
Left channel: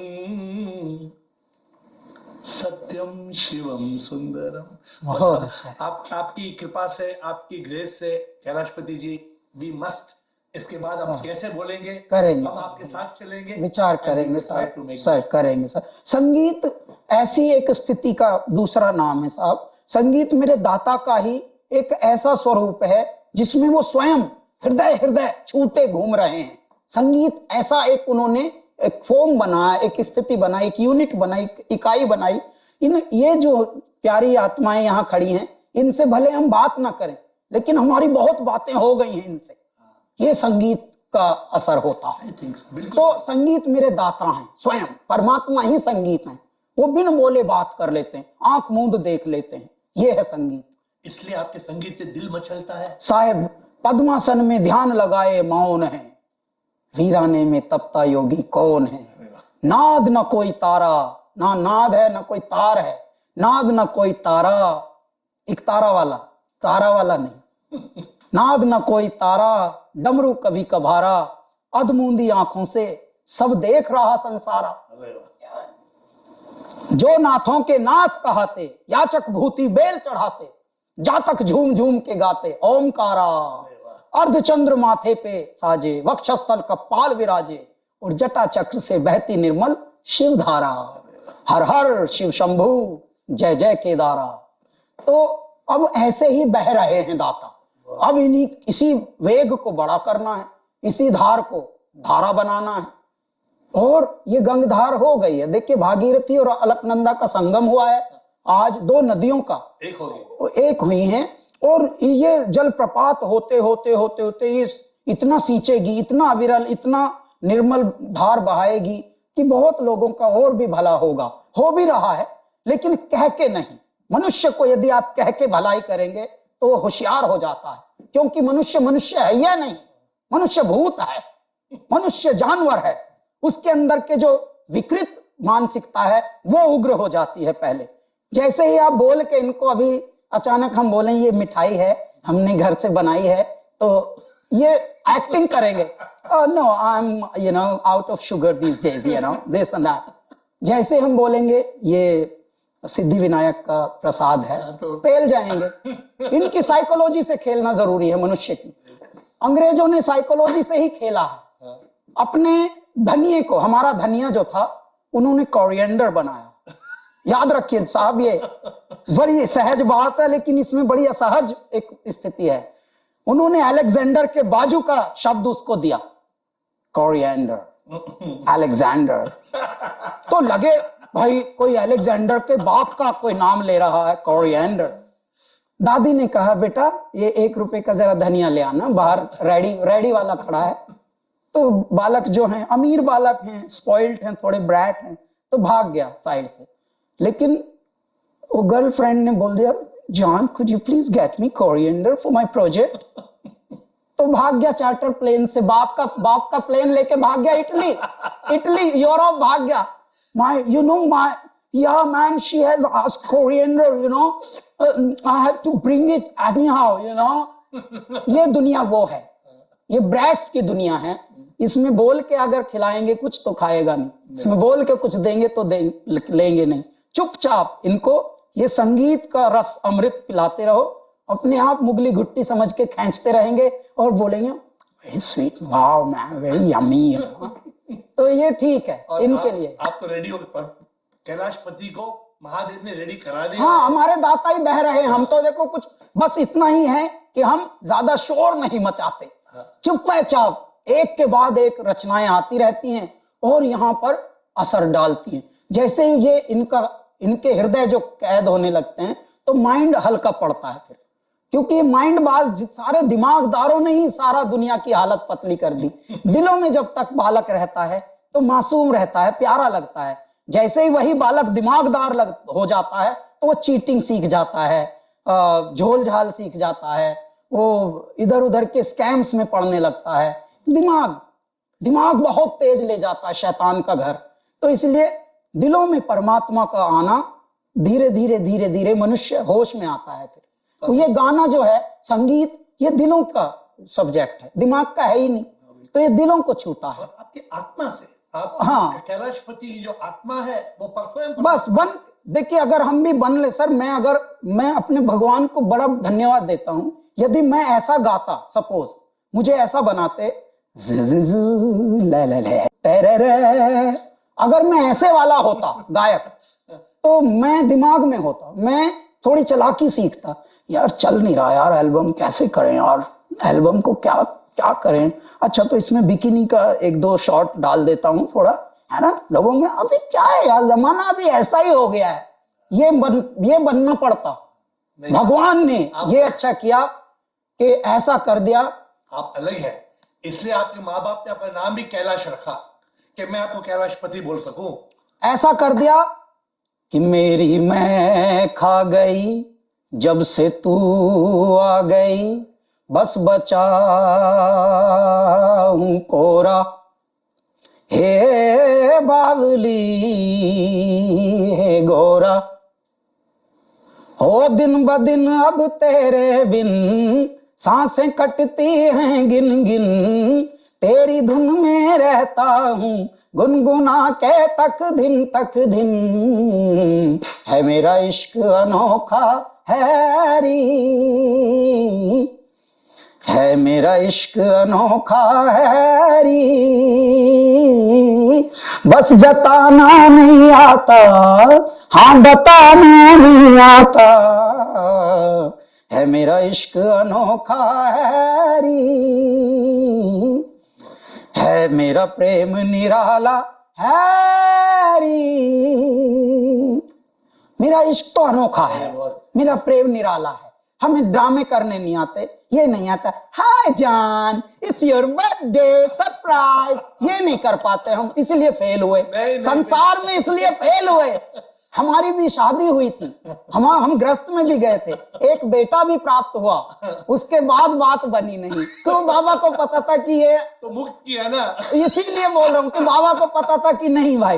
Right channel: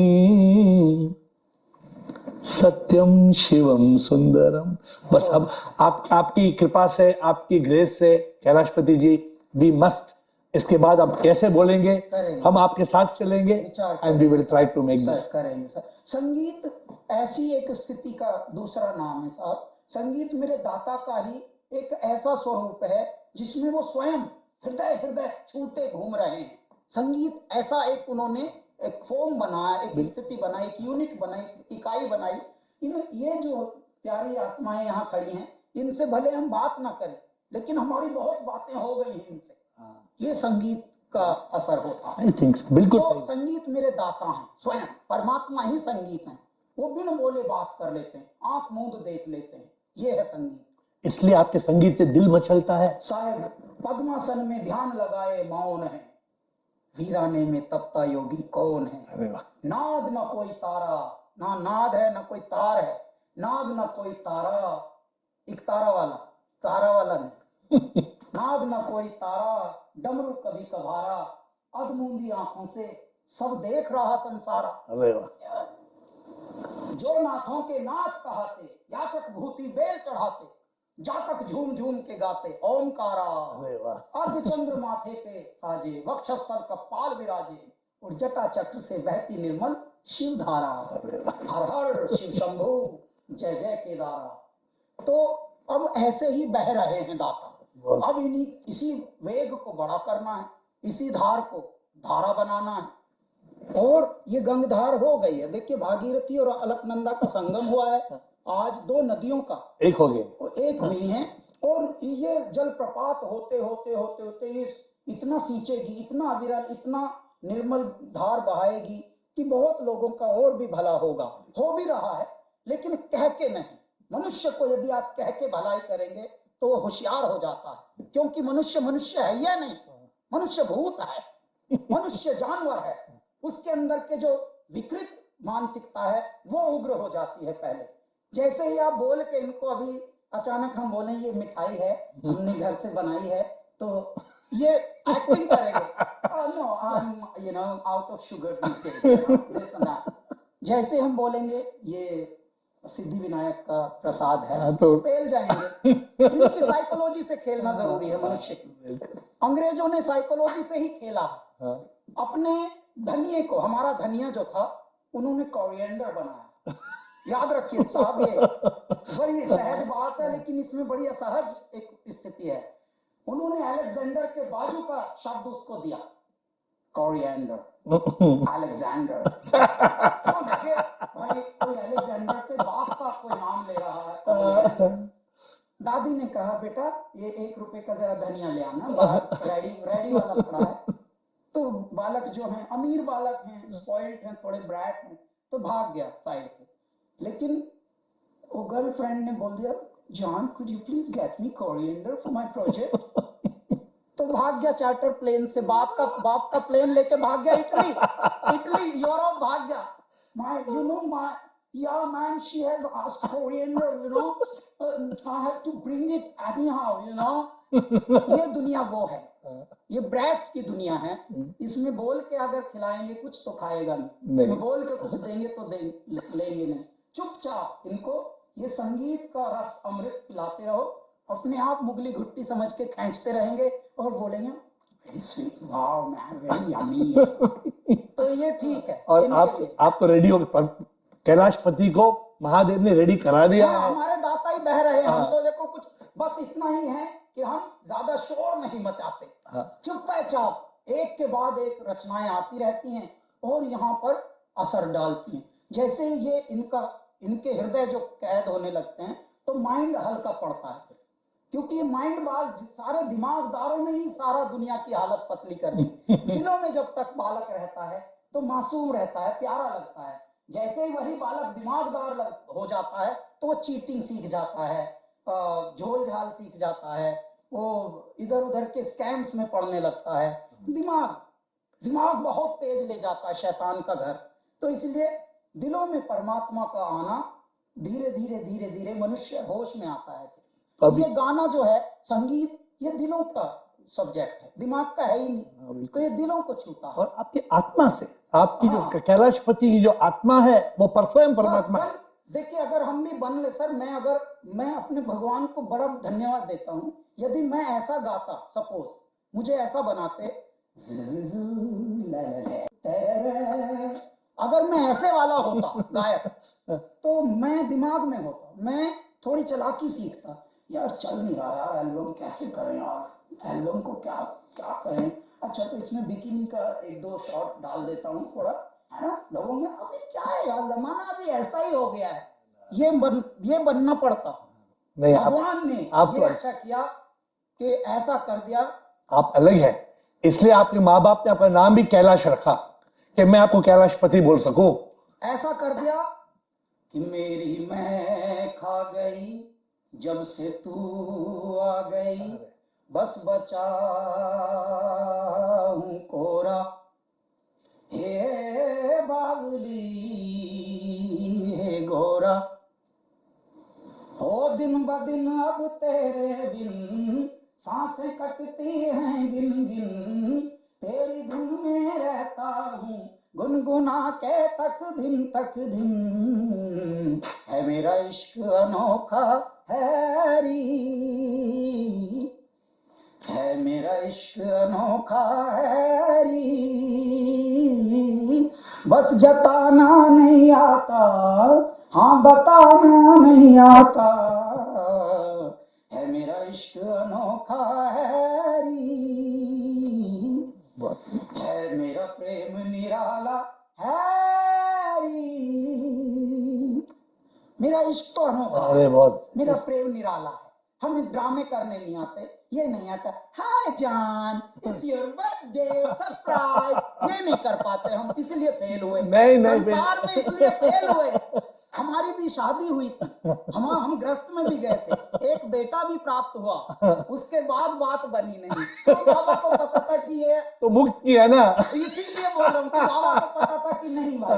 सत्यम शिवम सुंदरम। बस अब आपकी कृपा से, आपकी ग्रेस से कैलाशपति जी, वी मस्ट, इसके बाद आप कैसे बोलेंगे, करेंगे, हम आपके साथ चलेंगे, विचार करेंगे सर, करेंगे सर। संगीत ऐसी एक स्थिति का दूसरा नाम है साहब। संगीत मेरे दाता का ही एक ऐसा स्वरूप है जिसमें वो स्वयं हृदय हृदय छूते घूम रहे हैं। संगीत ऐसा एक उन्होंने एक फॉर्म बनाया, एक स्थिति बनाई, एक यूनिट बनाई, इकाई बनाई। ये जो प्यारी आत्माएं यहाँ खड़ी हैं, इनसे भले हम बात ना करें, लेकिन हमारी बहुत बातें हो गई हैं इनसे। ये संगीत का असर होता है। बिल्कुल। तो संगीत मेरे दाता हैं, स्वयं परमात्मा ही संगीत है। वो बिन बोले बात कर लेते हैं, आंख मूंद देख लेते हैं। ये है संगीत। इसलिए आपके संगीत से दिल मचलता है। साहेब पद्मासन में ध्यान लगाए मौन है, वीराने में तपता योगी कौन है। अरे वाह। नाद न कोई तारा, ना नाद है ना कोई तार है, नाद न कोई तारा, एक तारा वाला नहीं नाद न कोई तारा, डमरू कभी कभारा, अधमूंदी आंखों से सब देख रहा संसारा। अरे वाह। जो नाथों के नाथ कहाते, याचक भूति बेल चढ़ाते, जातक झूम झूम के गाते ओमकारा। अरे वाह। अर्धचंद्र माथे पे साजे, वक्षस्थल का पाल विराजे, और जटा चक्र से बहती निर्मल शिव धारा। हर हर शिव शंभु जय जय केदारा। तो अब ऐसे ही बह रहे हैं दाता। अब इसी वेग को बड़ा करना है, इसी धार को धारा बनाना है। और ये गंगधार हो गई है। देखिए भागीरथी और अलकनंदा का संगम हुआ है, आज दो नदियों का एक हो गए, एक हुई हैं। और ये जलप्रपात होते होते होते होते ये इतना सींचेगी, इतना अविरल, इतना निर्मल धार बहाएगी कि बहुत लोगों का और भी भला होगा। हो भी रहा है, लेकिन कह के नहीं। मनुष्य को यदि आप कह के भलाई करेंगे तो वो होशियार हो जाता है, क्योंकि मनुष्य है या नहीं, मनुष्य भूत है, मनुष्य जानवर है। उसके अंदर के जो विकृत मानसिकता है वो उग्र हो जाती है पहले। जैसे ही आप बोल के इनको, अभी अचानक हम बोलें ये मिठाई है, हमने घर से बनाई है, तो ये एक्टिंग करेंगे, no I am out of sugar this days, this and that. जैसे हम बोलेंगे ये सिद्धि विनायक का प्रसाद है, तो पेल जाएंगे। इनकी साइकोलॉजी से खेलना जरूरी है मनुष्य की। अंग्रेजों ने साइकोलॉजी से ही खेला है। अपने धनिये को, हमारा धनिया जो था उन्होंने कोरिएंडर बनाया। याद रखिए साहब, ये बड़ी सहज बात है, लेकिन इसमें बड़ी असहज एक स्थिति है। उन्होंने अलेक्जेंडर के बाजू का शब्द उसको दिया, कोरिएंडर, अलेक्जेंडर। तो लगे भाई कोई अलेक्जेंडर के बाप का कोई नाम ले रहा है, कोरिएंडर। दादी ने कहा बेटा ये 1 रुपए का जरा धनिया ले आना, बाहर रेडी वाला खड़ा है। तो बालक जो हैं, अमीर बालक हैं, स्पॉइल्ड हैं, थोड़े ब्रैट हैं, तो भाग गया साइड से। लेकिन वो गर्लफ्रेंड ने बोल दिया, John could you please get me coriander for my project. तो भाग गया चार्टर प्लेन से, बाप का प्लेन लेके भाग गया इटली यूरोप भाग गया। Yeah man, she has asked coriander, I have to bring it anyhow, ये दुनिया वो है, ये ब्रैट्स की दुनिया है। इसमें बोल के अगर खिलाएंगे कुछ तो खाएगा नहीं, इसमें बोल के कुछ देंगे तो लेंगे नहीं। चुपचाप इनको ये संगीत का रस अमृत पिलाते रहो, अपने आप मुगली घुट्टी समझ के खींचते रहेंगे और बोलेंगे very sweet, wow man, very yummy. तो ये ठीक है इनके लिए। आप तो रेडी हो गए, कैलाशपति को महादेव ने रेडी करा दिया। हाँ, हमारे दाता ही बह रहे हैं। हम तो देखो कुछ बस इतना ही है कि हम ज्यादा शोर नहीं मचाते, चुपचाप एक के बाद एक रचनाएं आती रहती हैं और यहाँ पर असर डालती हैं। जैसे ये इनके हृदय जो कैद होने लगते हैं तो माइंड हल्का पड़ता है फिर, क्योंकि माइंड बाज सारे दिमागदारों ने ही सारा दुनिया की हालत पतली कर दी। दिलों में जब तक बालक रहता है तो मासूम रहता है, प्यारा लगता है। जैसे ही वही बालक दिमागदार हो जाता है तो वो चीटिंग सीख जाता है, झोल झाल सीख जाता है, वो इधर उधर के स्कैम्स में पड़ने लगता है। दिमाग बहुत तेज ले जाता है शैतान का घर। तो इसलिए दिलों में परमात्मा का आना धीरे धीरे मनुष्य होश में आता है। फिर तो ये गाना जो है, संगीत, ये दिलों का सब्जेक्ट है, दिमाग का है ही नहीं, तो ये दिलों को छूता है। और आपकी आत्मा से, आप हाँ, कैलाशपति की जो आत्मा है वो परफॉर्म बस बन। देखिए अगर हम भी बन ले सर, मैं अपने भगवान को बड़ा धन्यवाद देता हूं। यदि मैं ऐसा गाता, सपोज मुझे ऐसा बनाते, अगर मैं ऐसे वाला होता गायक, तो मैं दिमाग में होता, मैं थोड़ी चालाकी सीखता, यार चल नहीं रहा यार एल्बम, कैसे करें यार एल्बम को, क्या करें। अच्छा तो इसमें बिकिनी का 1-2 शॉट डाल देता हूँ थोड़ा, है ना। लोगों में अभी क्या है यार, जमाना अभी ऐसा ही हो गया है, ये बनना पड़ता। भगवान ने ये अच्छा किया कि ऐसा कर दिया। आप अलग है, इसलिए आपके माँ बाप ने अपना नाम भी कैलाश रखा कि मैं आपको कैलाशपति बोल सकूं। ऐसा कर दिया कि मेरी मैं खा गई जब से तू आ गई बस बचा हूं कोरा, हे बावली हे गोरा, हो दिन ब दिन अब तेरे बिन सांसें कटती हैं गिन गिन, तेरी धुन में रहता हूँ गुनगुना के तक दिन, है मेरा इश्क अनोखा हैरी, है मेरा इश्क अनोखा हैरी, बस जताना नहीं आता, हाँ बताना नहीं आता, है मेरा इश्क अनोखा हैरी, है मेरा प्रेम निराला हैरी। मेरा इश्क तो अनोखा है, मेरा प्रेम निराला है, हमें ड्रामे करने नहीं आते, ये नहीं आता हाय जान इट्स योर बर्थडे सरप्राइज, ये नहीं कर पाते हम, इसलिए फेल हुए संसार में, इसलिए फेल हुए। हमारी भी शादी हुई थी, हम ग्रस्त में भी गए थे, एक बेटा भी प्राप्त हुआ, उसके बाद बात बनी नहीं, तो बाबा को पता था कि ये तो मुक्त किया ना, इसीलिए बोल रहा हूँ कि बाबा को पता था कि नहीं भाई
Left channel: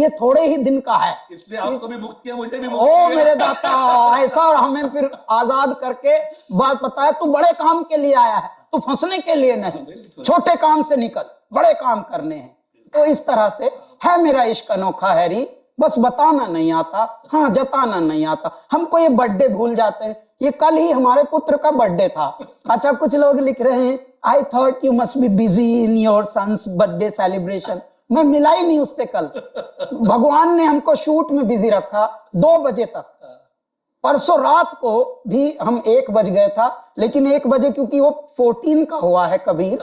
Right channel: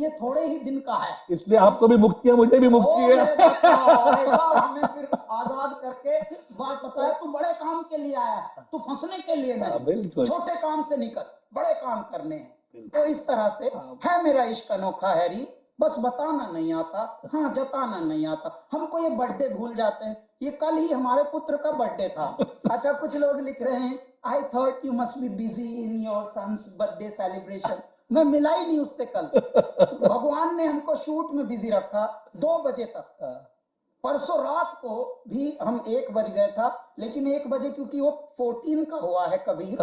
ये थोड़े ही दिन का है, इसलिए आपको भी मुक्त किया, मुझे भी मुक्त ओ किया। मेरे दाता, ऐसा हमें फिर आजाद करके बात बताया, तू बड़े काम के लिए आया है, तू फंसने के लिए नहीं, छोटे काम से निकल, बड़े काम करने हैं। तो इस तरह से है मेरा इश्क अनोखा हैरी, बस बताना नहीं आता, हाँ जताना नहीं आता। हमको ये बर्थडे भूल जाते हैं, ये कल ही हमारे पुत्र का बर्थडे था। अच्छा कुछ लोग लिख रहे हैं I thought you must be busy in your son's birthday celebration, मैं मिला ही नहीं उससे कल, भगवान ने हमको शूट में बिजी रखा 2 बजे तक, परसों रात को भी हम 1 बज गए था, लेकिन 1 बजे क्योंकि वो 14 का हुआ है कबीर,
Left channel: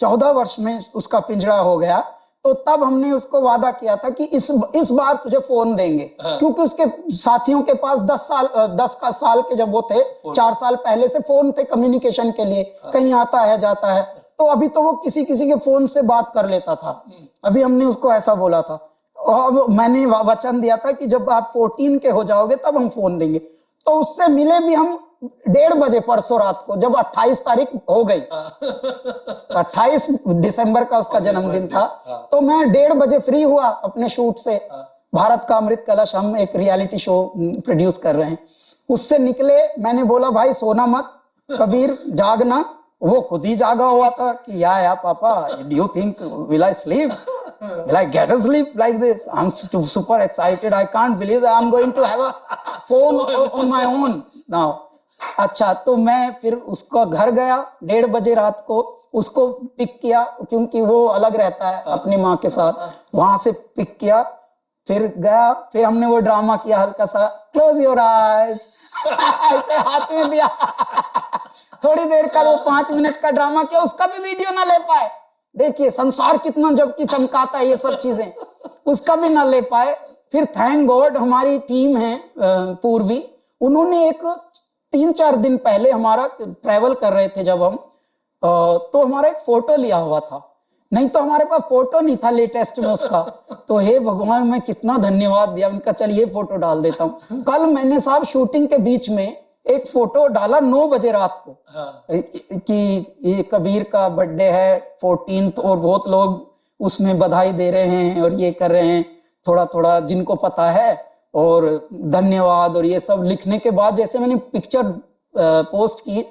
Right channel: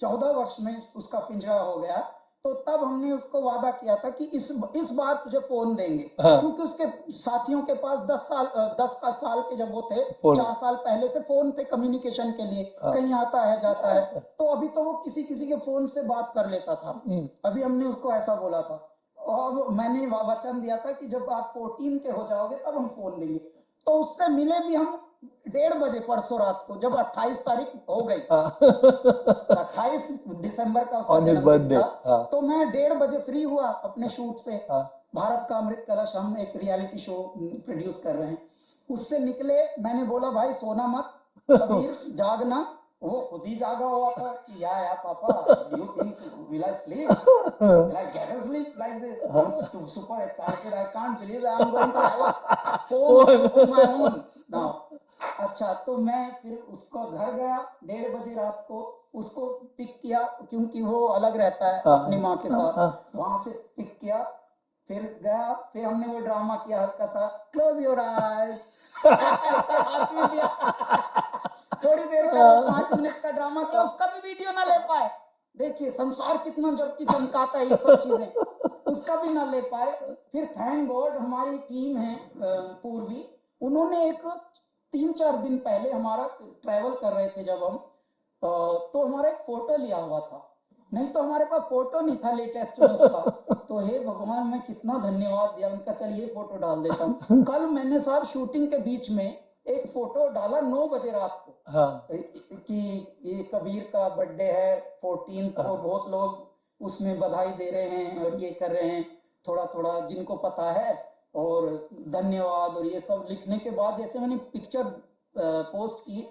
14 वर्ष में उसका पिंजरा हो गया, तो तब हमने उसको वादा किया था कि इस बार तुझे फोन देंगे, क्योंकि उसके साथियों के पास 10 का साल के जब वो थे 4 साल पहले से फोन थे कम्युनिकेशन के लिए, कहीं आता है जाता है, तो अभी तो वो किसी के फोन से बात कर लेता था। अभी हमने उसको ऐसा बोला था, और मैंने वचन दिया था कि जब आप 14 के हो जाओगे तब हम फोन देंगे, तो उससे मिले भी हम 1:30 बजे परसों रात को, जब 28 तारीख हो गई, 28 दिसंबर का उसका जन्मदिन था, तो मैं 1:30 बजे फ्री हुआ अपने शूट से, भारत का अमृत कलश हम एक रियलिटी शो प्रोड्यूस कर रहे हैं, उससे निकले, मैंने बोला भाई सोना मत, कबीर जागना, वो खुद ही जागा हुआ था कि या papa do you think will I sleep, will I get a sleep like this, I am super excited, I can't believe I am going to have a phone on my own now. अच्छा तो मैं फिर उसका घर गया 1:30 बजे रात को, उसको पिक किया क्योंकि वो अलग रहता है अपनी माँ के साथ, वहां से पिक किया, फिर गया, फिर हमने वो ड्रामा किया हल्का सा, क्लोज योर आईज, ऐसे हाथ में दिया, थोड़ी देर का वो 5 मिनट का ड्रामा किया, उसका भी वीडियो ना ले पाए, देखिए संसार कितना जबकि चमकाता है ये सब चीजें, उसका भी ना ले पाए। फिर थैंक गॉड हमारी टीम है पूर्वी, उन्होंने एक 3-4 दिन पहले हमारा ट्रैवल कर रहे थे जब हम, तो हमारा एक फोटो लिया हुआ था, नहीं तो हमारे पास फोटो नहीं था लेटेस्ट में उसका, तो हे भगवान मैं कितना धन्यवाद दिया उनका, चलिए फोटो डाल देता हूँ। कल मैंने साहब शूटिंग के बीच में एक फोटो डाला 9 बजे रात को, कि ये कबीर का बर्थडे है 14th, और बहुत लोग उसमें बधाई दे रहे हैं और ये कर रहे हैं, थोड़ा थोड़ा जिनको पता है और धन्यवाद और ये सब लिखने के बाद जैसे मैंने पिक्चर पोस्ट की,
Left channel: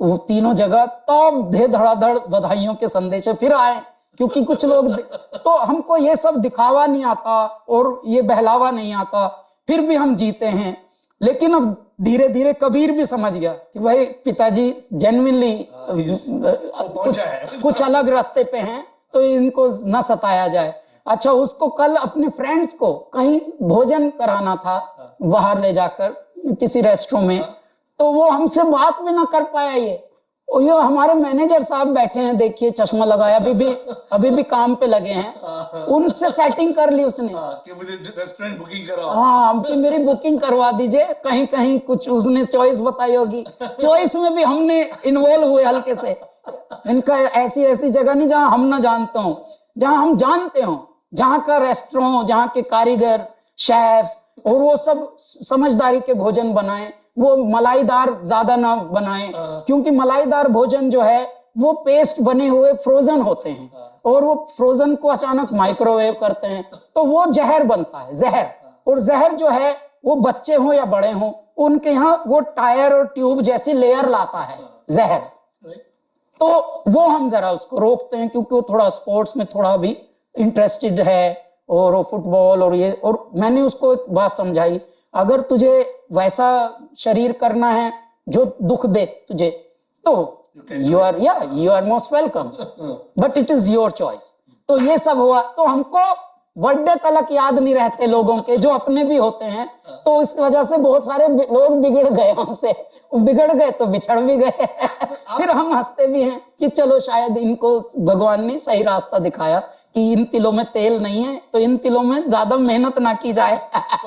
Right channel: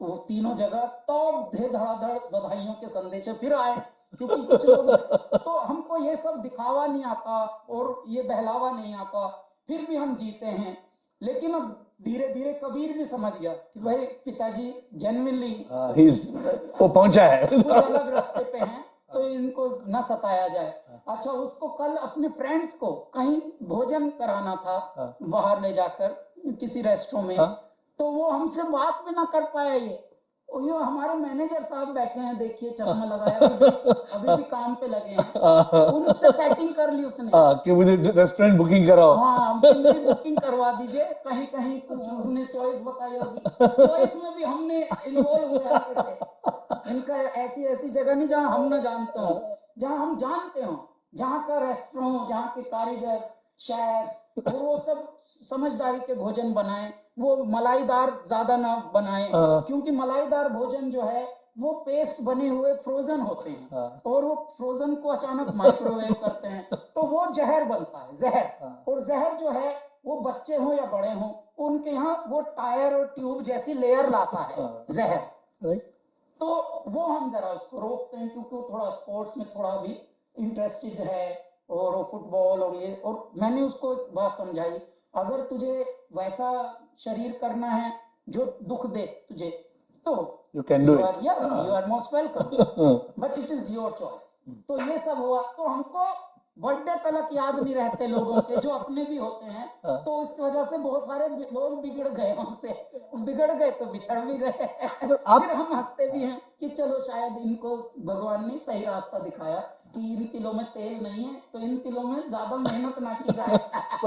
वो तीनों जगह तब धड़ाधड़ बधाइयों के संदेश फिर आए, क्योंकि कुछ लोग तो हमको ये सब दिखावा नहीं आता और ये बहलावा नहीं आता, फिर भी हम जीते हैं। लेकिन अब धीरे धीरे कबीर भी समझ गया कि भाई पिताजी जेन्युइनली वो पहुंचा है, कुछ अलग रास्ते पे हैं, तो इनको न सताया जाए। अच्छा उसको कल अपने फ्रेंड्स को कहीं भोजन कराना था बाहर ले जाकर किसी रेस्टोरेंट में, तो वो हमसे बात भी ना कर पाया। ये हमारे मैनेजर साहब बैठे हैं, देखिए चश्मा लगाया, अभी भी काम पे लगे हैं, उनसे सेटिंग कर ली उसने कि मुझे रेस्टोरेंट बुकिंग कराओ, हाँ मेरी बुकिंग करवा दीजिए, कहीं कहीं कुछ उसने चॉइस बताई होगी, चॉइस में भी हमने इन्वॉल्व हुए हल्के से। इनका ऐसी जगह नहीं जहां हम ना जानते हो, जहां हम जानते हो, जहां का रेस्टोरेंट, जहां के कारीगर शेफ और वो सब समझदारी के भोजन बनाएं, वो मलाईदार ज्यादा ना बनाएं, क्योंकि मलाईदार भोजन जो है वो पेस्ट बने हुए फ्रोजन होते हैं, और वो फ्रोजन को अचानक माइक्रोवेव करते हैं तो वो जहर बनता है, जहर। और जहर जो है वो बच्चे हो या बड़े हो, उनके यहाँ वो टायर और ट्यूब जैसी लेयर लाता है जहर। तो वो हम जरा उसको रोकते हैं, क्योंकि वो थोड़ा स्पोर्ट्स में थोड़ा भी इंटरेस्टेड है, और वो फुटबॉल और ये। और मैंने उसको एक बात समझाई, अगर तुझे वैसा शरीर करना है जो दुख दे तुझे, तो you are most welcome, but it is your choice. तो ये सब हुआ, तो हमको बर्थडे तलक याद नहीं रहते लोगों के, जो अपने भी होते हैं। तो इस वजह से बहुत सारे लोग बिगड़ गए हमसे, बिगड़ गए तो बिछड़ भी गए। फिर हम हंसते भी हैं कि चलो शायद इनको भगवान ने सही रास्ता दिखाया कि इन तिलों में तेल नहीं है, तो इन तिलों में ज्यादा मेहनत ना की जाए।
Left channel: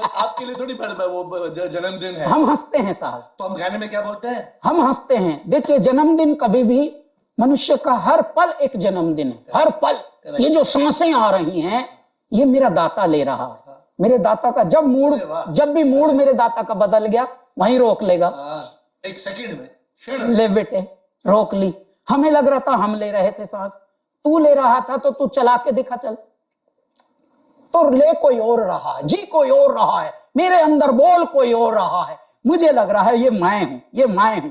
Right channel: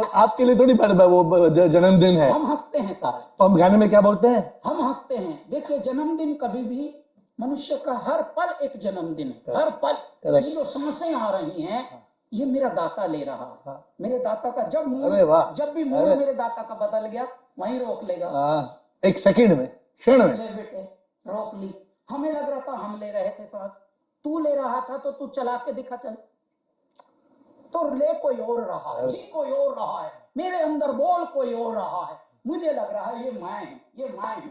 आपके लिए थोड़ी पड़ता वो जन्मदिन है। हम हंसते हैं साहब। तो हम गाने में क्या बोलते हैं? हम हंसते हैं। देखिए, जन्मदिन कभी भी मनुष्य का हर पल एक जन्मदिन है, हर पल। ये जो सांसें आ रही हैं, ये मेरा दाता ले रहा है। मेरे दाता का जब भी मूड मेरे दाता का बदल गया, वहीं रोक लेगा, एक सेकंड में, क्षण ले बेटे, रोक ली। हमें लग रहा था हम ले रहे थे सांस, तू ले रहा था तो तू चला के दिखा, चल। तो ले कोई और रहा है, जी कोई और रहा है, मेरे अंदर बोल कोई और रहा है। मुझे लग रहा है ये मैं हूं, ये मैं हूं,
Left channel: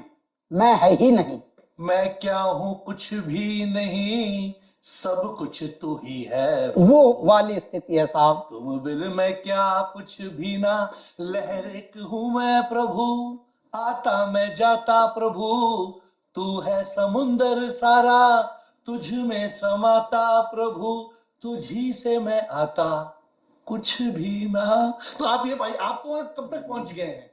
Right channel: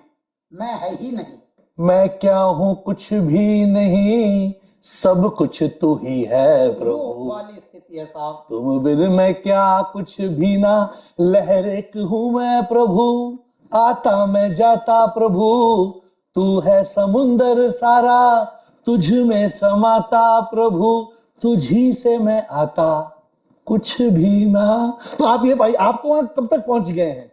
मैं है ही नहीं। मैं क्या हूं? कुछ भी नहीं, सब कुछ तू ही है। वो वाली स्थिति है साहब। तुम बिन मैं क्या, कुछ भी ना, लहर एक हूं मैं प्रभु, आता मैं जाता प्रभु, तू है समुंदर सारा, तुझ में समाता प्रभु, तुझी से मैं आता, कुछ भी ना। तो आप ये भाई, आप वहां कब तक पहुंच गए हैं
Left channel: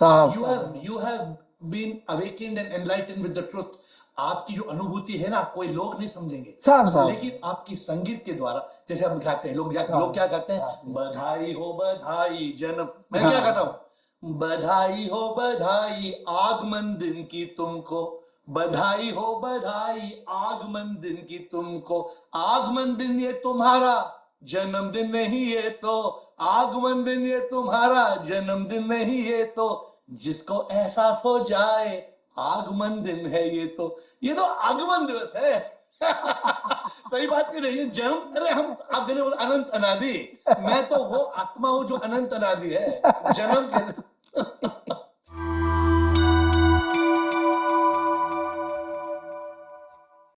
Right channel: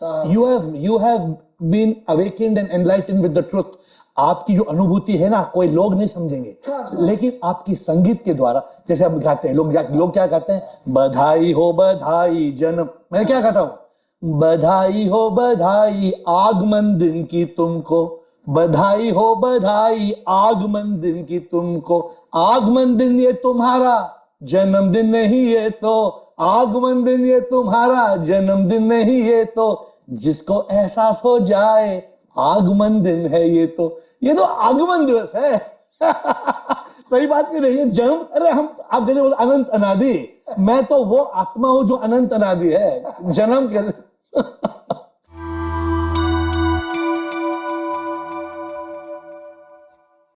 साहब? You have been awakened and enlightened with the truth. आपकी जो अनुभूति है ना, कोई लोग नहीं समझेंगे साहब, लेकिन आपकी संगीत के द्वारा, जैसे हम गाते हैं, लोग क्या गाते हैं? बधाई हो बधाई जन्म, मैं क्या कहता हूँ? बधाई हो बधाई आगमन दिन की तुमको, बधाई हो बधाई आगमन दिन की तुमको। आगमन दिन ये तुम्हारा, जन्मदिन नहीं ये तो, आगमन दिन ये तुम्हारा, जन्मदिन नहीं ये तो, जिसको एहसास हो जाए आगमन दिन है ये तो आगमन दिवस है। सही बात क्यों नहीं है? जन्म, अरे हम आप जैसे अनंत अनादि, मैं तो वो आत्मा हूं जो अनंत अनादि है। जन्म के